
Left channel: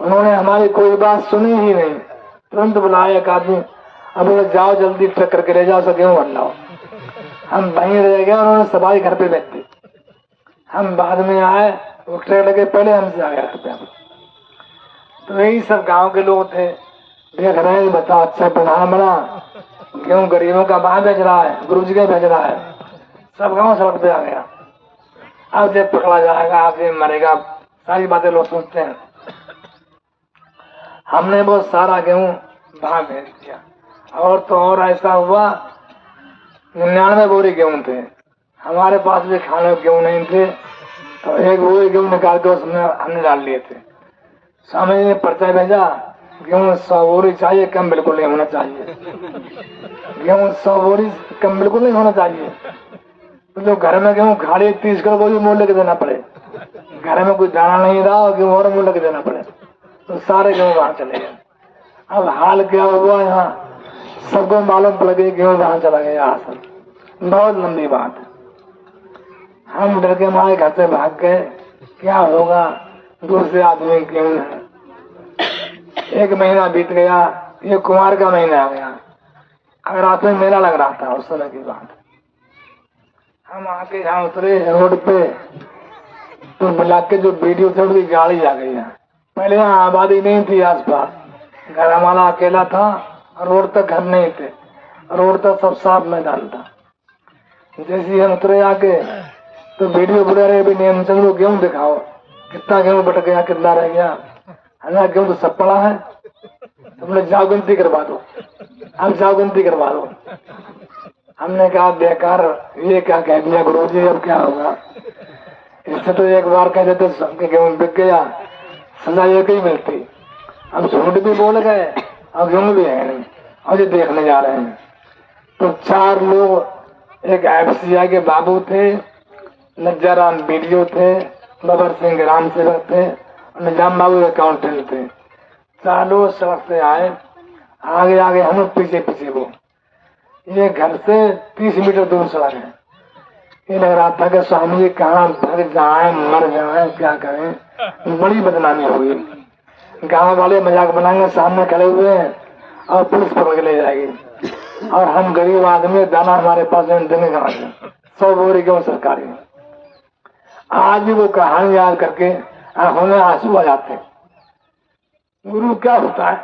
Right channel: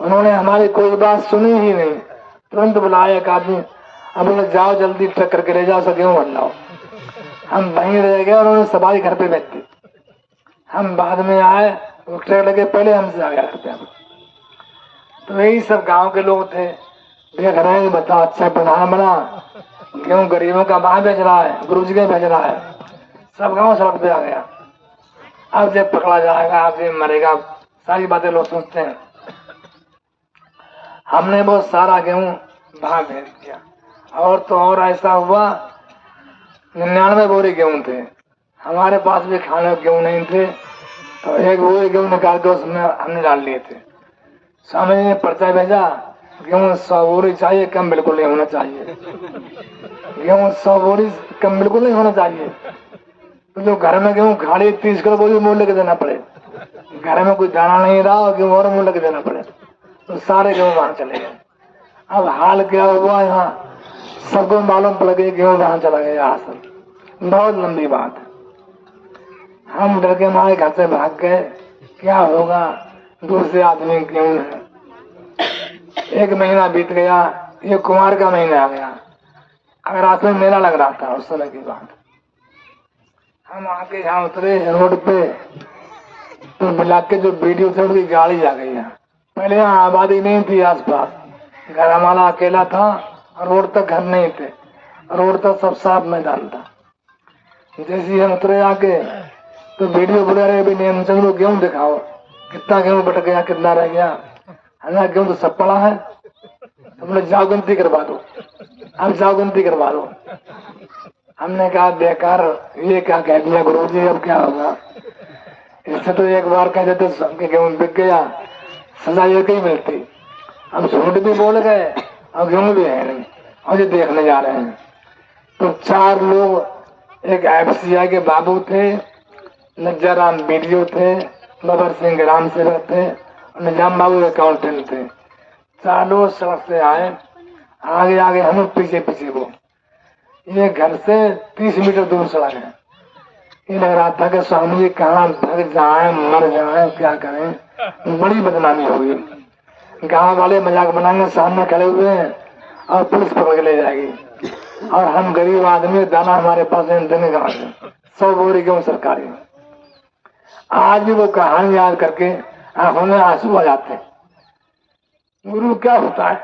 उन्होंने हमारी कोई बात सुनी ही नहीं, तुरंत बुलाया एक आदमी, अब बोले जाओ जल्दी ट्रक करके ले जाओ, गेहूं भर लाओ। हम वहीं रह गए, उन्होंने सवारी घर पे बैठ दी। हम बाद में आए, वो ट्रक लगे पहले हमसे आ गया। तो यही सब गांव के लोग थे, देख रहे हैं, बताओ अच्छा प्रधान बना, गेहूं गरीबों का बाहर भेज रहा है, गुरु जी के भेज रहा है, सब गांव सड़क पे आ गया। अब जब पकड़ा जाएगा, आप ये मरेगा, सारी बातें लोग सोचते हैं। हमने बहुत सारा गेहूं बाहर भेज दिया। और तो और ऐसा हुआ, 99 बोरी गेहूं थे हमारे पास, भी खाने के गेहूं नहीं थे, तो एक वो गेहूं निकाल के उसमें हमने डाल लिए थे। स्वामी जी ने पर्चा भेजा, गेहूं 100 बोरी चाहिए, कम बिल्कुल नहीं होना चाहिए, गेहूं 100 बोरी कम बिल्कुल नहीं होना चाहिए। तो जो घर में गेहूं खाली 30 किलो बोरी मूल्य के देना पड़े, घर में कोई दाना नहीं रहा और गेहूं और मूल्य के देना पड़े, तो सारे गेहूं वहां चले गए। अब हाल क्या हुआ, यहाँ सबको मालूम पड़ गया गेहूं वहां चला गया। यहाँ से बहुत लंबी बात है। हम डर के मारे घर से भाग गए, क्या होगा, दूर से आदमी गेहूं है। 1 महीना बीत गया, ये कुमार का महीना आ गया, अगर रात में मेला लग रहा था उस समय की बात। हम आके यहाँ उतरे रोड पे, तो मिला के जो वीडियो थे उनकी गाड़ी आ गई है। पहले यहाँ आबादी नहीं थी आसपास, घर हमारा अकेला था, रोड तक घर नहीं थे, रोड तक सब साफ मैदान था। जैसे हम उतरे आके, तो वीडियो बना रहे, भी नहीं चलो गेहूं दिखाओ, कितना गेहूं बट गया, कितना रह गया। हमारा गेहूं तो सब पड़ा है, तुमने जाओ गिनती करवा दो, हम जाओ गिनती करवा दो। हमने कहा बेकार, ये क्या कह दिया गुरु जी, अब क्या होगा, इससे तो एक बार कह देते सबके गेहूं बिक गया, सजा एक ही मिलती। अब झूठ भी बोल गए और गेहूं भी है नहीं, और ये देखने जा रहे हैं। तो 4 लोग, एक FCI के बाबू थे, लज्जाराम वीडियो थे, बबर सिंह ग्राम सेवक थे, निजाम बाबू अकाउंटेंट थे। 4 लोग सड़क से आए, आगे आगे हम पीछे पीछे वो। ये घर से 30 मीटर दूर सड़क है। ये लग रहा था कि स्वामी जी कहाँ भग जाए, मर जाए, क्या करें, बड़ी बदनामी होगी। गांव वाले मजाक बनाएंगे, सामने खड़े हुए हैं और पुलिस पकड़ के ले जाएगी, और हम गरीब आदमी, दाना हमारे पास देने का 100 बोरी गेहूं सरकारी। आज भी वो कहानी याद करके आंखों में आंसू आ जाते हैं। गुरु क्या होता है,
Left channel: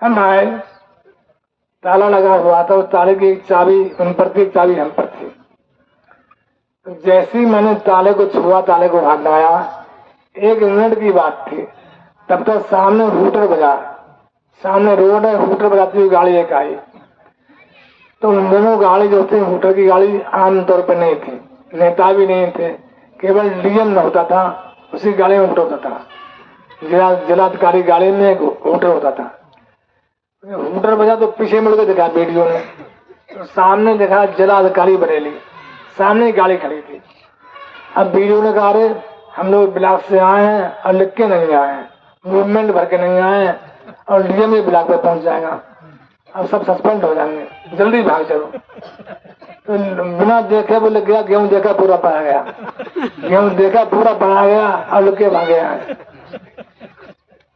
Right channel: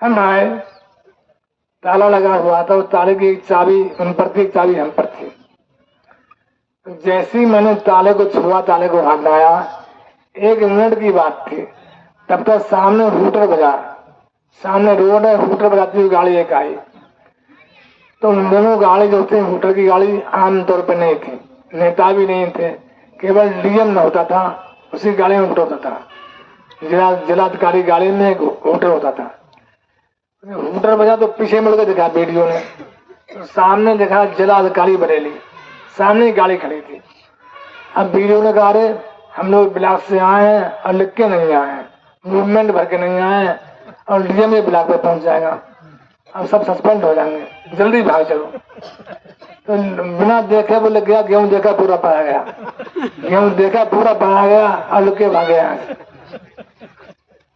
हम आए, ताला लगा हुआ था, ताले की एक चाबी उन पर थी, एक चाबी हम पर थी। तो जैसे ही मैंने ताले को छुआ, ताले को हाथ लगाया, 1 मिनट की बात थी, तब तक सामने हूटर बजा, सामने रोड है, हूटर बजाती हुई गाड़ी एक आई। तो उन दोनों गाड़ी जो थी, हूटर की गाड़ी आमतौर पर नहीं थी, नेता भी नहीं थे, केवल डीएम न होता था, उसी गाड़ी में हूटर होता था। जिलाधिकारी गाड़ी में एक हूटर होता था। हूटर बजा तो पीछे मुड़ के देखा वीडियो में, तो सामने देखा जिलाधिकारी बरेली, सामने गाड़ी खड़ी थी। अब वीडियो ने कहा, अरे हम लोग ब्लॉक से आए हैं और लिख के नहीं आए हैं, मूवमेंट भर के नहीं आए हैं, और डीएम ये ब्लॉक पे पहुंच जाएगा, अब सब सस्पेंड हो जाएंगे, जल्दी भाग चलो। तो बिना देखे वो लग गया, गेहूं देखा पूरा पाया गया, गेहूं देखा पूरा पाया गया, और लुक के भागे आए।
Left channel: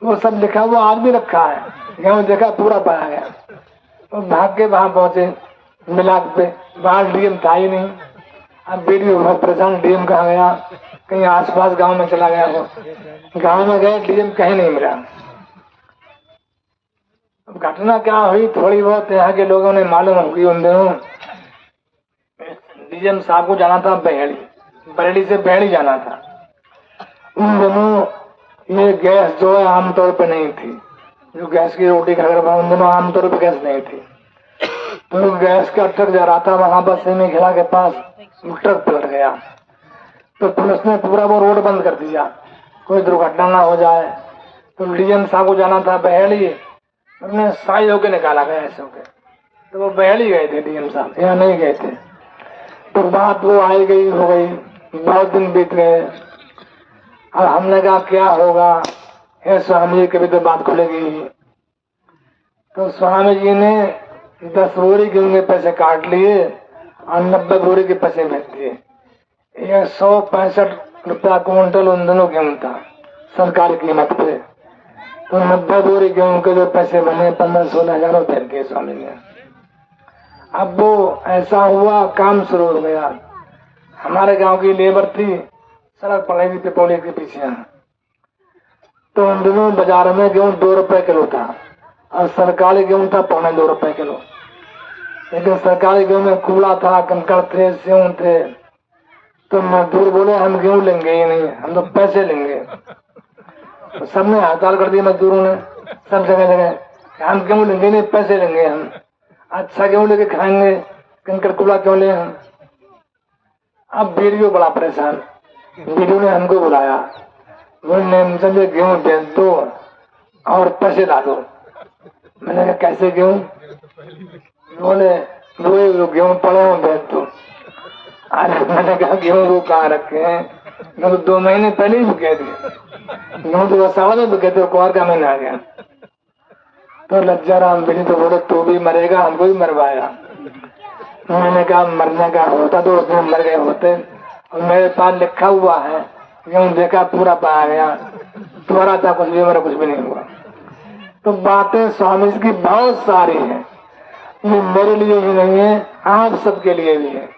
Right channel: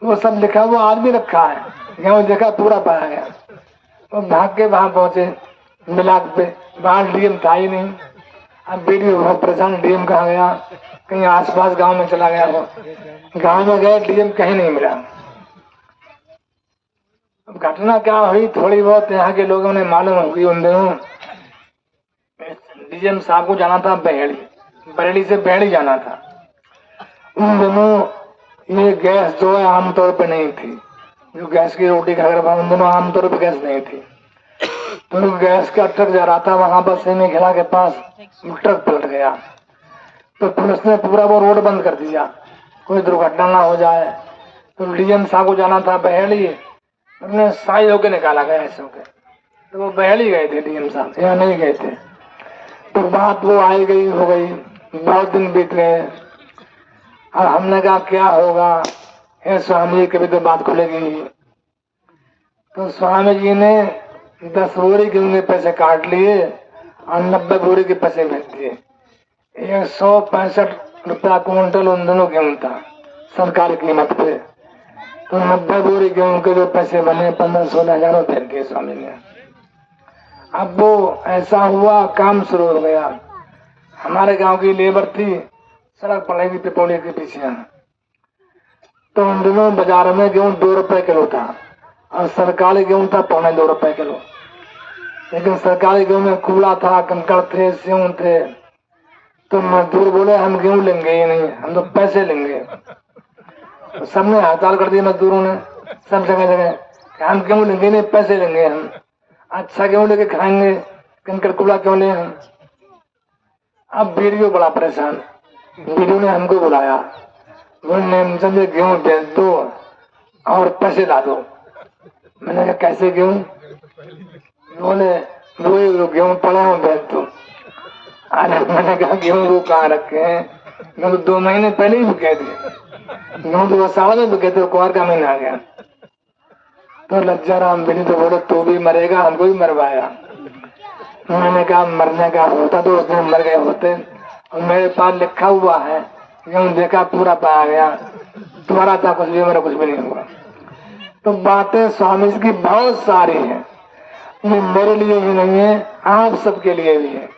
वो सब लिखा, वो आज भी रखा है, गेहूं देखा पूरा पाया गया। वो भाग के वहां पहुंचे मिलाप पे, वहां डीएम था ही नहीं। अब वीडियो बहुत परेशान, डीएम कहाँ गया, कहीं आसपास गांव में चला गया हो। गांव में गए, डीएम कहीं नहीं मिला। अब घटना क्या हुई, थोड़ी बहुत यहाँ के लोगों ने मालूम होगी। उन दिनों डीएम साहब को जाना था बहेड़ी, बरेली से बहेड़ी जाना था। उन दिनों ये गैस जो है आमतौर पे नहीं थी, जो गैस की रोटी खा कर, उन दिनों आमतौर पे गैस नहीं थी। तो गैस का ट्रक जा रहा था, वहां पर सेने खेला के पास ट्रक पलट गया। तो पुलिस ने पूरा वो रोड बंद कर दिया, कोई दुर्घटना ना हो जाए। तो डीएम साहब को जाना था बहेड़ी, उन्हें साई होके निकाला गया ऐसे होके। तो वो बहेड़ी गए थे डीएम साहब, यहाँ नहीं गए थे। तो बात वो आई गई हो गई, बहुत दिन बीत गए, और हमने कहा क्या होगा, हे स्वामी जी कभी तो बात खुलेगी। तो स्वामी जी ने 10 बोरी गेहूं के पैसे काट लिए और 90 बोरी के पैसे भेज दिए। 165 रुपया क्विंटल उन दोनों गेहूं था सरकारी कीमत पे। तो 90 बोरी गेहूं के जो पैसे बने 15-16 हजार रुपए दिए स्वामी ने। अब वो ऐसा हुआ, काम शुरू हो गया। हमारे गांव की लेबर थी, सड़क पड़ेगी पिपौली के पीछे। तो उन दिनों बाजार में गेहूं 2 रुपए किलो था, और सरकारी गेहूं था 2.25 किलो। लेकिन सरकारी गेहूं में कूड़ा था, कंकड़ थे, सेव थे। तो मजदूर बोले हम गेहूं लेंगे ही नहीं, हम तो पैसे लेंगे। तो सबने हड़ताल कर दी मजदूरों ने, सब जगह जगह, हम गेहूं लेंगे नहीं, पैसे लेंगे हम, अच्छा गेहूं लेके खाएंगे, कंकड़ कूड़ा क्यों ले हम। अब वीडियो बड़ा परेशान, वीडियो ने हमको बुलाया, बोले मुझे गेहूं बेच दो और पैसे ला दो। मैंने कहा कैसे गेहूं, बोले वो गेहूं पड़े हैं बेच दो। अरे मैंने कहा गेहूं वो कहाँ रखे हैं, मैं तो 2 महीने पहले ही बिके थे, गेहूं तो साल में बिके थे, कुआर का महीना आ गया। तो लज्जाराम बिनी तो बोले तू भी मरेगा, हमको भी मरवाएगा। मैंने कहा मरने का होता तो उस दिन मर गए होते, और मेरे पास लिखा हुआ है गेहूं देखा पूरा पाया गया, तुम्हारा था कुछ भी, मेरा कुछ भी नहीं हुआ। तो बातें स्वामी जी की बहुत सारी हैं, ये मेरे लिए ही नहीं है, आप सबके लिए भी है।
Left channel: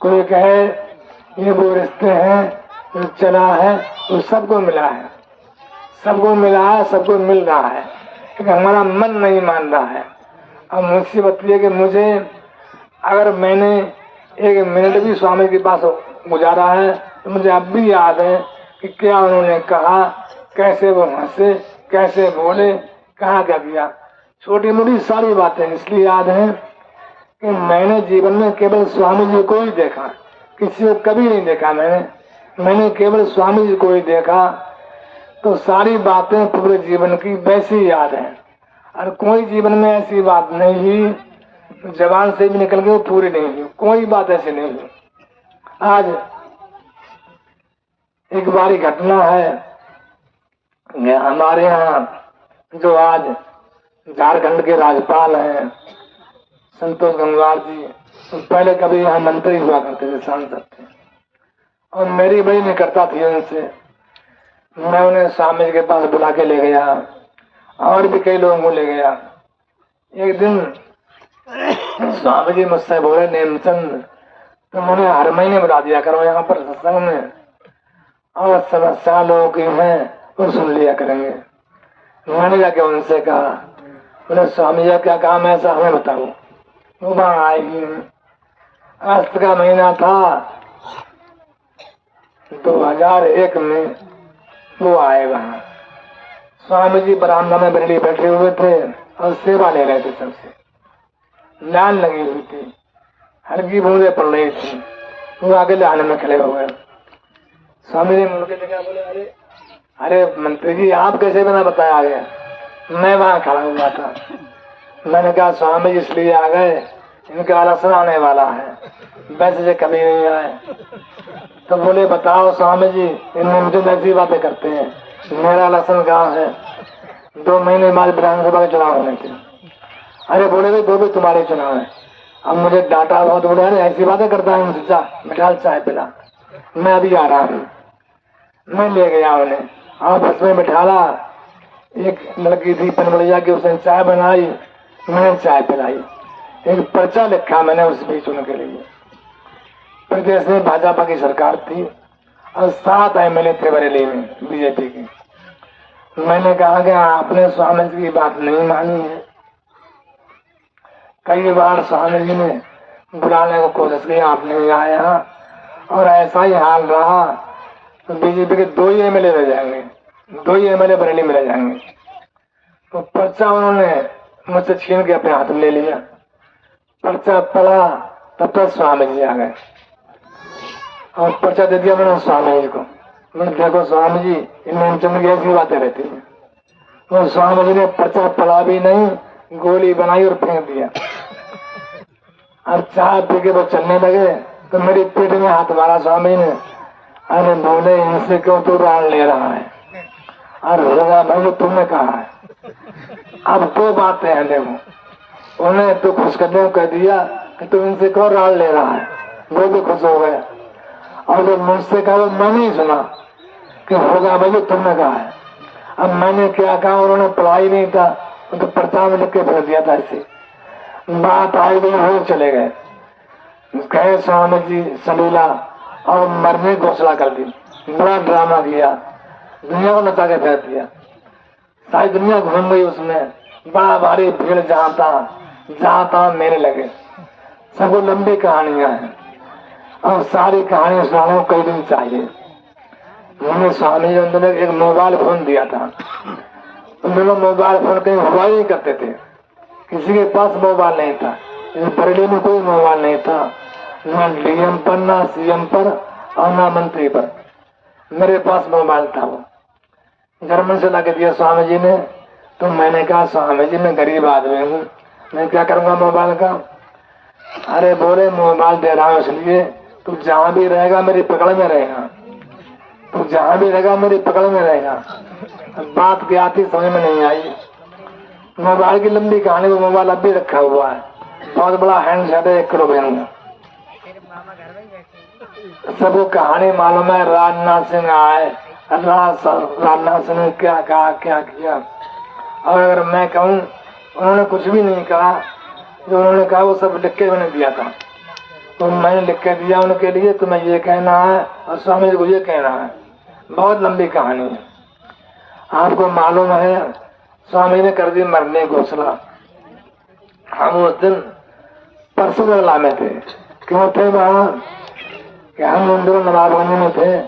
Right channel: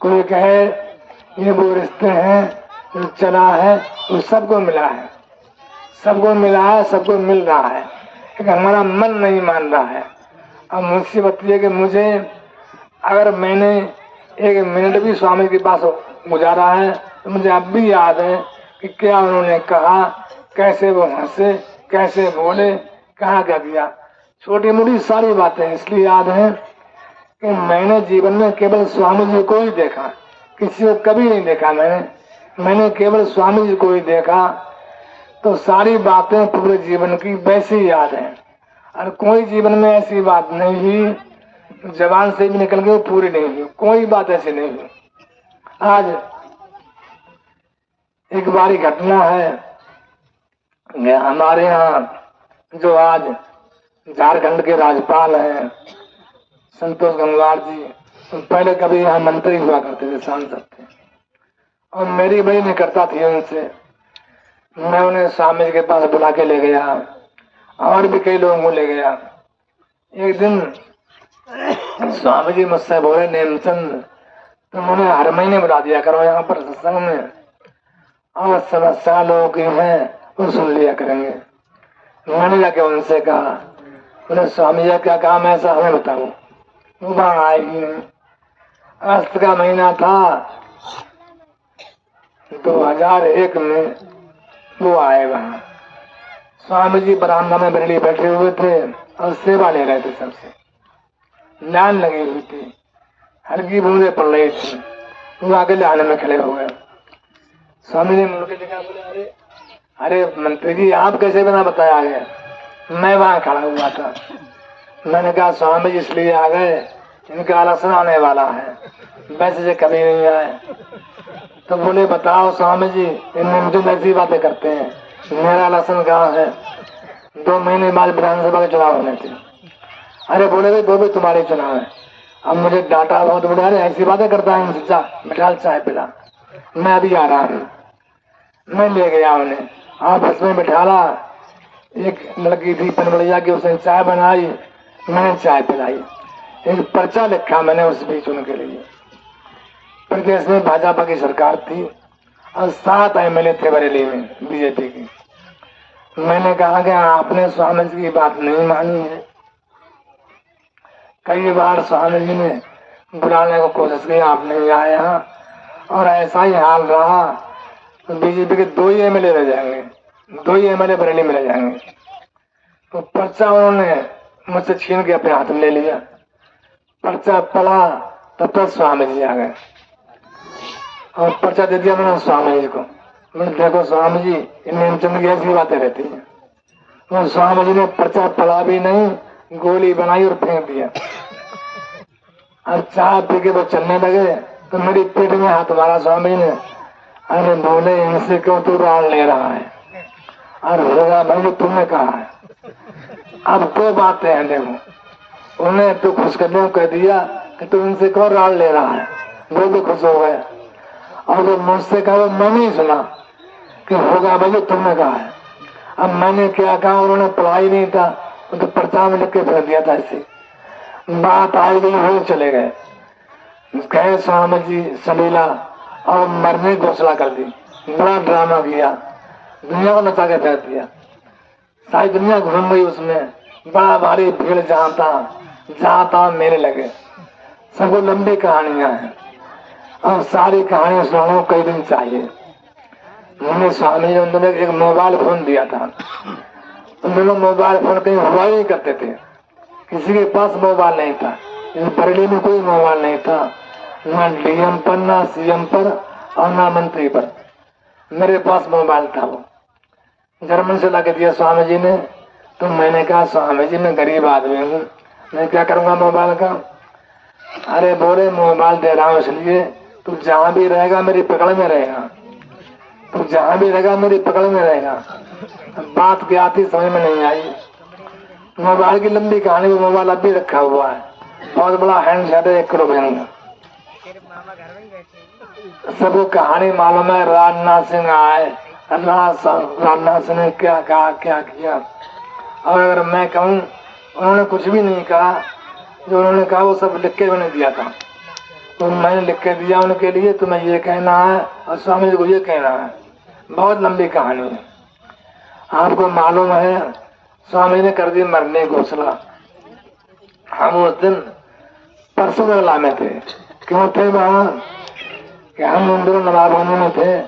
कोई कहे ये वो रिश्ते हैं, ये चला है, वो सबको मिला है, सबको मिला है, सबको मिल रहा है, लेकिन हमारा मन नहीं मान रहा है। अब मुझसे बताइए कि मुझे अगर मैंने 1 मिनट भी स्वामी के पास गुजारा है तो मुझे अब भी याद है कि क्या उन्होंने कहा, कैसे वो हंसे, कैसे बोले, कहा क्या किया। छोटी मोटी सारी बातें इसलिए याद है कि मैंने जीवन में केवल स्वामी जी को ही देखा, किसी को कभी नहीं देखा। मैंने केवल स्वामी जी को ही देखा, तो सारी बातें पूरे जीवन की वैसी याद है। और कोई जीवन में ऐसी बात नहीं हुई जबान से भी निकल गई पूरी नहीं हुई, कोई बात ऐसी नहीं हुई। आज एक बारी घटना है, हमारे यहाँ जो आज झारखंड के राज्यपाल हैं संतोष गंगवार जी, तो पहले कभी यहाँ मंत्री हुआ करते थे, सांसद थे, और मेरी बड़ी निकटता थी उनसे। मैं उन्हें स्वामी के पास बुला के ले गया, और भी कई लोगों को ले गया। एक दिन स्वामी जी मुझसे बोले नेमचंद तुम उन्हें हर महीने बुला दिया करो यहाँ पर सत्संग में, और समस्या लोगों की है वो सुन लिया करेंगे। मैंने जाके उनसे कहा बोले स्वामी जी क्या काम है ऐसा हमें बताओ। वो वहां आएगी। अस्त का महीना था 2001 में वो आएगा। स्वामी जी बरामदा में बरेली बैठे हुए थे और सेवा ले रहे थे सबसे। लाइन लगी हुई थी, हल्की बूंदे पड़ रही थी। वो आगे लाइन में खड़े हो गए। स्वामी ने मुझे देखा, बोले अरे अरे मंत्री जी आप कैसे बिना बताया गया? मैं वहां खड़ा हुआ था। मैंने कहा स्वामी जी इसलिए आ गए, इनका लक्षण आने वाला है, वैसे से कभी नहीं आए। तो बोले बताओ स्वामी जी, इनमें मुझे ऐसी बातें करते हैं, मेरा लक्षण कहाँ है? 2 महीने बाद विधानसभा के चुनाव होने थे। अरे बोले दो भी तुम्हारे चुनाव है। अब मुझे डांटा बहुत, बोले अरे ऐसी बातें करता है इनसे, मिठाल चाय पिला। मैं अभी आ रहा हूँ। मैं ले गया उन्हें, आपस में बिठाला। एक लड़की थी पनबड़िया की, उसने चाय बनाई, मैंने चाय पिलाई। एक पर्चा लिखा मैंने उस बीच उनके लिए। प्रदेश में भाजपा की सरकार थी और 7 MLA थे बरेली में बीजेपी की। मैंने कहा कि आपने स्वामी जी की बात नहीं मानी है। कई बार स्वामी जी ने बुलाने को कोशिश की, आप नहीं आया और ऐसा ही हाल रहा तो बीजेपी के 2 ही MLA रह जाएंगे, 2 ही MLA बरेली में रह जाएंगे। तो पर्चा उन्होंने मुझसे छीन के अपने हाथ में ले लिया। पर्चा पड़ा तब तक स्वामी जी आ गए और पर्चा दे दिया मैंने स्वामी जी को। मैंने देखो स्वामी जी, इनमें चंद की ऐसी बातें रहती है। तो स्वामी जी ने पर्चा पड़ा भी नहीं, गोली बनाई और फेंक दिया। अब चाय पी के वो चलने लगे तो मेरी पीठ में हाथ मारा स्वामी ने। अरे बोले इनसे क्यों तू रान ले रहा है? और होगा भाई तुमने कहा है। अब 2 बातें हैं देखो, उन्हें तो खुश करने को कह दिया तो तुम इनसे क्यों रान ले रहा है? वो भी खुश हो गए। और जो मुझसे कहा वो मैंने ही सुना कि होगा भाई तुमने कहा है। अब मैंने क्या कहा, उन्होंने पढ़ाई नहीं था तो पर्चा में लिख के भेज दिया था। ऐसे बात आई गई, वो चले गए। गए स्वामी जी सलीला और मरने की घोषणा कर दी। बड़ा ड्रामा किया, दुनिया को नचा के फेंक दिया। सारी दुनिया घूम गई उसमें। बड़ा भारी भीड़ जहाँ था मेरे लगे। सब लंबी कहानियां हैं और सारी कहानी सुनाने कई दिन चाहिए। उन्होंने स्वामी जी ने एक मोबाइल फोन दिया था। उन्होंने मोबाइल फोन कहीं हुआ ही नहीं करते थे, किसी के पास मोबाइल नहीं था। बरेली में कोई मोबाइल नहीं था, न DM पर, न CM पर और न मंत्री पर। मेरे पास मोबाइल था। वो जर्मन से लगा दिया स्वामी जी ने। तो मैंने कहा स्वामी जी मैं गरीब आदमी हूँ, मैं क्या करूँगा मोबाइल का? अरे बोले मोबाइल दे रहा हूँ इसलिए तू जहाँ भी रहेगा मेरी पकड़ में रहेगा, तू जहाँ भी रहेगा मेरी पकड़ में रहेगा। बात क्या थी समझ में नहीं आई। मोबाइल की लंबी कहानी, वो मोबाइल अब भी रखा हुआ है, बहुत बड़ा हैंडसेट है, 1 करोड़ में। सबको कहानी मालूम है। राजनाथ सिंह आए, राजनाथ सिंह ने क्या कहा क्या किया। और अगर मैं कहूँ उन्होंने कुछ भी नहीं कहा, जो उन्होंने कहा वो सब लिख के मैंने दिया था। तो मैंने लिख के दिया उनके लिए, तुम्हें ये कहना है और स्वामी जी को ये कहना है। बहुत लंबी कहानी है। आपको मालूम है स्वामी ने कर दी मरने की घोषणा। हम उस दिन परसों में थे। क्यों थे वहां कि हम उन दिनों नवाबोनी में थे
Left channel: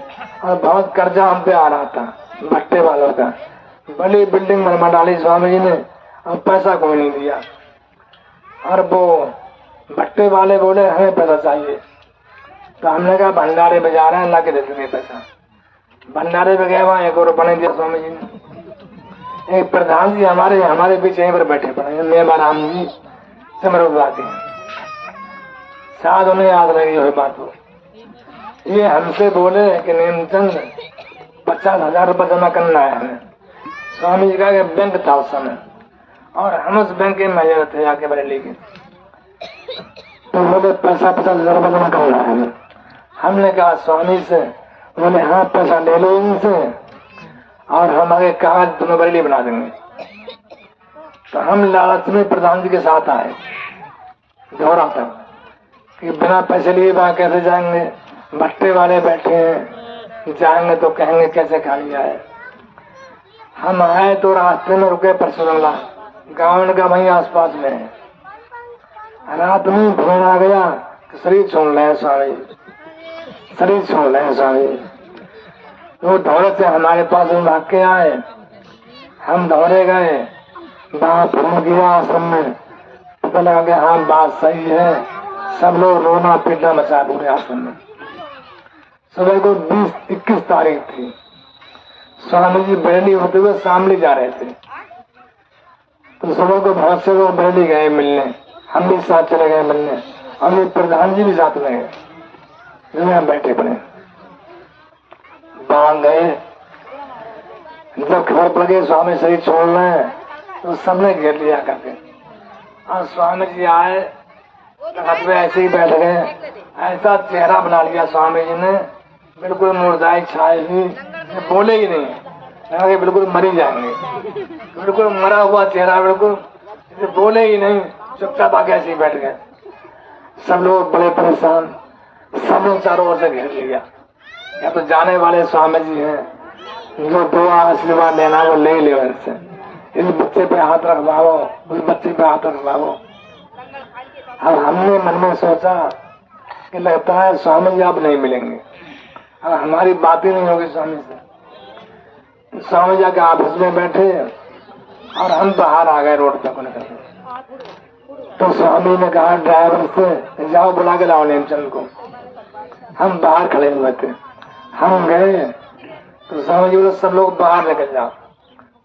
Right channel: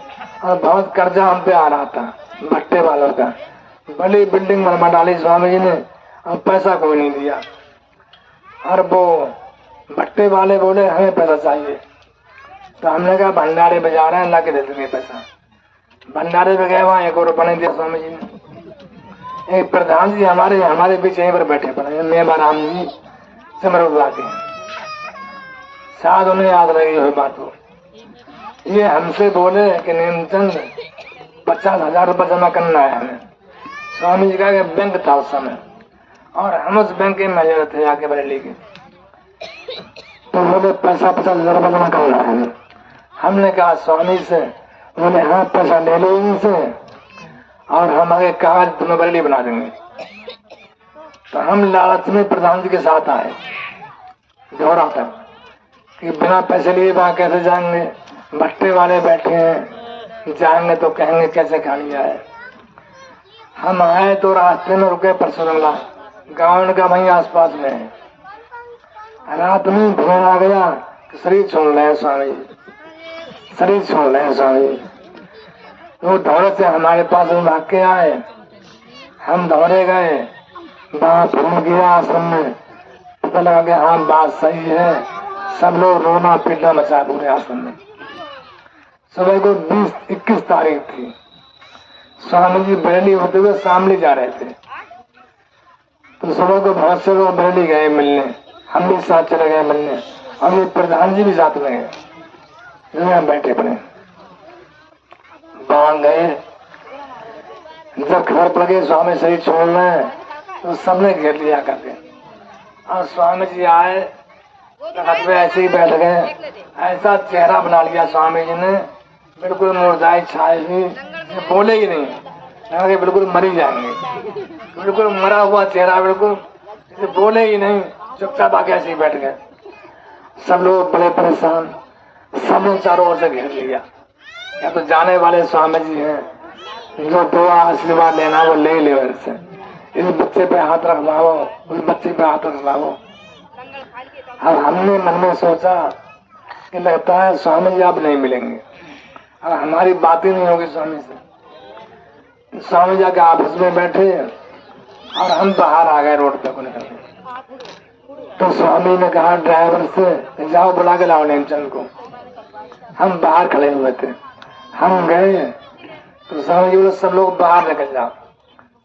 और बहुत कर्जा हम पे आ रहा था भट्टे वालों का। बड़ी बिल्डिंग बनवा डाली स्वामी जी ने और पैसा कोई नहीं दिया। और वो भट्टे वाले बोले हमें पैसा चाहिए। तो हमने कहा भंडारे में जा रहे हैं, अल्लाह के दे देंगे पैसा। भंडारे में गए, वहां 1 और रुपया नहीं दिया स्वामी जी ने। एक प्रधान जी हमारे बीच यहीं पर बैठे पड़े, नेमाराम जी सिमरुद्वादी, शायद उन्हें याद रही हुई बात हो। ये हमसे बोले कि नीमचंद 50,000 रुपये जमा करना है हमें। स्वामी जी का बैंक था उस समय और हम उस बैंक के मैनेजर थे आके बरेली के। तो बोले 50,000 रुपये जमा करना है हमें। हमने कहा स्वामी से, उन्होंने हाँ पैसा ले लो इनसे और हम आगे कागज तुम्हें बरेली बना देंगे। तो हम लालच में प्रधान जी के साथ आए दौरा तक कि बिना पैसे लिए वहां कैसे जाएंगे, भट्टे वाले बैठे हैं, जाएंगे तो कहेंगे कैसे खा लिया है। हम आए तो रास्ते में रुके परसुरंगा, गाँव का वहीं आसपास में है। रात में फोन आ गया तो शरीर छोड़ रहे स्वामी, शरीर छोड़ रहे स्वामी। वो दौड़े से हमारे पास में भाग के आए, हम दौड़े गए, वहां फोन किया आश्रम में, पता लगा कि हाँ बात सही है। सब लोग रोना पीटना मचा पूरे आश्रम में। सुबह को 21 तारीख थी। स्वामी जी बरेली होते हुए शामली जा रहे थे, तो सुबह को बहुत से लोग बरेली गए मिलने, हम भी साथ चले गए मिलने, और ये प्रधान जी भी साथ में गए। यहाँ बैठे पड़े, वहां गए, जब खबर पड़ गई स्वामी शरीर छोड़ रहे हैं तो सबने घेर लिया करके। और स्वामी जी आए, तखत पे ऐसे ही बैठ गए, ऐसा चेहरा बना लिया स्वामी जी ने, बिल्कुल मुरझाई छाई हुई, बोले ही नहीं, लगा बिल्कुल मरी जाएंगे, बिल्कुल मरा हुआ चेहरा, बिल्कुल बोले ही नहीं, चुपचाप आके ऐसे ही बैठ गए। सब लोग बड़े परेशान, सब लोग चारों ओर से घेर लिया। या तो जाने वाले स्वामी जी हैं, जो दुआ आशीर्वाद लेना वो ले ले वैसे, इस बच्चे पे हाथ रखवाओ, उस बच्चे पे हाथ रखवाओ। और हमने मन में सोचा कि लगता है स्वामी जी अब नहीं मिलेंगे, और हमारी बात ही नहीं होगी स्वामी से। स्वामी जी के ऑफिस में बैठे और हम बाहर आ गए रोड तक निकल गए। तो स्वामी ने कहा ड्राइवर से, जाओ बुला के लाओ नेमचंद को। हम बाहर खड़े हुए थे, हम गए तो स्वामी जी बोले सब लोग बाहर निकल जाओ।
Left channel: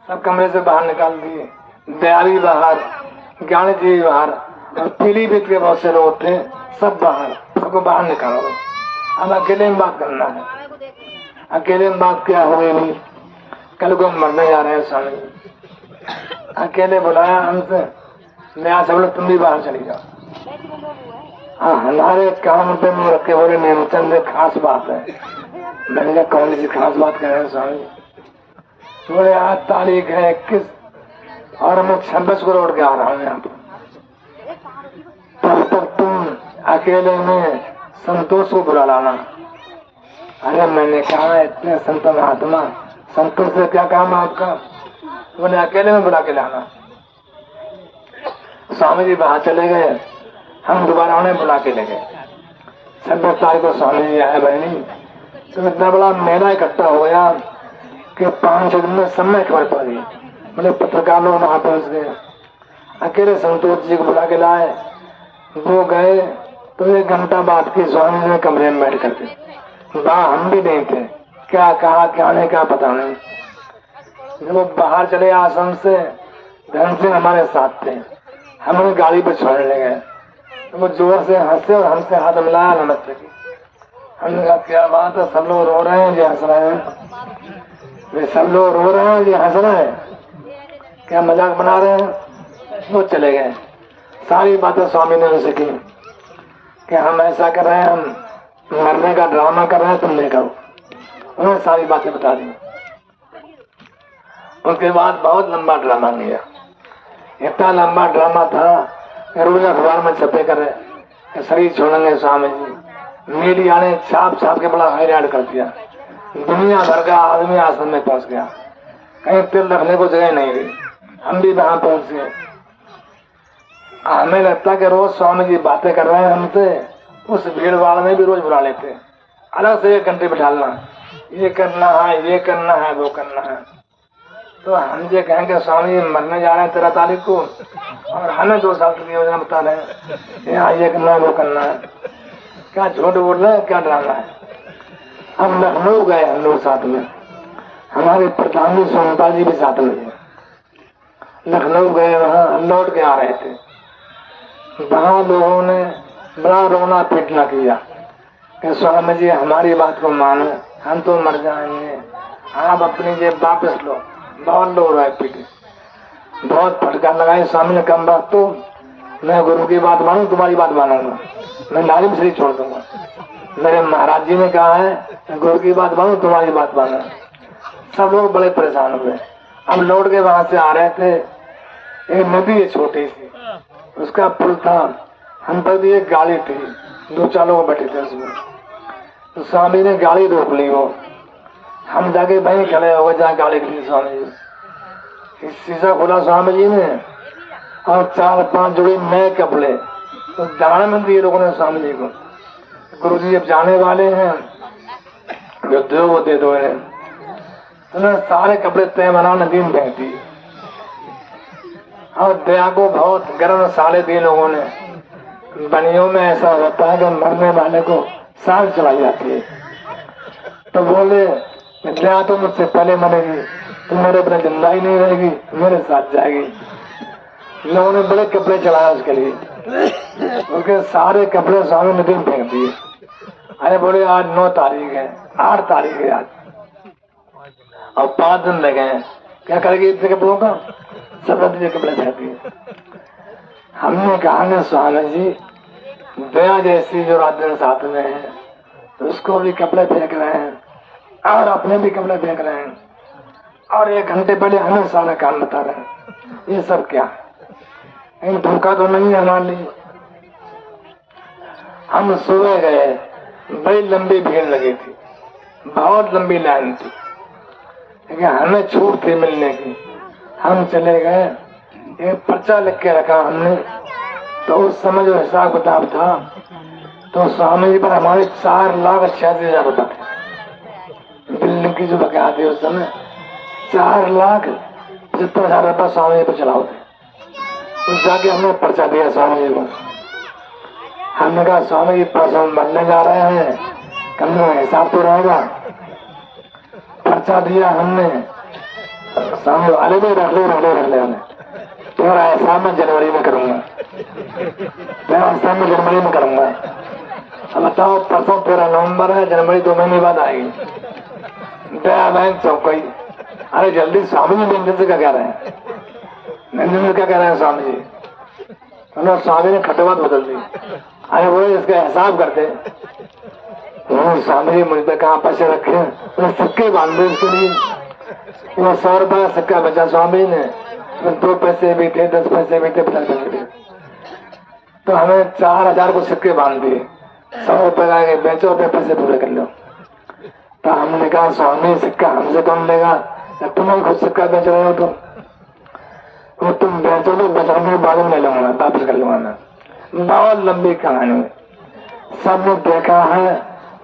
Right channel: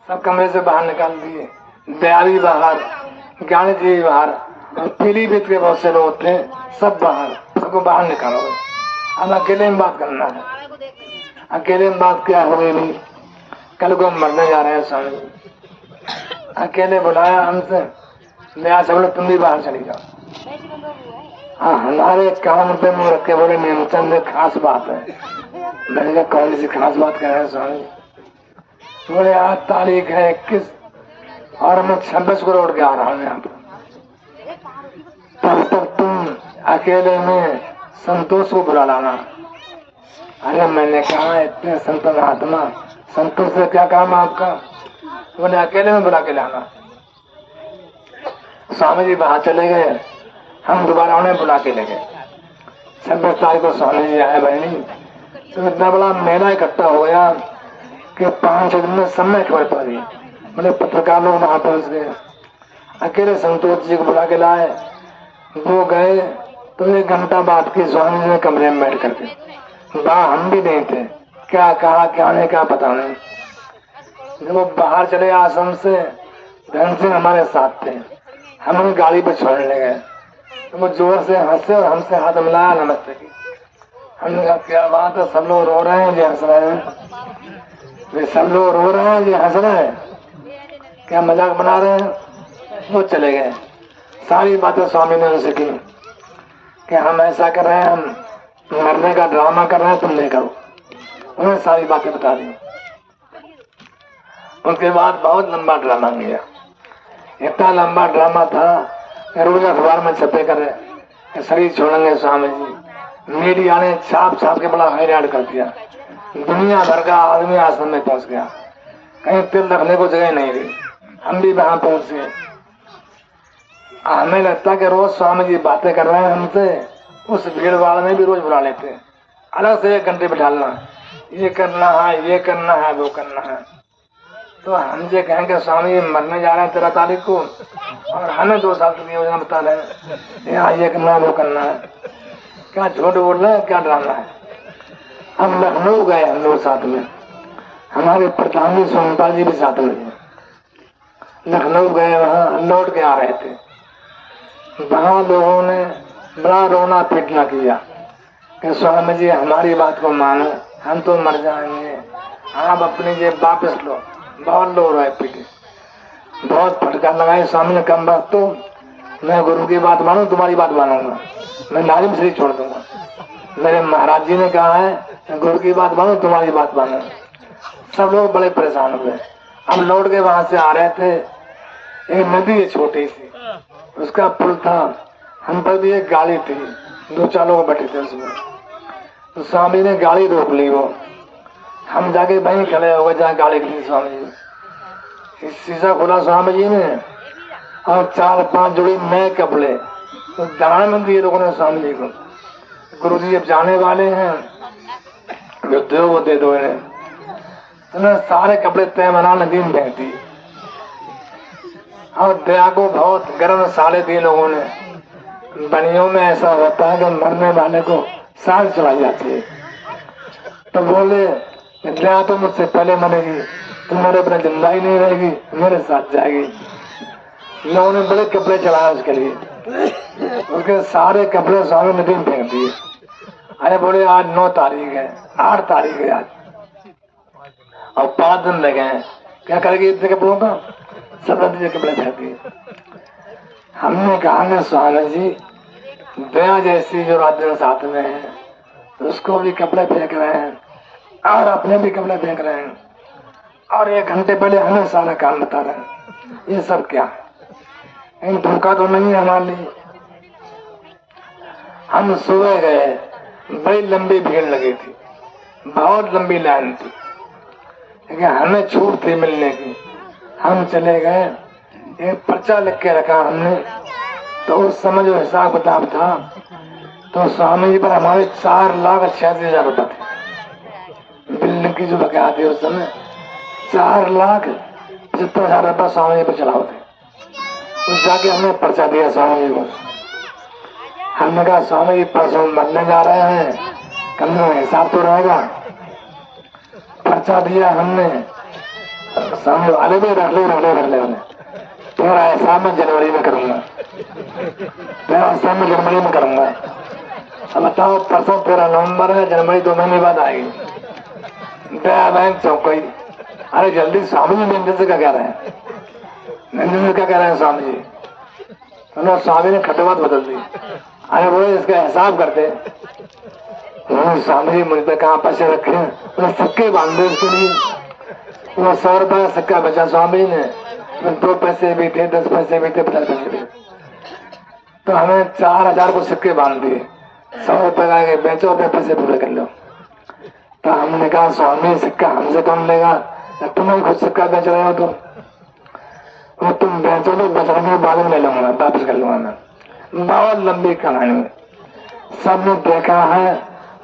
सब कमरे से बाहर निकाल दिए, दयाली बाहर, ज्ञान जी बाहर, और पीलीभीत के बहुत से लोग थे, सब बाहर, सबको बाहर निकालो। अब अकेले में बात करना है, अकेले में बात क्या हो रही, कल को हम मरने जा रहे हैं स्वामी। अकेले बुलाया हमसे, नया सब लोग तुम भी बाहर चली जाओ। हाँ, हमारे काम पे मुंह रखे बोले नेमचंद खास बात है। मैंने कहा कौन सी खास बात कह रहे हैं स्वामी? बोले आज तारीख है 21 और मैं 26 को रोड के आ रहा हूँ यहाँ पर, तब तक तुम अकेले में संतोष को बुला लाना। अरे मैंने कहा इतने संत महात्मा, संतोष से क्या काम है आपका? बोले अकेले में बुला के लाना। स्वामी जी बाहर चले गए, हम दोबारा उन्हें बुला के ले गए। 26 तारीख को स्वामी जी आए बहनी, तो इतना बड़ा मेला इकट्ठा हो गया कि 5 दिन में सब में खबर पड़ गई। मैंने पत्रकार लोग वहां पहुंच गए, अकेले संतोष जी को बुला के लाए। वो गए तो 1 घंटा बाद के स्वामी जी कमरे में बैठ करके, वहां हम भी नहीं थे, क्या कहा क्या नहीं क्या पता नहीं। जब वो बाहर चले आश्रम से, धन से हमारे साथ थे, हम उन्हें गाड़ी पर छोड़ने लगे, तो वो जोर से हंसे और हमसे हाथ मिलाया, नमस्ते की। हमने कहा क्या बात है, सब लोग रो रहे हैं जी हंस रहे हैं, वे सब लोग रो रहे हैं जी हंस रहे हैं, क्या मजाक बना रहे हैं? वो चले गए। सारी बातें स्वामी ने उनसे की कि हम ऐसा कर रहे हैं, हम मरने का ड्रामा कर रहे हैं, तुम नहीं करो। उन्हें सारी बातें बता दी। उसके बाद बहुत लंबा ड्रामा किया, इतना लंबा ड्रामा था, रोज अखबार में छपे करे शरीर छोड़ेंगे स्वामी जी। मीडिया ने छाप छाप के बड़ा हैरान कर दिया, दुनिया भर का आदमी आश्रम में पहुंच गया, कहीं तिल रखने को जगह नहीं गई। हम भी वहां पहुंच गए। हमें लगता कि रोज स्वामी जी बातें कर रहे हैं हमसे, उस भीड़ भाड़ में भी रोज बुला लेते, अलग से 1 घंटे बिठाना, ये करना है, ये करना है, वो करना है। तो हम ये कहेंगे स्वामी मरने जा रहे हैं 13 तारीख को, और हमें 2 साल की योजना बता रहे हैं, ये करना है, वो करना है। क्या झूठ बोल रहे हैं, क्या ड्रामा है? हम लखनऊ गए, हम लोग साथ में, हमारे प्रधान जी सोनता जी भी साथ में। लखनऊ गए, वहाँ लौट के आ रहे थे, वहाँ लोगों ने बड़ा रोना पीटना किया कि स्वामी जी हमारी बात को मानो, हम तो मर जाएंगे, आप अपनी जेब वापस लो। बहुत लोग रोए पीटे, बहुत फटकार लगाए। स्वामी ने कम बात तो मैं गुरु की बात मानू, तुम्हारी बात मानूंगा, मैं नारी में शरीर छोड़ दूंगा। मेरे महाराज जी ने कहा है गुरु की बात मानो, तुम्हारी बात मानो। सब लोग बड़े परेशान हुए। हम लौट के वहां से आ रहे थे, एक नदी है छोटी सी, उसका पुल था, हम पर भी एक गाड़ी थी, 2-4 लोग बैठे थे उसमें। तो स्वामी ने गाड़ी रोक ली, वो हम जाके वहीं खड़े हो गए जहाँ गाड़ी खड़ी। स्वामी जी शीशा खोला स्वामी जी ने, और 4-5 जोड़ी नए कपड़े तो दान में दिए लोगों ने स्वामी जी को। गुरु जी अब जाने वाले हैं, जो दो वो दे दो इन्हें। उन्हें सारे कपड़े तय बना नदी में फेंक दिए और दया को बहुत गर्म साड़े दिए लोगों ने। बनियों में ऐसा होता है कि मरने वाले को साल चलाई जाती है। तो बोले दया तो मुझसे पहले मरेगी, तुम्हारे अपने जिंदा ही नहीं रहेगी, मेरे साथ जाएगी। लोगों ने बड़े कपड़े चढ़ाए उसके लिए, उसके सारे कपड़े स्वामी नदी में फेंक दिए। अरे बोले आज 9 तारीख है, 8 तारीख है आज, और 5 दिन लगे हैं, क्या करेगी इतने कपड़ों का? सब नदी के कपड़े फेंक दिए। हमने कहा स्वामी जी दया जैसी जो राजन साथ में है उसको भी कपड़े फेंक रहे हैं और अपने भी कपड़े फेंक रहे हैं, और 1 घंटे पहले हमें सारा काम बता रहे हैं। ये सब क्या इन धोखा तो नहीं है हमारे लिए। हम सुबह गए, बड़ी लंबी भीड़ लगी थी, बहुत लंबी लाइन थी, लेकिन हमें छूट थी मिलने की। हम चले गए, एक पर्चा लिख के रखा हमने, तो उस समय जो हिसाब किताब था तो स्वामी जी पर हमारे 4,86,000 रुपये थे। बिल्डिंग की जो बकाया थी उस समय 4,75,000 रुपये स्वामी जी पर चढ़ाओ थे। उस जाके हमने पर्चा दिया स्वामी जी को। हमने कहा स्वामी जी परसों मरने जा रहे हैं, कल में हिसाब तो रहेगा। पर्चा दिया हमने, स्वामी वाले भी रख ले तेरा हिसाब मैं जनवरी में करूंगा, तेरा हिसाब मैं जनवरी में करूंगा। अब बताओ परसों 13 नवंबर है, जनवरी 2 महीने बाद आएगी। दया बैंक चौकई, अरे जल्दी स्वामी जी मंदिर से क्या कह रहे हैं, मंदिर में क्या कह रहे हैं स्वामी जी? तो स्वामी ने खटवात बदल दी। अरे बोले इसका हिसाब करते। स्वामी जी मुझ पे कहाँ पैसे रखे, तो सिक्के बांध दो इसके लिए। वो 100 रुपये सिक्का बचा स्वामी ने, 2 पैसे भी थे, 10 पैसे भी थे, 50 पैसे भी। तो हमें 4,000 को सिक्के बांध दिए, 100 रुपये लाके बेचो, अपने पैसे पूरे कर लो। तो हमने कहा स्वामी सिक्का हमसे कौन लेगा, तुम खुद सिक्का बेच रहे हो तो तुम बेचो तो बचने के बाद में लूंगा, वापस कर लूंगा मैं। बहुत लंबी कहानी, सबने देखा है,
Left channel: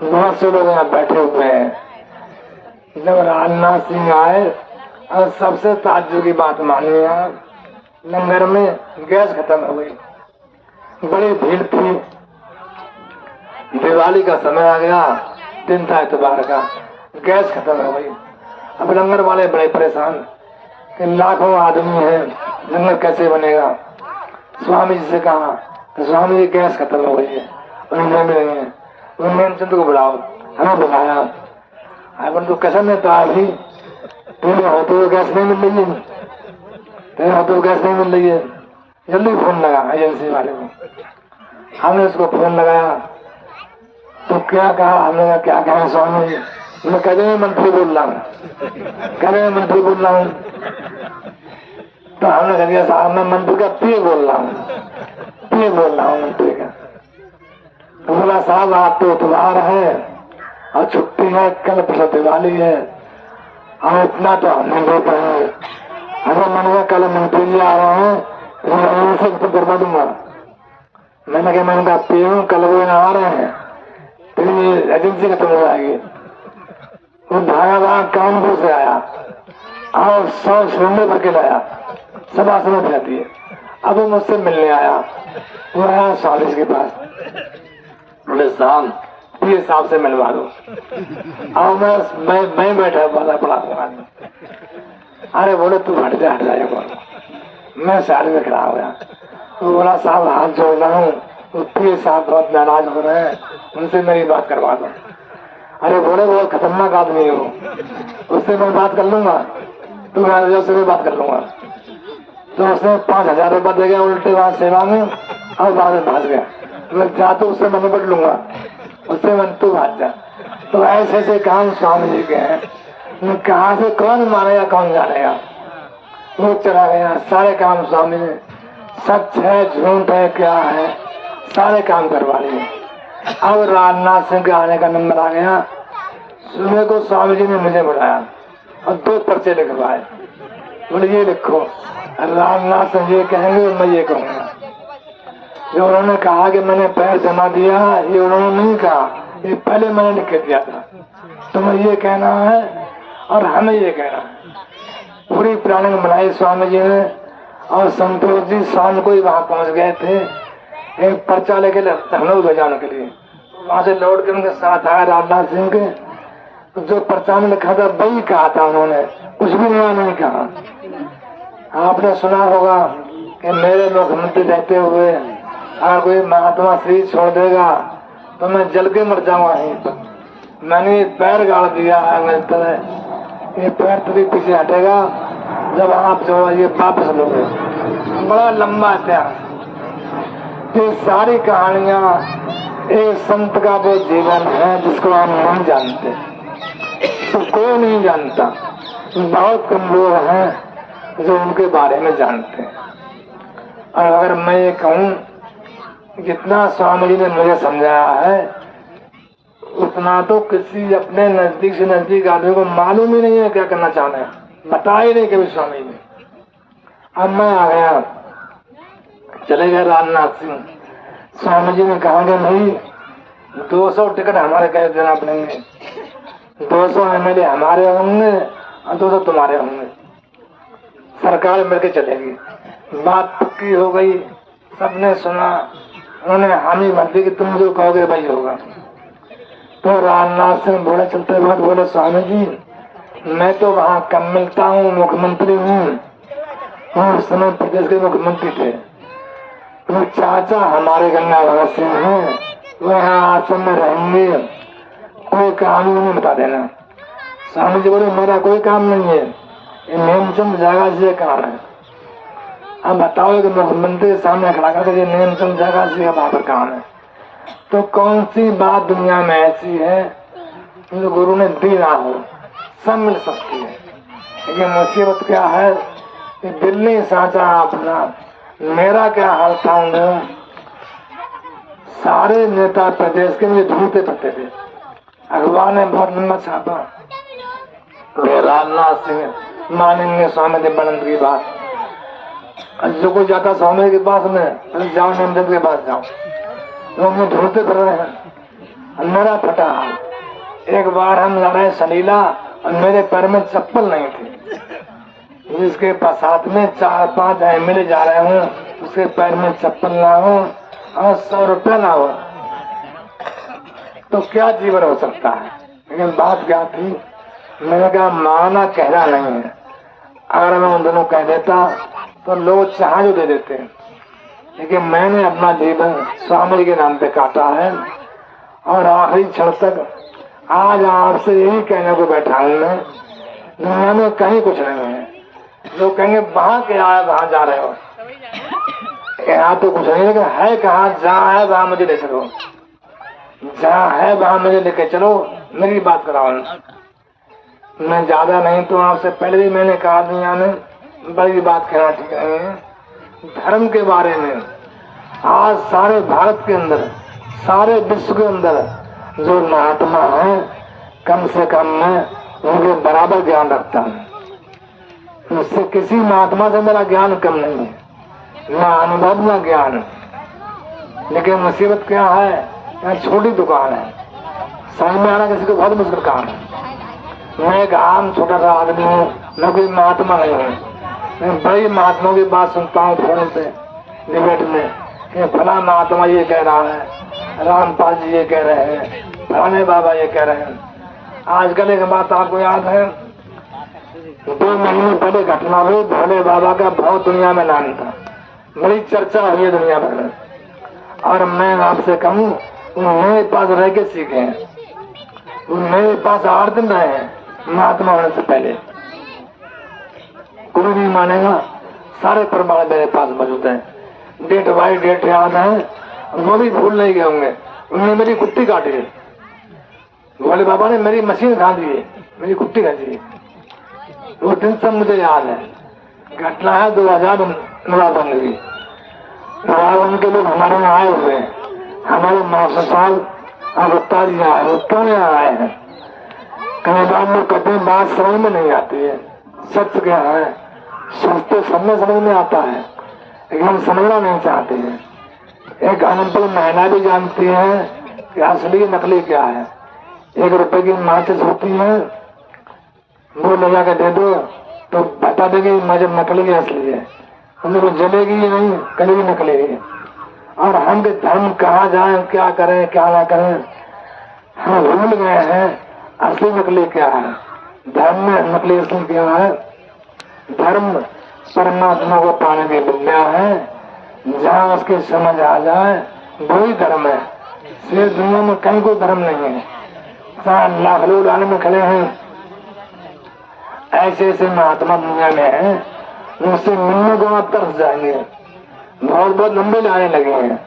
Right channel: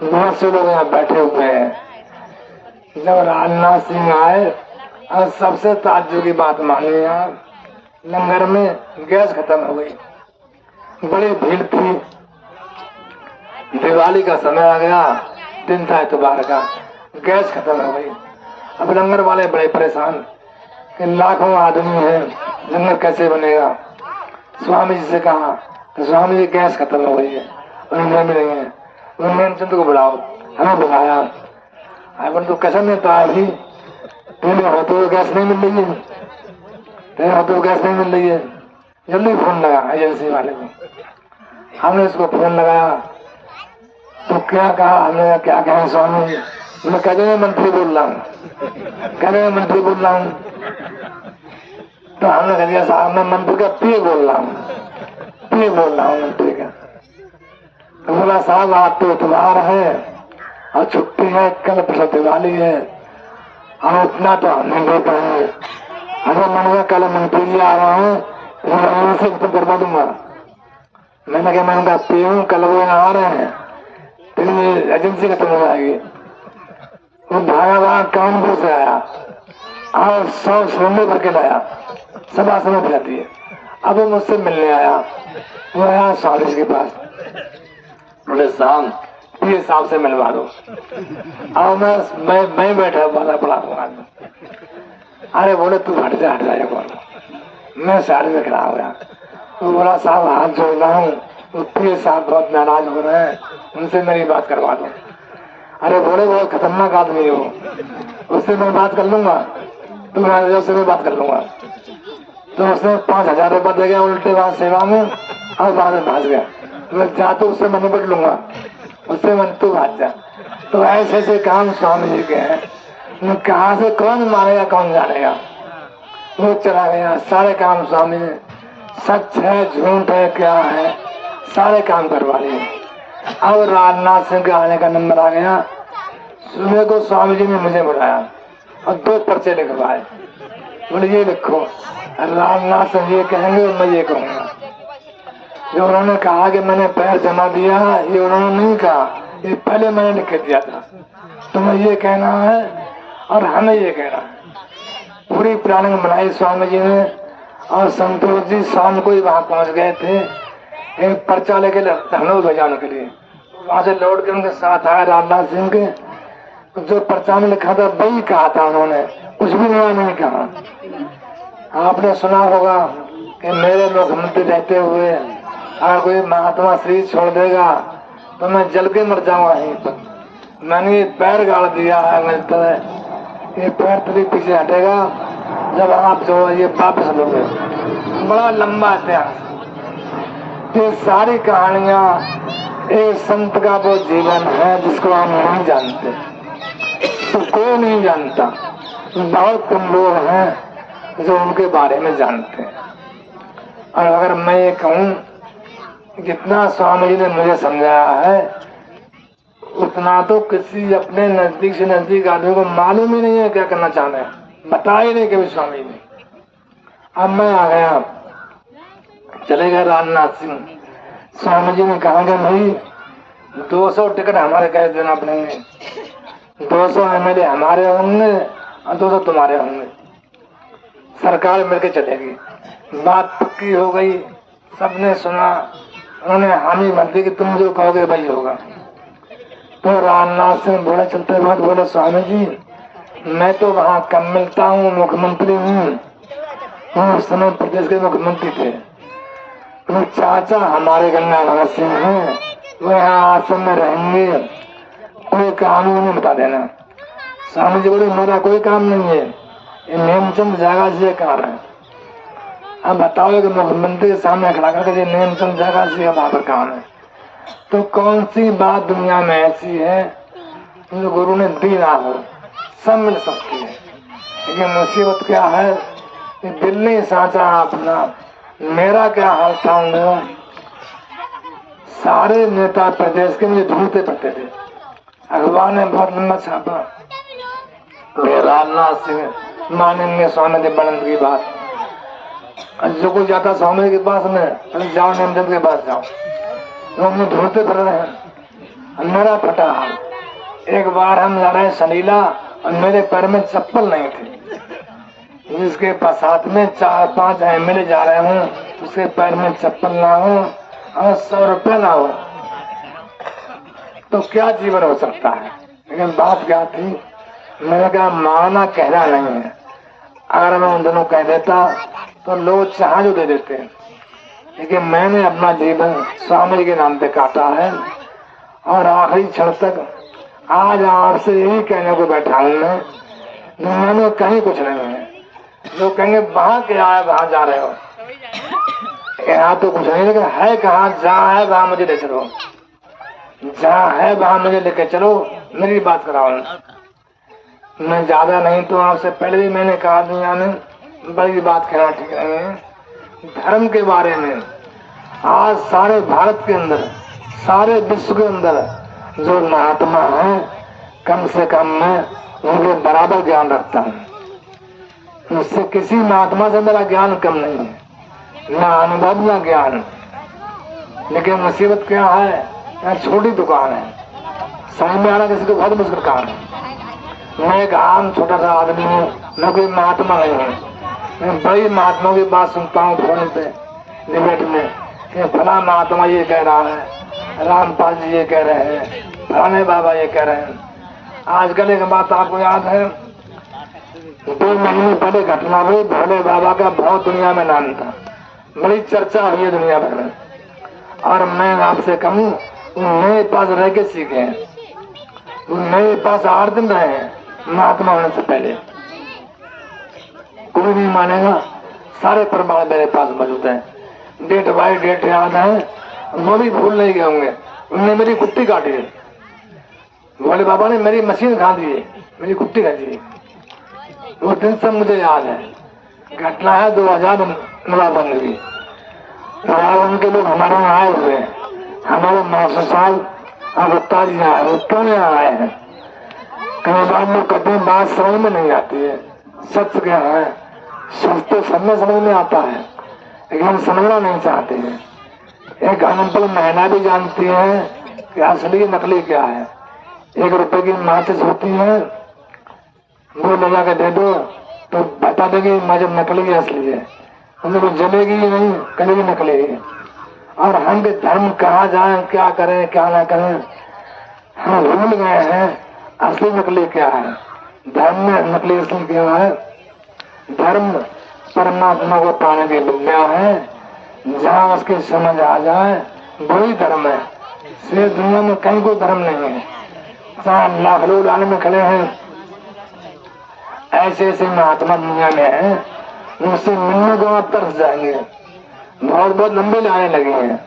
बहुत से लोग यहाँ बैठे हुए हैं। जब राजनाथ सिंह आए और सबसे ताज्जुब की बात मानी, आप लंगर में गैस खत्म हो गई, बड़ी भीड़ थी, दिवाली का समय आ गया, दिन था इतवार का, गैस खत्म हो गई। अब लंगर वाले बड़े परेशान कि लाखों आदमी है, लंगर कैसे बनेगा। स्वामी जी से कहा तो स्वामी जी गैस खत्म हो गई है, उन्हें मिल रही है, उन्होंने चंद को बुलाओ, हमें बुलाया। अब तो कसम में तो अभी तेरे होते गैस नहीं मिल रही है, तेरे होते गैस नहीं मिल रही है, जल्दी फोन लगा एजेंसी वाले को। हमने उसको फोन लगाया तो क्या कहा, हमने क्या कहा स्वामी जी, मैं कह रहे मंत्री बोल रहा हूँ, कह रहे मंत्री बोल रहा हूँ। तो हमने कह दिया साहब मैं मंत्री का पीए बोल रहा हूँ, पीए बोल रहा हूँ मंत्री का। तो बोला साहब आज तो इतवार है और छुट्टी है, कल परसों दिवाली है, हम इतना तो हम नहीं दे पाएंगे। हमें मैंने कल मंत्री जी आया हूँ, से करवा दूंगा। मैंने कहा मैं पी हूँ, कल वो आ रहे हैं, तेरी एजेंसी खत्म हो जाएगी। वो भागा कानपुर से आया और 100 सिलेंडर भर के लाया, सब आसमान रहती है। अब वो मुझसे मिलने आया, वो आया स्वामी के पास, बोले साहब ये साहब से मिलवा दो। और मैं बैठा वाला पड़ा था। अरे बोले तू हट जाएगा, मैं साइड में खड़ा हो गया। वो बोला साहब हाथ जोड़ रहा हूँ, तो साहब बहुत नाराज हो रहे हैं, उनसे मेरी बात करवा दो। अरे बोले बहुत खतरनाक आदमी हो, उससे मैं बात कर लूंगा, तू से मैं बात कर लूंगा। तो उसने 5,000 रुपये दे गया उल्टे बात सेवा में और बाद में भाग गया। मैं जाते उससे मैं निपट लूंगा, उससे मन तू भाग जा। तो ऐसे ऐसे काम स्वामी जी के हैं, कहाँ से कौन मानेगा कौन जानेगा। वो चला गया, सारे काम स्वामी ने, सच है झूठ है क्या है, सारे काम करवा लिए। अब राजनाथ सिंह के आने का नंबर आ गया। सुबह को स्वामी जी ने मुझे बुलाया और 2 पर्चे लिखवाए, बोले ये लिखो, रामनाथ से ये कहेंगे और मैं ये कहूँगा। जो उन्होंने कहा कि मैंने पैर जमा दिया, ये उन्होंने नहीं कहा, ये पहले मैंने लिख के दिया था। तुम्हें ये कहना है और हमें ये कहना है। पूरी प्लानिंग बनाई स्वामी जी ने और संतोष जी शाम को ही वहां पहुंच गए थे एक पर्चा लेके लखनऊ भेजाने के लिए। वहां से लौट के उनके साथ आया रामनाथ सिंह के, जो पर्चा में लिखा था वही कहा था उन्होंने, कुछ भी नया नहीं कहा। आपने सुना होगा कि मेरे मुख्यमंत्री रहते हुए अगर कोई महात्मा शरीर छोड़ देगा तो मैं जल के मर जाऊंगा वहीं पर। मैंने पैर गाड़ दिया है, मिलता है ये पैर थोड़ी पीछे हटेगा जब आप जो ये वापस लोगे। बड़ा लंबा इतिहास। ये सारी कहानियां एक संत का वो जीवन है जिसको हम नहीं जानते, तो कोई नहीं जानता। बहुत कम लोग हैं जो उनके बारे में जानते हैं। और अगर मैं ये कहूँ जितना स्वामी जी ने मुझे समझाया है उतना तो किसी अपने नजदीक से नजदीक आदमी को मालूम ही नहीं है क्या करना चाहना है, बता ही नहीं कभी स्वामी ने। अब मैं आ गया, चले गए रामनाथ सिंह। स्वामी जी ने कहा कि भाई 200 टिकट हमारे कह देना पड़ेंगे, 200 MLA हमारे होंगे और 200 तुम्हारे होंगे, सरकार मिलकर चलेगी। बात पक्की हो गई, सबने सुना, उन्होंने हामी भर दी कि तुम जो कहोगे वही होगा। तो रामनाथ सिंह बोले चलते बाद बोले स्वामी जी मैं तो वहाँ कम मिलता हूँ, मुख्यमंत्री हूँ, उस समय प्रदेश के मुख्यमंत्री थे। तो चाचा हमारे गंगाधर सिंह हैं, वो यहाँ आश्रम में रहेंगे, कोई काम नहीं बता देना। स्वामी जी बोले मेरा कोई काम नहीं है, ये नेमचंद जगह से काम है। अब बताओ कि मुख्यमंत्री के सामने खड़ा करके ये नेमचंद जगह से वहां पर काम है, तो कौन सी बात दुनिया में ऐसी है जो गुरु ने दी ना हो, सब मिल सकती है। लेकिन मुसीबत क्या है कि दिल नहीं साचा अपना। मेरा क्या हाल था उन्हें, सारे नेता प्रदेश के मुझे ढूंढते पड़ते थे। अखबार ने बहुत लंबा छापा, रामनाथ सिंह मानेंगे स्वामी देवानंद की बात। जो कोई जाता स्वामी के पास में जाओ, नंदन के पास जाओ, वो हमें ढूंढते फिर रहे हैं। मेरा फटा हाल, एक बार हम जा रहे हैं सलीला और मेरे पैर में चप्पल नहीं थी, जिसके पास साथ में 4-5 MLA जा रहे हूँ, उसके पैर में चप्पल ना हो और 100 रुपया ना हो, तो क्या जीवन हो सकता है। लेकिन बात क्या थी, मैंने कहा माना कहना नहीं है, अगर मैं उन दोनों कह देता तो लोग चाह जो दे देते हैं। लेकिन मैंने अपना जीवन स्वामी के नाम पे काटा है और आखिरी क्षण तक आज आपसे यही कहने को बैठा हूँ मैं, दुनिया में कहीं कुछ नहीं है। लोग कहेंगे वहां क्या है, वहां जा रहे हो, यहाँ तो कुछ नहीं है, कहाँ जहाँ है वहां मुझे ले चलो, जहाँ है वहां मुझे लेके चलो, मेरी बात कराओ। मैं ज्यादा नहीं तो आपसे पहले भी मैंने कहा दुनिया में बड़ी बात कहना ठीक नहीं है। धर्म के बारे में आज सारे भारत के अंदर, सारे विश्व के अंदर जो महात्मा है, कम से कम मैं उनके बराबर ज्ञान रखता हूँ। मुझसे किसी महात्मा से मेरा ज्ञान कम नहीं है, न अनुभव न ज्ञान। लेकिन मुसीबत क्या है, छोटी दुकान है, समझ में आना किसी को बहुत मुश्किल काम है। मैं एक आम छोटा सा आदमी हूँ, मैं कोई महात्मा नहीं हूँ। मैं बड़ी महात्मा की बात सुनता हूँ फोन पे डिबेट में कि फला महात्मा ये कह रहा है, रामपाल जी ये कह रहे हैं, फलाने बाबा ये कह रहे हैं। आजकल एक बात आपको याद है, 2 महीने पहले घटना हुई, भोले बाबा का बहुत दुनिया में नाम था, बड़ी चर्चा हुई है दुनिया भर में। और मैं आपसे कहूँ मेरे पास रह के सीखे हैं, मेरे पास 8 दिन रहे हैं महात्मा होने से पहले। कोई नहीं मानेगा, सारे प्रमाण मेरे पास मौजूद हैं, डेट बाई डेट याद है, वो भी भूल नहीं गए होंगे। उन्होंने मेरी कुट्टी काटी, भोले बाबा ने मेरी मशीन खा दी, मेरी कुट्टी खा दी, वो दिन सब मुझे याद है। घटना है 2009 की, उनके लोग हमारे यहाँ आए हुए हैं, हमारे मास्टर साहब और गुप्ता जी आए, वो क्यों यहाँ आए हैं, कहीं बात में कहते हैं बात समझ में नहीं आती है। सच क्या है, सोचते समय समझ में आता है, लेकिन हम समझना नहीं चाहते हैं। एक अनपढ़ महिला भी जानती है कि असली नकली क्या है। 1 रुपए की माचिस होती है, वो ले जाकर दे दो तो बता देगी जब नकली है असली है, उनको जलेगी ही नहीं, कभी भी निकलेगी। और हम भी धर्म कहाँ जाए, क्या करें क्या ना करें, हम भूल गए हैं असली नकली क्या है। धर्म में नकली असली क्या है? धर्म परमात्मा को पाने की विद्या है, जहाँ उसकी समझ आ जाए वही धर्म है। सिर्फ दुनिया में कहीं कोई धर्म नहीं है। जहाँ लाख लोग लाने में खड़े हैं, ऐसे ऐसे महात्मा दुनिया में है, उनसे मिलने को आप तरस जाएंगे। बहुत बहुत लंबे लाने लगे हैं,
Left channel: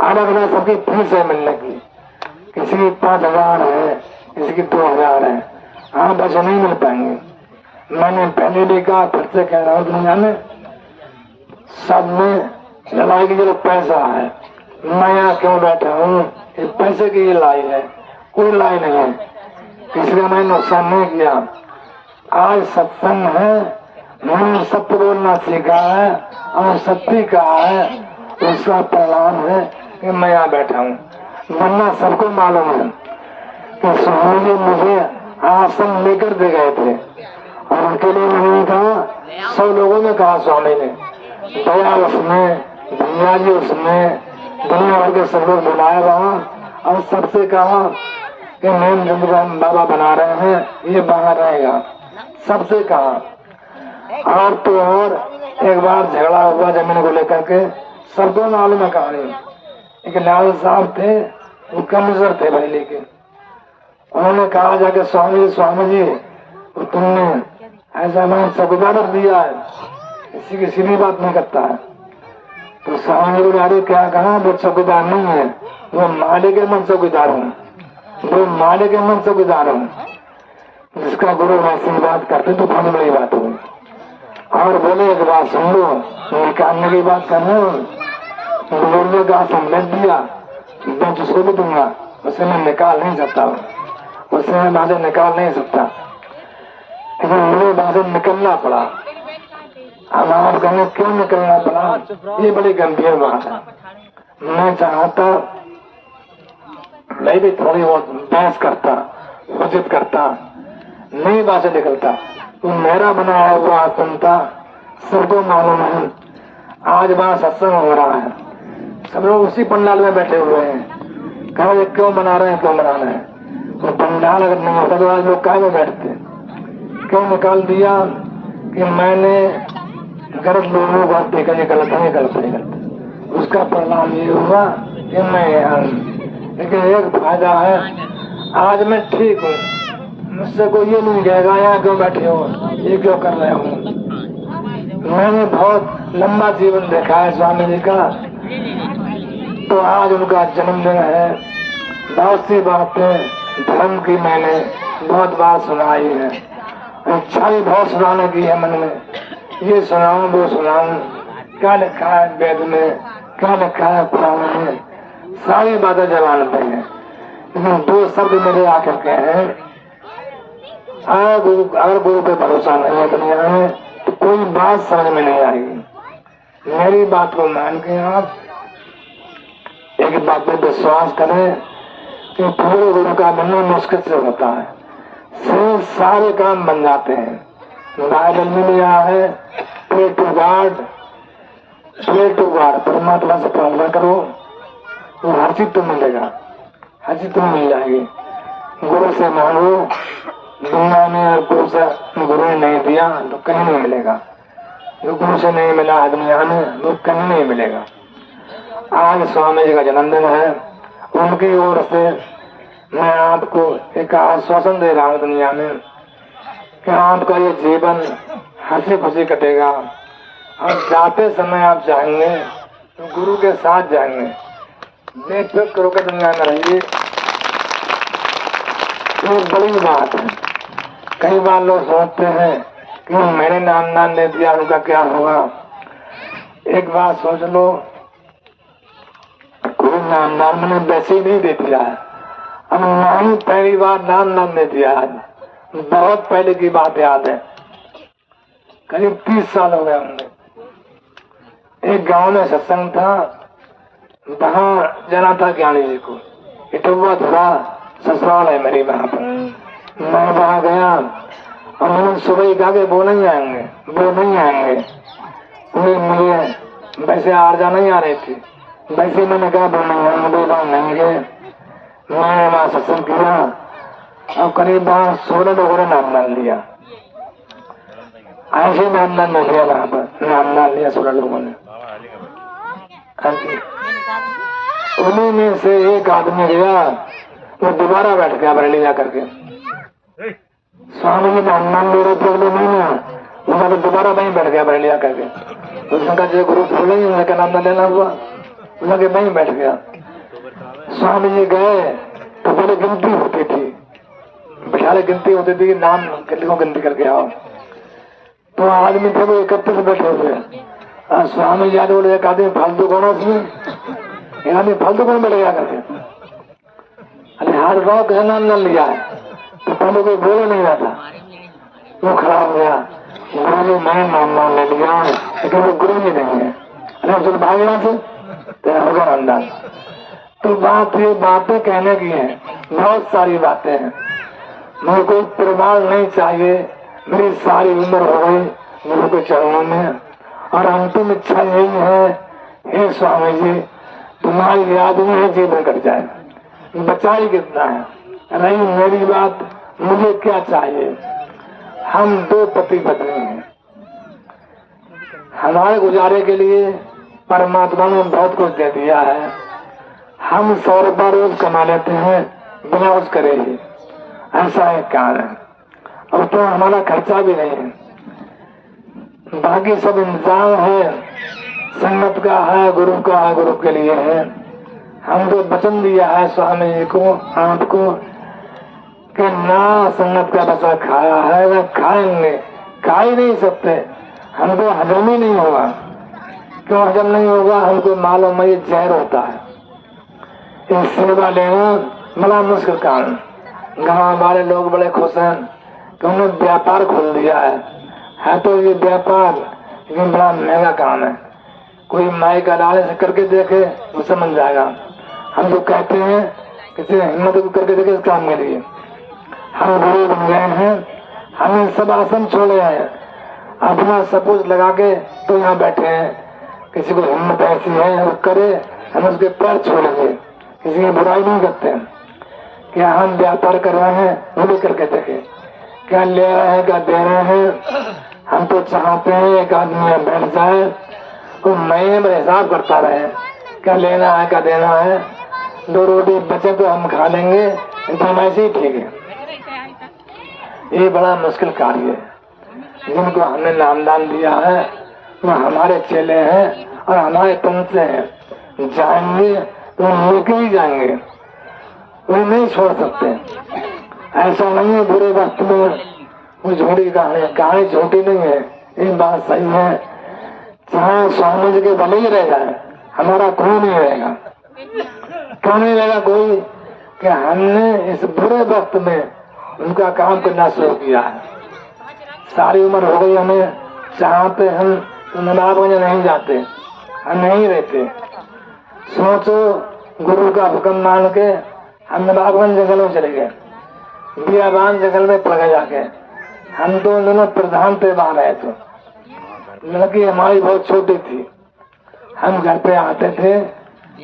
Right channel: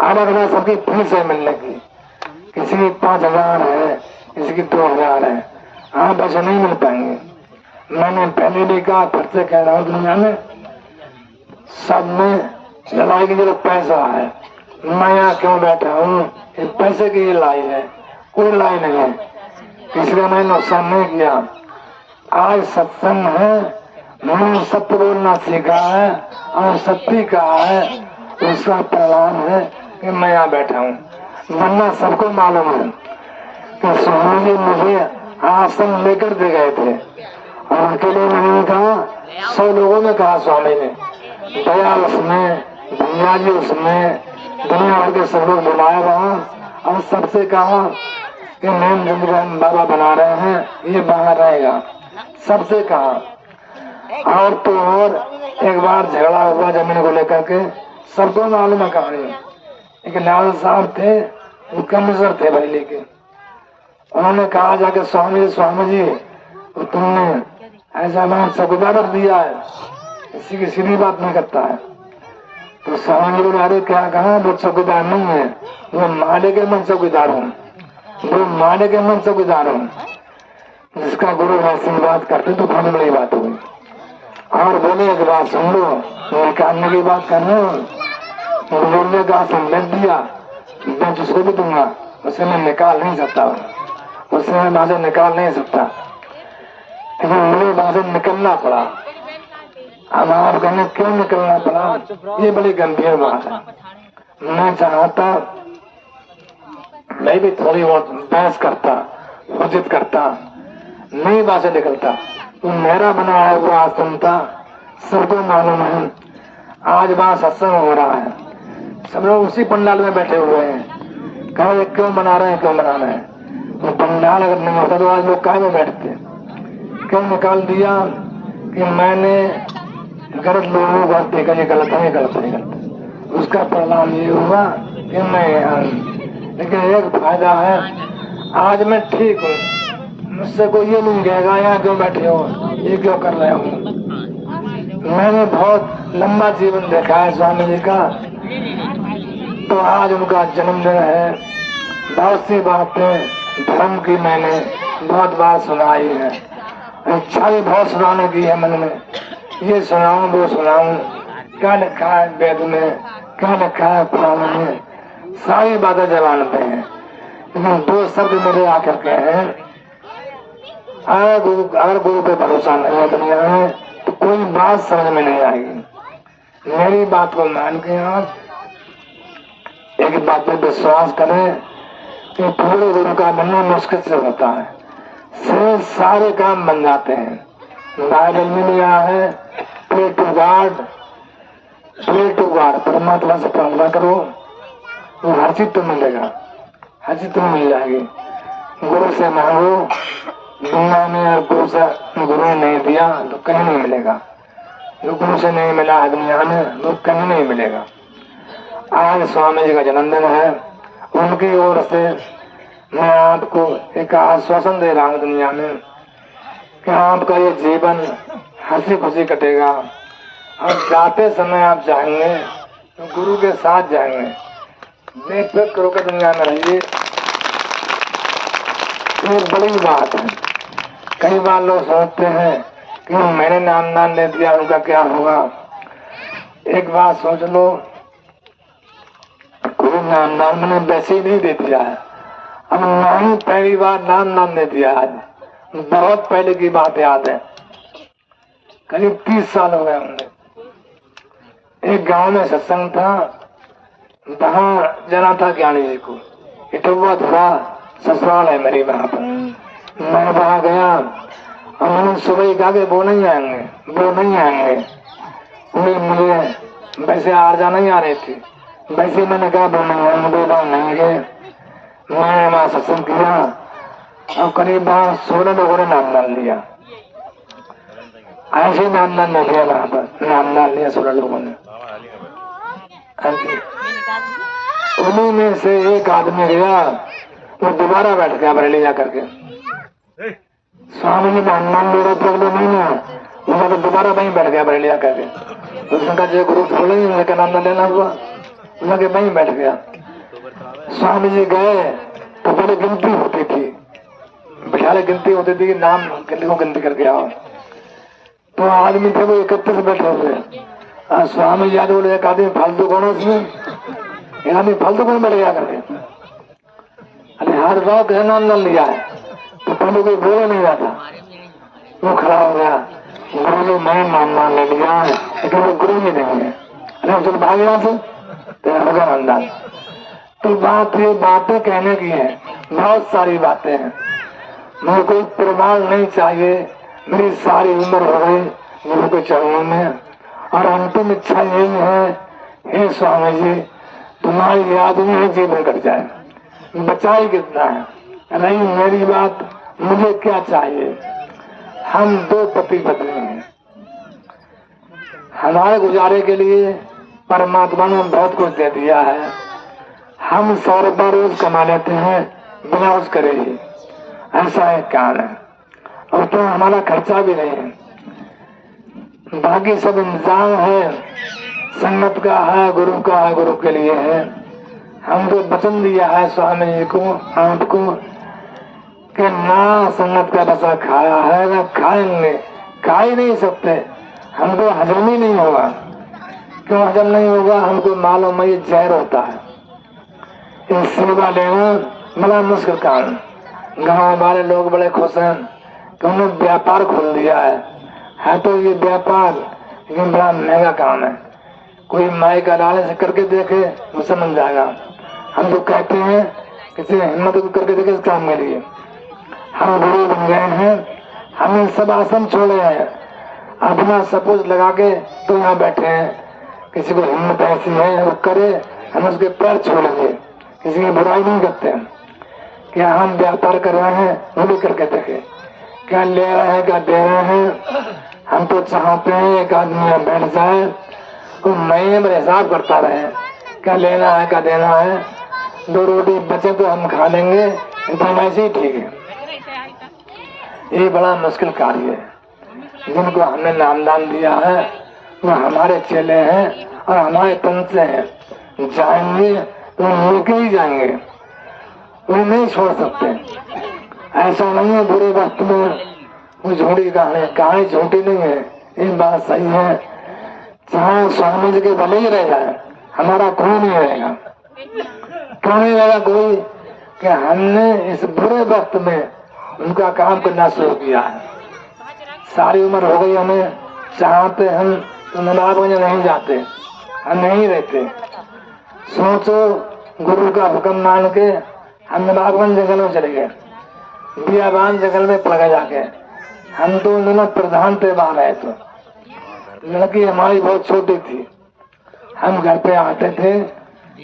अलग अलग सबकी फीस है मिलने की, किसी की 5,000 है, किसी की 2,000 है। हाँ बस नहीं मिल पाएंगे। मैंने पहले भी कहा, फिर से कह रहा हूँ, दुनिया में सब में लड़ाई की जरूरत पैसा है। मैं यहाँ क्यों बैठा हूँ, पैसे की लड़ाई है, कोई लड़ाई नहीं है। किसी का मैंने नुकसान नहीं किया। आज सत्संग है, मैंने सत्य बोलना सीखा है और सत्य कहा है, उसका परिणाम है कि मैं यहाँ बैठा हूँ। वरना सबको मालूम है कि स्वामी जी मुझे आसन लेकर दे गए थे, और उनके लिए मैंने कहा, 100 लोगों ने कहा स्वामी ने, दया उसमें, दुनिया जी उसमें, दुनिया भर के सब लोग बुलाया रहा और सबसे कहा कि नेम जिंदगी बाबा बना रहे हैं, ये बाहर रहेगा। सबसे कहा। और तो और एक बार झगड़ा हुआ जमीन को लेकर के, सबको मालूम है कहानी। एक लाल साहब थे, वो कमिश्नर थे बरेली के। उन्होंने कहा जाके, स्वामी जी तो तुमने ऐसा नाम चौकीदार रख दिया है, किसी की सीधी बात नहीं करता है। तो स्वामी जी बोले, अरे क्या कहा, वो चौकीदार नहीं है, वो मालिक है, मैं चौकीदार हूँ, वो मालिक है, मैं चौकीदार हूँ। जिसका गुरु ऐसी बात करते तो बहुत बड़ी बात हुई। और बोले एक बात सुन लो, निकालने की बात कर रहे हो, बोलने का संदेश दिया, मैं जिसको भी दूंगा उसे मैं निकाल नहीं सकता, उसे मैं वहां से निकाल नहीं सकता, लेकिन मुझे वहां से निकलना पड़ा। अब आप कहें क्यों निकलना पड़ा, ये बड़ी गंभीर बात है। मैं चाहता मैं भी थोड़ी बहुत बहस करता, उचित करता, नहीं बात से निकलता, तो मेरा बनाया हुआ आसन था, सबको मालूम है। आज वहां सत्संग हो रहा है, सब लोग उसी पंडाल में बैठे हुए हैं, कहे क्यों बना रहे हैं, क्यों बना रहे हैं। तो पंडाल अगर नहीं होता तो आज लोग कहाँ में बैठते। क्यों निकाल दिया कि मैंने गलत लोगों को देखा, ये गलत है, गलत है, गलत। उसका परिणाम ये हुआ कि मैं, लेकिन एक फायदा है, आज मैं ठीक हूँ, मुझसे कोई ये नहीं कहेगा यहाँ क्यों बैठे हो, ये क्यों कर रहे हो। मैंने बहुत लंबा जीवन देखा है स्वामी जी का, तो आज उनका जन्मदिन है। बहुत सी बातें धर्म की मैंने बहुत बार सुनाई है, इच्छा भी बहुत सुनाने की है मन में, ये सुनाऊं वो सुनाऊं, क्या लिखा है वेद में, क्या लिखा है पुराण में, सारी बातें जबान पे हैं। लेकिन 2 शब्द मेरे आकर के हैं, अगर गुरु पे भरोसा नहीं है दुनिया में तो कोई बात समझ में नहीं आएगी। मेरी बात को मान के आप एक बात पे विश्वास करें कि पूरे गुरु का बनना मुश्किल से होता है, सिर्फ सारे काम बन जाते हैं। बाइबल में लिया है, प्रे टू गॉड, परमात्मा से प्रार्थना करो, वो हर चीज तो मिलेगा, हर चीज तुम्हें मिल जाएगी। गुरु से मांगो, दुनिया में गुरु ने नहीं दिया तो कहीं नहीं मिलेगा, जो गुरु से नहीं मिला है दुनिया में वो कहीं नहीं मिलेगा। आज स्वामी जी का जन्मदिन है, उनकी ओर से मैं आपको एक आश्वासन दे रहा हूँ दुनिया में कि आपका ये जीवन हंसी खुशी कटेगा, और जाते समय आप जाएंगे तो गुरु के साथ जाएंगे, बेफिक्र होकर दुनिया में रहिए। ये बड़ी बात है। कई बार लोग सोचते हैं कि मैंने नाम दे दिया, उनका क्या होगा। एक बात सोच लो, कोई नाम मैंने वैसे ही नहीं दे दिया है, अब नाम पहली बार नाम दे दिया है, बहुत पहले की बात याद है। करीब 30 साल हो गए होंगे। एक गांव में सत्संग था, वहां जाना था ज्ञानी जी को। इटवा थोड़ा ससुराल है मेरी वहां पर। मैं वहां गया और मैंने सुबह ही कहा कि वो नहीं आएंगे। मुझे वैसे आरजा नहीं आ रही थी, वैसे मैंने कहा वो नहीं आएंगे। मैंने वहां सत्संग किया और करीब वहां 16 लोगों ने नाम डाल दिया। ऐसे नाम डाल लिया, वहां पर नाम डाल लिया 16 लोगों ने। उन्हीं में से एक आदमी गया, वो दोबारा बैठ गया बरेली जा करके। स्वामी जी का नाम ले रहे थे, नहीं है, उसका तो दोबारा वहीं बैठ गया बरेली जा करके। उसने कहा जो गुरु बोल रही है नाम न लेना हुआ, उन्होंने वहीं बैठ गया। स्वामी जी गए तो पहले गिनती होती थी, बिठाले गिनती होती थी, नाम गिनती करके आओ। तो आदमी थे वो 31 बैठे हुए। स्वामी जी बोले एक आदमी फालतू कौन है उसमें, एक आदमी फालतू कौन बैठ गया करके। अरे हर गाँव का नाम न लिया है, तो पहले कोई बोले नहीं रहा था, वो खड़ा हो गया। गुरु ने मैं नाम ले लिया, लेकिन वो गुरु ही नहीं है। अरे चल भाग यहाँ से, तो होगा नामदान। तो बात ये बातें कहने की है, बहुत सारी बातें हैं, मुझे कोई प्रमाण नहीं चाहिए। मेरी सारी उम्र हो गई गुरु के चरणों में, और अंतिम इच्छा यही है, हे स्वामी जी तुम्हारी याद में जीवन कट जाए, बचाई कितना है। रही मेरी बात, मुझे क्या चाहिए। हम 2 पति पत्नी हैं, हमारे गुजारे के लिए परमात्मा ने बहुत कुछ दे दिया है। हम 100 रुपया रोज कमा लेते हैं बिना कुछ करे ही, ऐसा एक काम है। और तो हमारा खर्चा भी नहीं है, बाकी सब इंतजाम है, संगत का है, गुरु का है, गुरु के लिए है। हमको वचन दिया है स्वामी जी को, आपको, कि ना संगत का बचा खाया है ना खाएंगे, खा ही नहीं सकते, हमको हजम ही नहीं होगा। क्यों हजम नहीं होगा, हमको मालूम है ये जहर होता है। ये सेवा लेना बड़ा मुश्किल काम है। गाँव वाले लोग बड़े खुश हैं कि उन्होंने व्यापार खोल दिया है तो ये व्यापार लेकिन बड़ा महंगा काम है। कोई माई का डाले से करके देखे तो समझ जाएगा। हम तो कहते हैं किसी हिम्मत करके देखे इस काम के लिए। हम गुरु बन गए हैं, हमने सब आसन छोड़े हैं, अपना सपोज लगा के तो यहाँ बैठे हैं। किसी को हिम्मत ऐसी है वो करे, हम उसके पैर छोड़ेंगे, किसी की बुराई नहीं करते हैं। क्या हम व्यापार कर रहे हैं वो भी करके देखे, क्या ले रहे हैं क्या दे रहे हैं। हम तो चाहते हैं एक आदमी बैठ जाए तो महीने में हिसाब करता रहे, क्या लेना है क्या देना है। 2 रोटी बचे तो हम खा लेंगे, तो ऐसे ही ठीक है। ये बड़ा मुश्किल कार्य है। जिनको हमने नामदान दिया है वो हमारे चेले हैं और हमारे तन से हैं, जाएंगे वो लेके ही जाएंगे, वो नहीं छोड़ सकते। ऐसा नहीं है बुरे वक्त में वो झूठी कहानी झूठी नहीं है, ये बात सही है। चाहे स्वामी जी के भले ही रह जाए, हमारा कोई नहीं रहेगा। क्यों नहीं रहेगा कोई, कि हमने इस बुरे वक्त में उनका काम करना शुरू किया है। सारी उम्र हो गई हमें, चाहते हम नवाबगंज नहीं जाते, हम नहीं रहते। सोचो गुरु का हुक्म मान के हम नवाबगंज जंगल में चले गए, बियाबान जंगल में पड़ गए जाके। हम तो दोनों प्रधान थे, वहां रहे थे। लड़की हमारी बहुत छोटी थी, हम घर पे आते थे,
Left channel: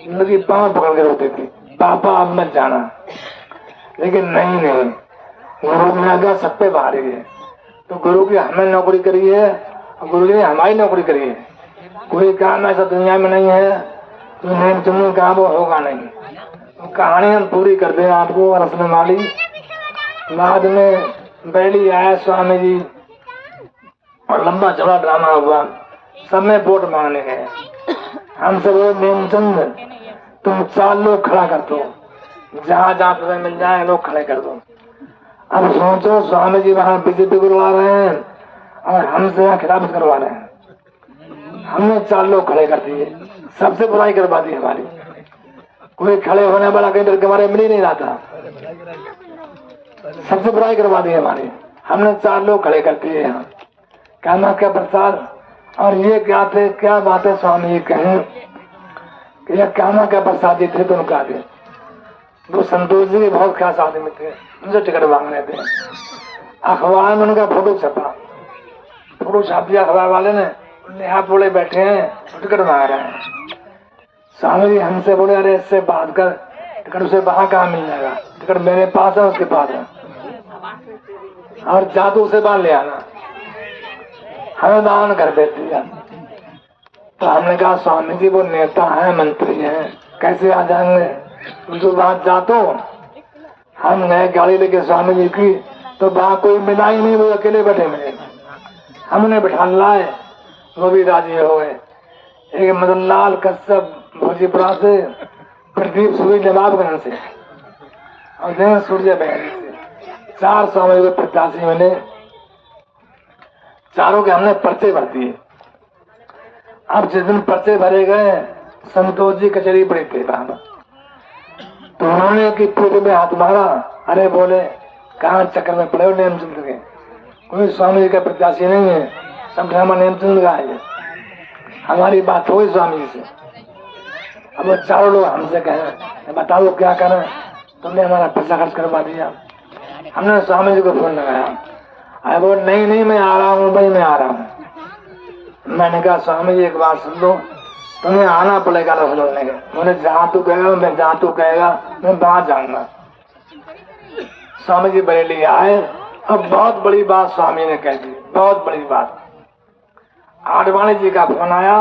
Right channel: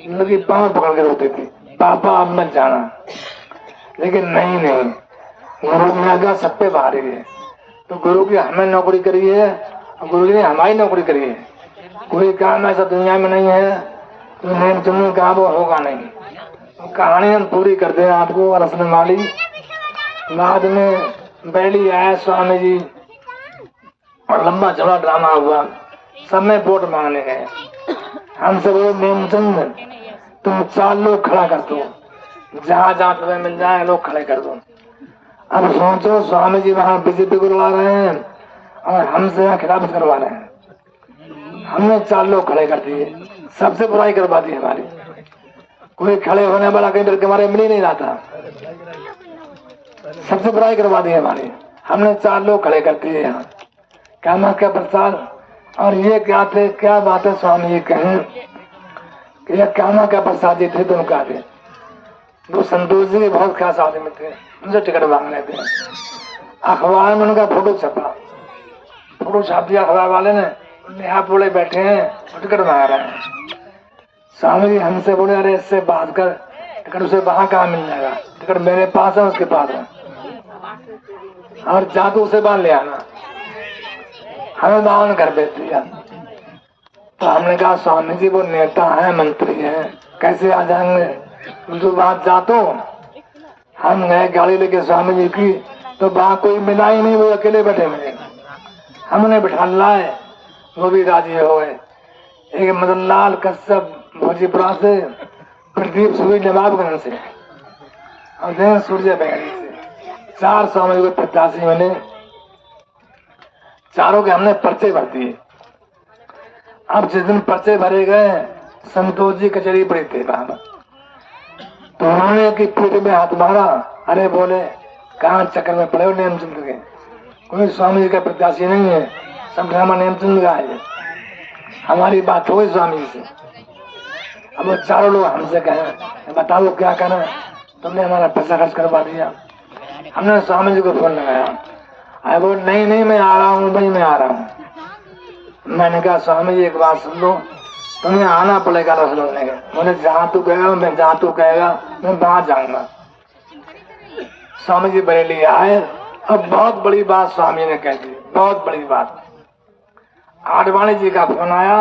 लड़की पाँव पकड़ के रोती थी, पापा अब मत जाना। लेकिन नहीं गुरु ने आज्ञा सब पे भारी है, तो गुरु की हमें नौकरी करी है और गुरु जी ने हमारी नौकरी करी है। कोई काम ऐसा दुनिया में नहीं है तो नेम चुनने का वो होगा नहीं। तो कहानी हम पूरी कर दे आपको और रसने वाली। बाद में बैली आया स्वामी जी और लंबा चौड़ा ड्रामा हुआ, सब में वोट मांगने गए। हम सब नेमचंद तुम 4 लोग खड़ा कर दो, जहाँ जहाँ तुम्हें मिल जाए लोग खड़े कर दो। अब सोचो स्वामी जी वहाँ बीजेपी करवा रहे हैं और हमसे यहाँ खिलाफ करवा रहे हैं। हमने 4 लोग खड़े कर दिए, सबसे बुराई करवा दी हमारी। कोई खड़े होने वाला कहीं पर हमारे मिल ही नहीं रहा था, सबसे बुराई करवा दी हमारी। हमने 4 लोग खड़े कर दिए यहाँ कामा का प्रसाद। और ये क्या थे, क्या बात है स्वामी जी कहें कि यह कामा का प्रसाद जी थे। तो उनका थे वो संतोष जी के बहुत खास आदमी थे, उनसे टिकट मांगने थे। अखबार में उनका फोटो छपा, फोटो छाप दिया अखबार वाले ने। यहाँ बोले बैठे हैं टिकट मांग रहे हैं। स्वामी जी हमसे बोले अरे इससे बात कर, टिकट उसे वहां कहाँ मिल जाएगा, टिकट मेरे पास है उसके पास है, और जा तो उसे बाहर ले आना, हमें दान कर देती है। तो हमने कहा स्वामी जी वो नेता है, मंत्री है, कैसे आ जाएंगे, उनके बात जा। तो हम गए गाड़ी लेके स्वामी जी की, तो वहां कोई मिला ही नहीं, वो अकेले बैठे मिले। हमने बिठा लाए, वो भी राजी हो गए। एक मदन लाल कश्यप भोजीपुरा से, प्रदीप सूरी नवाबगंज से, और जैन सूर्य बहनी से, 4 स्वामी के प्रत्याशी मिले। चारों के हमने पर्चे भर दिए। अब जिस दिन पर्चे भरे गए, संतोष जी कचहरी पड़ी थे वहां, तो उन्होंने की पीठ में हाथ मारा। अरे बोले कहाँ चक्कर में पड़े हो नेमचंद के, कोई स्वामी जी का प्रत्याशी नहीं है, सब ड्रामा नेमचंद का है। हमारी बात हुई स्वामी जी से। अब वो चारों लोग हमसे कहे बताओ क्या करें, तुमने हमारा पैसा खर्च करवा दिया। हमने स्वामी जी को फोन लगाया, अरे बोल नहीं मैं आ रहा हूँ भाई, मैं आ रहा हूँ। मैंने कहा स्वामी जी एक बात सुन लो, तुम्हें आना पड़ेगा लखनऊ में। बोले जहाँ तू कहेगा, मैं जहाँ तू कहेगा मैं वहां जाऊंगा। स्वामी जी बरेली आए। अब बहुत बड़ी बात स्वामी ने कह दी, बहुत बड़ी बात। आडवाणी जी का फोन आया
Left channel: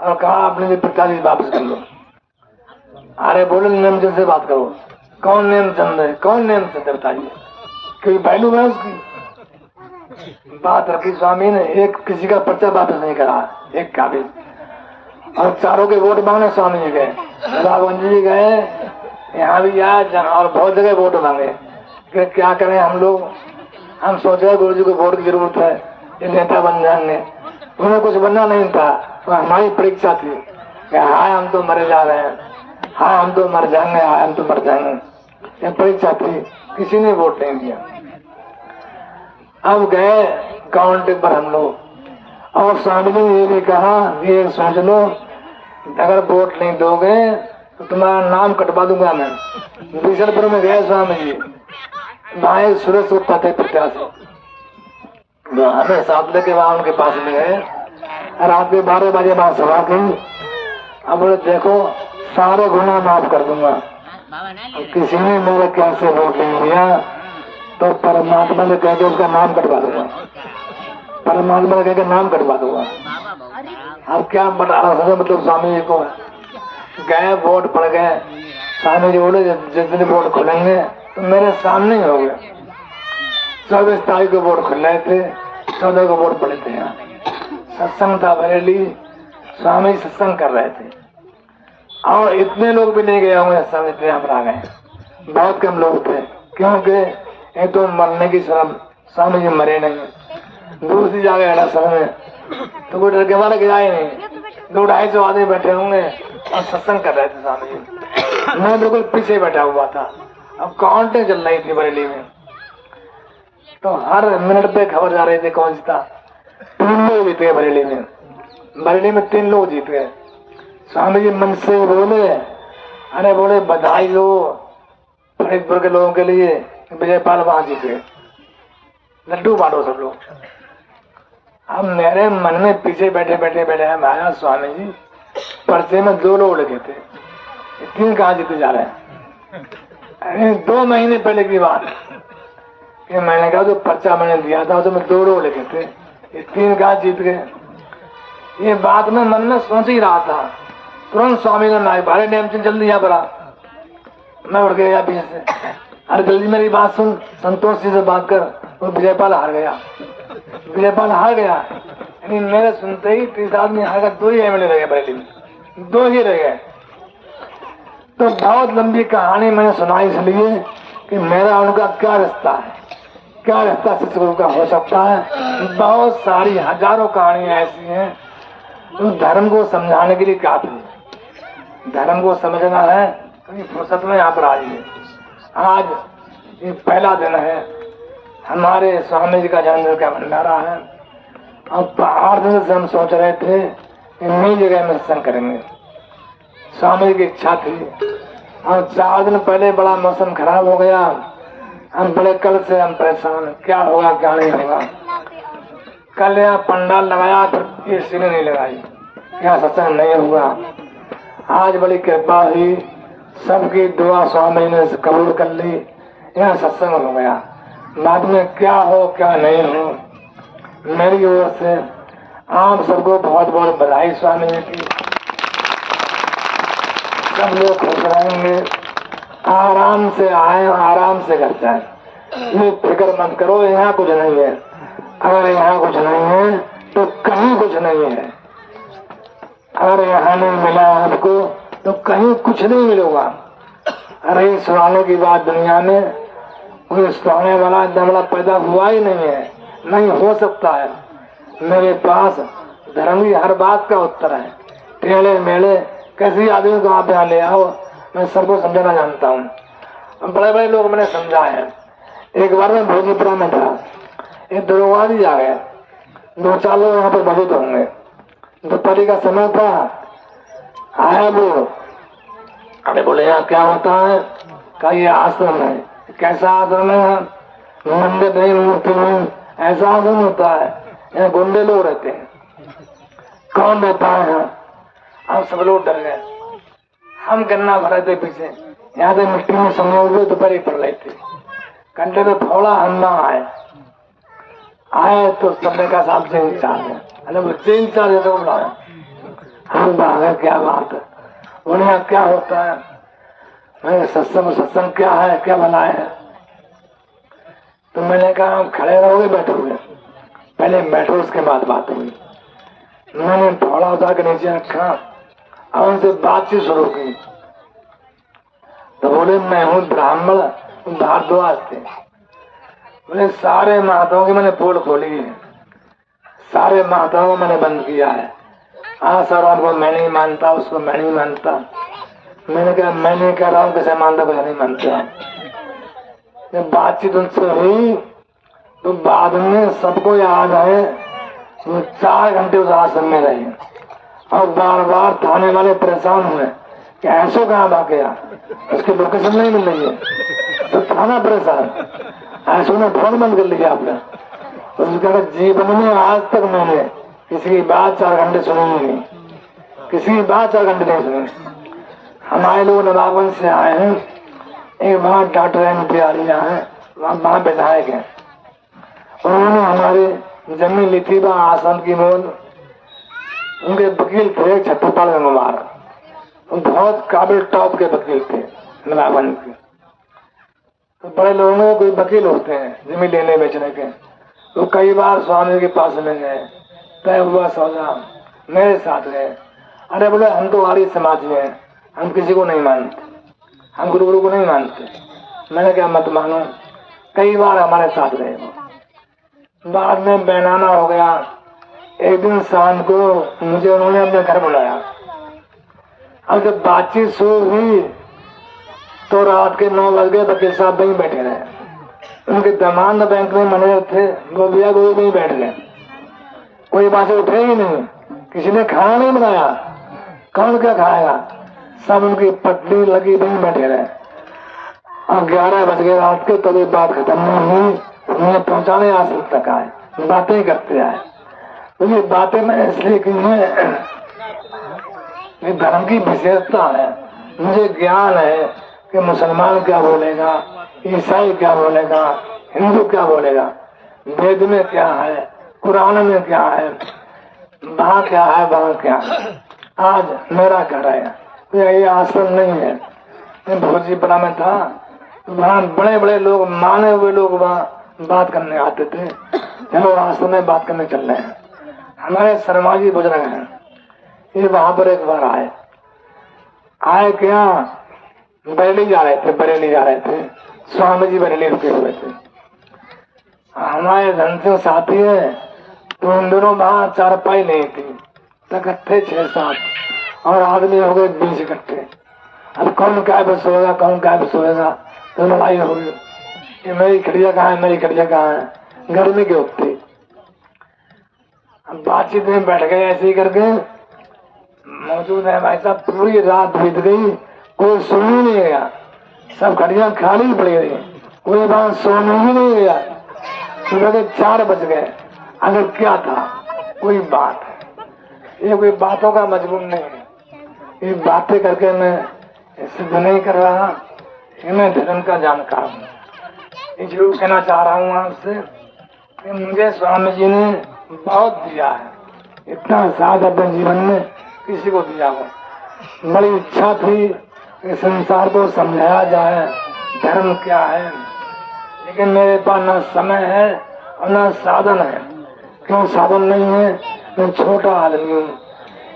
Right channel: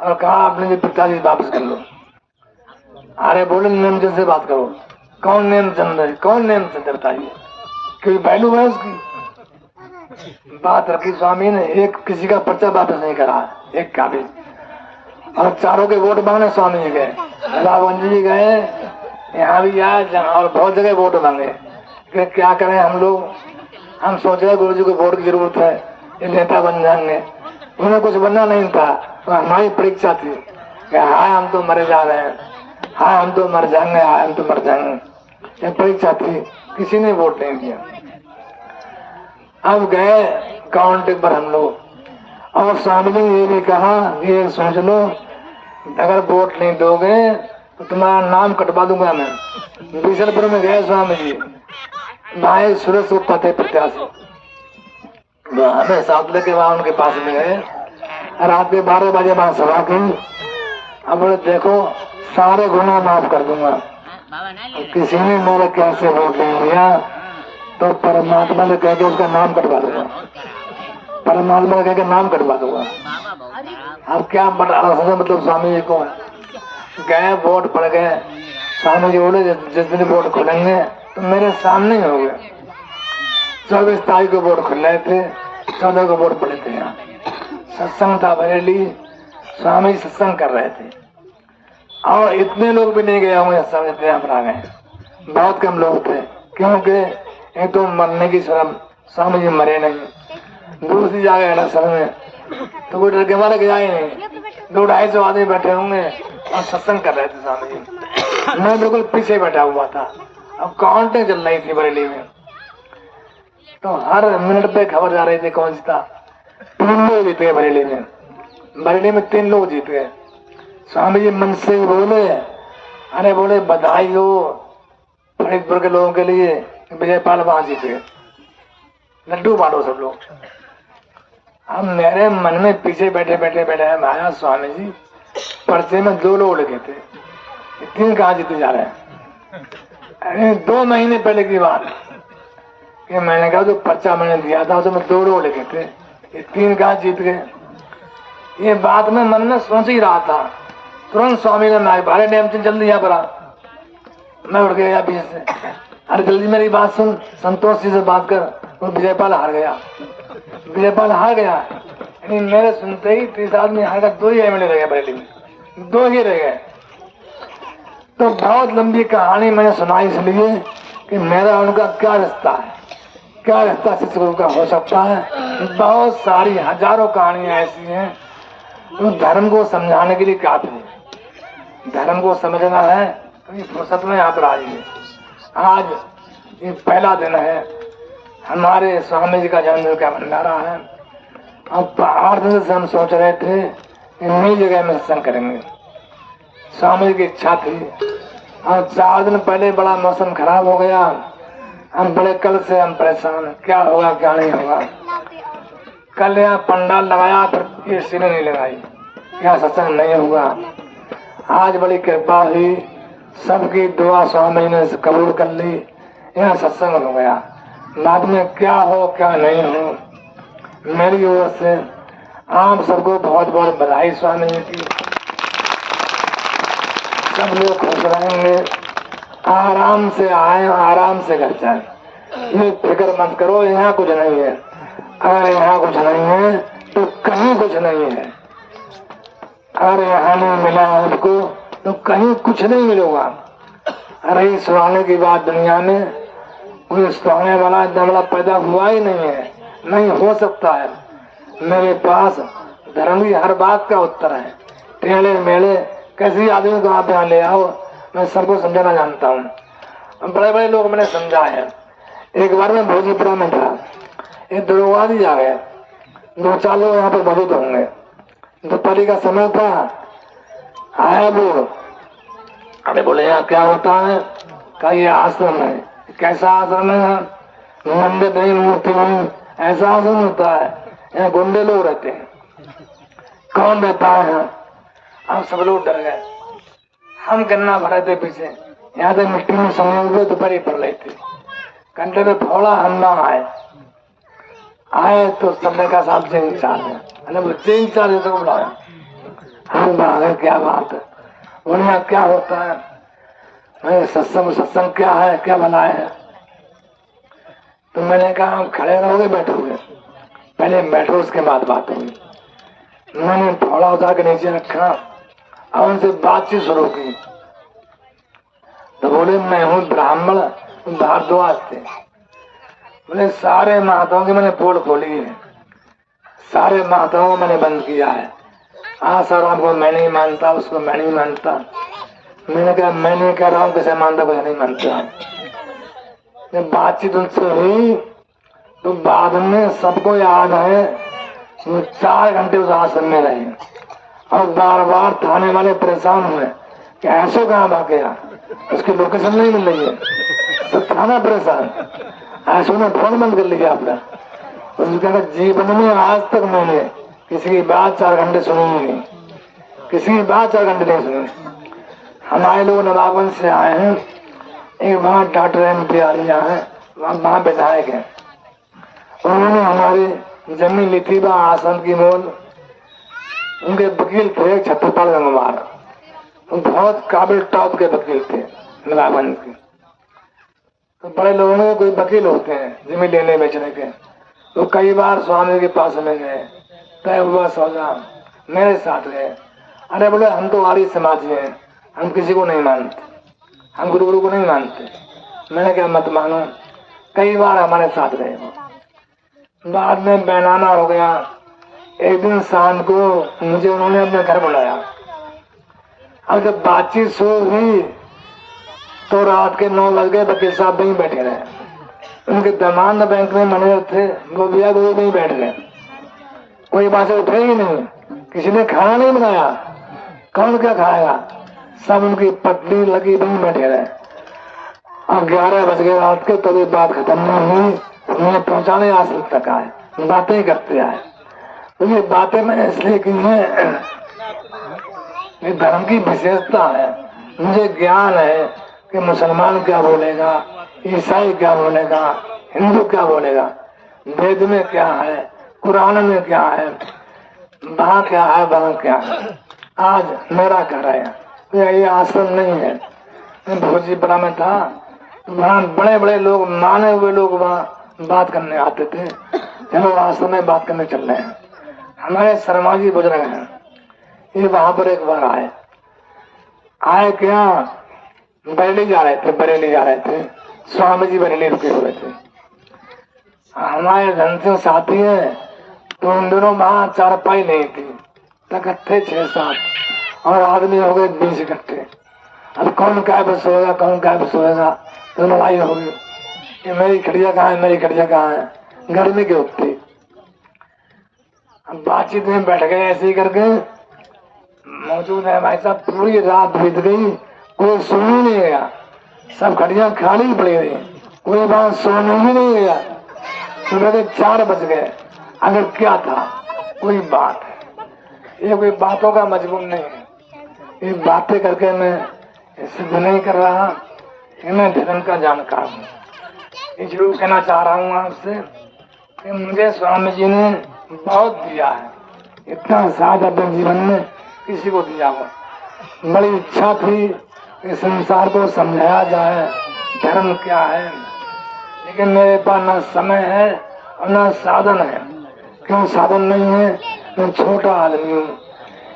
और कहा अपने पिताजी वापस कर लो। अरे बोले नेमचंद से बात करो। कौन नेमचंद है, कौन नेमचंद है बताइए, कोई वैल्यू है उसकी। बात रखी स्वामी ने, एक किसी का पर्चा वापस नहीं करा, एक कागज। और चारों के वोट मांगने स्वामी जी गए, रावण जी गए, यहाँ भी आए और बहुत जगह वोट मांगे। कि क्या करें हम लोग, हम सोचे गुरु जी को वोट की जरूरत है, ये नेता बन जाएंगे। उन्हें कुछ बनना नहीं था, तो हमारी परीक्षा थी कि हाँ हम तो मरे जा रहे हैं, हाँ हम तो मर जाएंगे, हाँ हम तो मर जाएंगे। ये परीक्षा थी, किसी ने वोट नहीं दिया। अब गए काउंटिंग पर हम लोग, और स्वामी ने ये भी कहा ये सोच लो, अगर वोट नहीं दोगे तो तुम्हारा नाम कटवा दूंगा मैं। बीसलपुर में गए स्वामी जी, वहां सूरज उठता थे प्रत्याशी, हमें साथ लेके वहां उनके पास में गए। रात के 12 बजे वहां सभा की। अब बोले देखो सारे गुना माफ कर दूंगा, किसी ने मेरे कैसे वोट नहीं दिया तो परमात्मा ने कह के उसका नाम कटवा दूंगा, परमात्मा ने कह के नाम कटवा दूंगा। अब क्या मतलब स्वामी जी को गए, वोट पड़ गए। स्वामी जी बोले जिस दिन वोट खुलेंगे तो मेरे सामने ही हो गए। 24 तारीख को वोट खुल रहे थे, 14 को वोट पड़े थे। यहाँ सत्संग था बरेली, स्वामी सत्संग कर रहे थे, और इतने लोग भी नहीं गए होंगे सत्संग, इतने हम आ गए, बहुत कम लोग थे। क्योंकि एक तो मरने की शर्म, स्वामी जी मरे नहीं। दूसरी जगह गया समय तो कोई डर के मारे गया ही नहीं, 200-250 आदमी बैठे होंगे और सत्संग कर रहे थे स्वामी जी। मैं बिल्कुल पीछे बैठा हुआ था। अब काउंटिंग चल रही थी बरेली में, तो हर मिनट पे खबर जा रही थी कौन सा 3 लोग जीते बरेली में। बरेली में 3 लोग जीत गए। स्वामी जी मन से बोले, अरे बोले बधाई हो फरीदपुर के लोगों के लिए, विजयपाल वहां जीत गए, लड्डू बांटो सब लोग। अब मेरे मन में पीछे बैठे हम आया स्वामी जी पर्चे में 2 लोग लगे थे, 3 कहाँ जीते जा रहे हैं। 2 महीने पहले की बात कि मैंने कहा जो पर्चा मैंने दिया था उसमें 2 लोग लगे थे, 3 कहाँ जीत गए। ये बात मैं मन में सोच ही रहा था, तुरंत स्वामी ने नाई भारे नेमचंद जल्दी यहाँ पर आ। मैं उठ गया पीछे से, अरे जल्दी मेरी बात सुन, संतोष जी से बात कर। वो विजयपाल हार गया, विजयपाल हार गया। मेरे सुनते ही 30 आदमी हार गया, 2 ही एमएलए रह गए बरेली में, 2 ही रह गए। तो बहुत लंबी कहानी मैंने सुनाई इसलिए कि मेरा उनका क्या रिश्ता है, क्या रिश्ता शिक्षकों का हो सकता है। बहुत सारी हजारों कहानियां ऐसी हैं तो धर्म को समझाने के लिए काफी है। धर्म को समझना है तो ये फुर्सत में यहाँ पर आइए। आज ये पहला दिन है, हमारे स्वामी जी का जन्मदिन का भंडारा है। अब 8 दिन से हम सोच रहे थे कि नई जगह में सत्संग करेंगे, स्वामी की इच्छा थी। और 4 दिन पहले बड़ा मौसम खराब हो गया, हम बड़े कल से हम परेशान, क्या होगा क्या नहीं होगा। कल यहाँ पंडाल लगाया पर एसी में नहीं लगाई, यहाँ सत्संग नहीं हुआ। आज बड़ी कृपा हुई, सबकी दुआ स्वामी ने कबूल कर ली, यहाँ सत्संग हो गया। बाद में क्या हो क्या नहीं हो, मेरी ओर से आप सबको बहुत बहुत बधाई स्वामी जी की। सब लोग खुश रहेंगे, आराम से आए आराम से घर जाए, ये फिक्र मत करो यहाँ कुछ नहीं है। अगर यहाँ कुछ नहीं है तो कहीं कुछ नहीं है। अगर यहाँ नहीं मिला आपको तो कहीं कुछ नहीं मिलेगा। अरे सुनाने की बात दुनिया में कोई सुनाने वाला दमड़ा पैदा हुआ ही नहीं है, नहीं हो सकता है। मेरे पास धर्म की हर बात का उत्तर है। टेढ़े मेढ़े कैसी आदमी को आप यहाँ ले आओ, मैं सबको समझाना जानता हूँ। बड़े बड़े लोग मैंने समझा है। एक बार मैं भोजपुरा में था, एक दरोगा जी आ गया, 2-4 लोग यहाँ पर मौजूद होंगे। दोपहर का समय था, आए वो, अरे बोले यहाँ क्या होता है? कहा ये आश्रम है। कैसा आश्रम है? मंदिर नहीं, मूर्ति नहीं, ऐसा आश्रम होता है, यहाँ गुंडे लोग रहते हैं। कौन रहता है यहाँ? हम सब लोग डर गए। हम गन्ना भरा थे पीछे, यहाँ से मिट्टी में सोने हुए दोपहर पड़ रहे थे। घंटे में थोड़ा हमला आए तो सबने का साहब से इंचार्ज है, अरे बच्चे इंचार्ज है तो बुलाया। हम बाहर क्या बात है, उन्हें क्या होता है? मैं सत्संग क्या है, क्या बनाया है? तो मैंने कहा खड़े रहोगे बैठोगे? पहले बैठो उसके बाद बात होगी। मैंने थोड़ा उतार के नीचे रखा और उनसे बातचीत शुरू की। तो बोले मैं हूँ ब्राह्मण, भारद्वाज थे। बोले सारे महात्माओं की मैंने पोल खोली है, सारे महात्माओं को मैंने बंद किया है। सर को मैं नहीं मानता, उसको मैं नहीं मानता। मैंने कहा मैं नहीं कह रहा हूँ, कैसे मानता कुछ नहीं मानते हैं। बातचीत उनसे हुई तो बाद में सबको याद है 4 घंटे उस आश्रम में रहे और बार बार थाने वाले परेशान हुए कि ऐसे कहाँ भाग गया, उसकी लोकेशन नहीं मिल रही है। तो थाना परेशान, ऐसे ने फोन बंद कर लिया अपना। उसने जीवन में आज तक मैंने किसी की बात 4 घंटे सुनी नहीं, किसी की बात 4 घंटे नहीं सुनी। हमारे लोग नवाबगंज से आए हैं, एक वहाँ डॉक्टर एमपीआरिया है, वहाँ विधायक है। उन्होंने हमारी जमीन ली थी वहाँ आश्रम की मोल। उनके वकील थे छत्रपाल गंगवार, बहुत काबिल टॉप के वकील थे नवाबगंज के। तो बड़े लोगों में कोई वकील होते हैं जमीन लेने बेचने के, तो कई बार स्वामी के पास में गए, तय हुआ सौदा, मेरे साथ गए। अरे बोले हम तो आर्य समाज हैं, हम किसी को नहीं मानते, हम गुरु को नहीं मानते। मैंने क्या मत मानो, कई बार हमारे साथ गए। बाद में बैनाना हो गया। एक दिन शाम को मुझे उन्होंने अपने घर बुलाया। अब जब बातचीत शुरू हुई तो रात के 9 बज गए, वकील साहब वहीं बैठे रहे। उनके दरमान बैंक में मैनेजर थे, वो भी नहीं बैठ गए, कोई बात से उठे ही नहीं। किसी ने खाना नहीं बनाया, कौन क्या खाएगा? सब उनकी पटली लगी वहीं बैठे रहे। और 11 बज गए रात के, तो ये बात खत्म नहीं हुई। उन्हें पहुंचाने आश्रम तक आए, बातें करते आए। तो ये बातें मैंने इसलिए की है, ये धर्म की विशेषता है। मुझे ज्ञान है कि मुसलमान क्या बोलेगा, ईसाई क्या बोलेगा, हिंदू क्या बोलेगा, वेद में क्या है, कुरान में क्या है, वहाँ क्या है, वहाँ क्या है। आज मेरा घर है, ये आश्रम नहीं है। मैं भोजीपुरा में था, वहाँ बड़े बड़े लोग, माने हुए लोग वहाँ बात करने आते थे। चलो आश्रम में बात करने चल रहे हैं। हमारे शर्मा जी बुजुर्ग हैं, ये वहां पर एक बार आए क्या, बरेली जा रहे थे, स्वामी जी बरेली रुके हुए थे। हमारे धन से साथी है, तो उन दोनों वहां 4 पाई नहीं थी, इकट्ठे 6-7 और आदमी हो गए 20 इकट्ठे। अब कौन क्या पे सोएगा, कौन क्या पे सोएगा, तो लड़ाई हो गई। मेरी खड़िया कहाँ है, मेरी खड़िया कहाँ है, गर्मी की होती। बातचीत में बैठ गए ऐसे ही करके मौजूद है भाई साहब। पूरी रात बीत गई, कोई सुन ही नहीं गया, सब खड़ियां खाली पड़ी रही, कोई बात सोने ही नहीं गया। सुबह के 4 बज गए। अगर क्या था, कोई बात है, ये कोई बातों का मजबूर नहीं है। ये बातें करके मैं सिद्ध नहीं कर रहा, मैं धर्म का जानकार हूँ। इसलिए कहना चाह रहा हूँ आपसे कि मुझे स्वामी जी ने बहुत दिया है, इतना साथ अपने जीवन में किसी को दिया है। बड़ी इच्छा थी कि संसार को समझाया जाए धर्म क्या है, लेकिन मेरे पास न समय है और न साधन है। क्यों साधन नहीं है? मैं छोटा आदमी हूँ,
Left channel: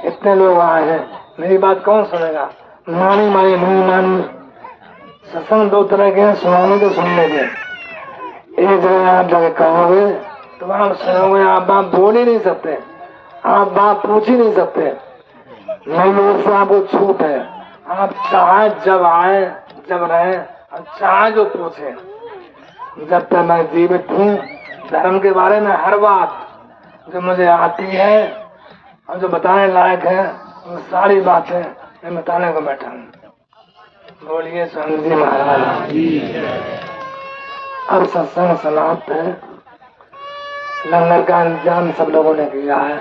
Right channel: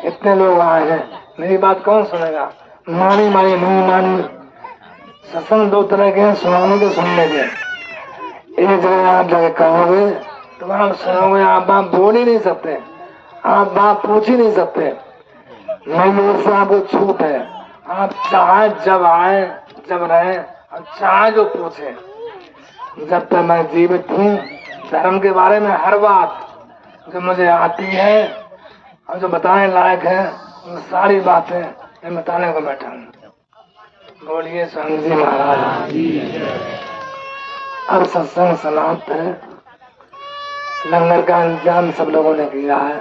इतने लोग आए हैं, मेरी बात कौन सुनेगा? मानी मानी नहीं मानी। सत्संग 2 तरह के हैं, सुनाने तो सुनने के। एक जगह आप जाके कहोगे तो आप सुनोगे, आप बात बोल ही नहीं सकते, आप बात पूछ ही नहीं सकते। नहीं, से आपको छूट है, आप चाहे जब आए जब रहे और चाहे जो पूछे। जब तक मैं जीवित हूँ, धर्म के बारे में हर बात जो मुझे आती है और जो बताने लायक है, वो सारी बातें मैं बताने को बैठा हूँ। बोलिए स्वामी जी महाराज। अब सत्संग समाप्त है। लंगर का इंतजाम सब लोगों ने किया है।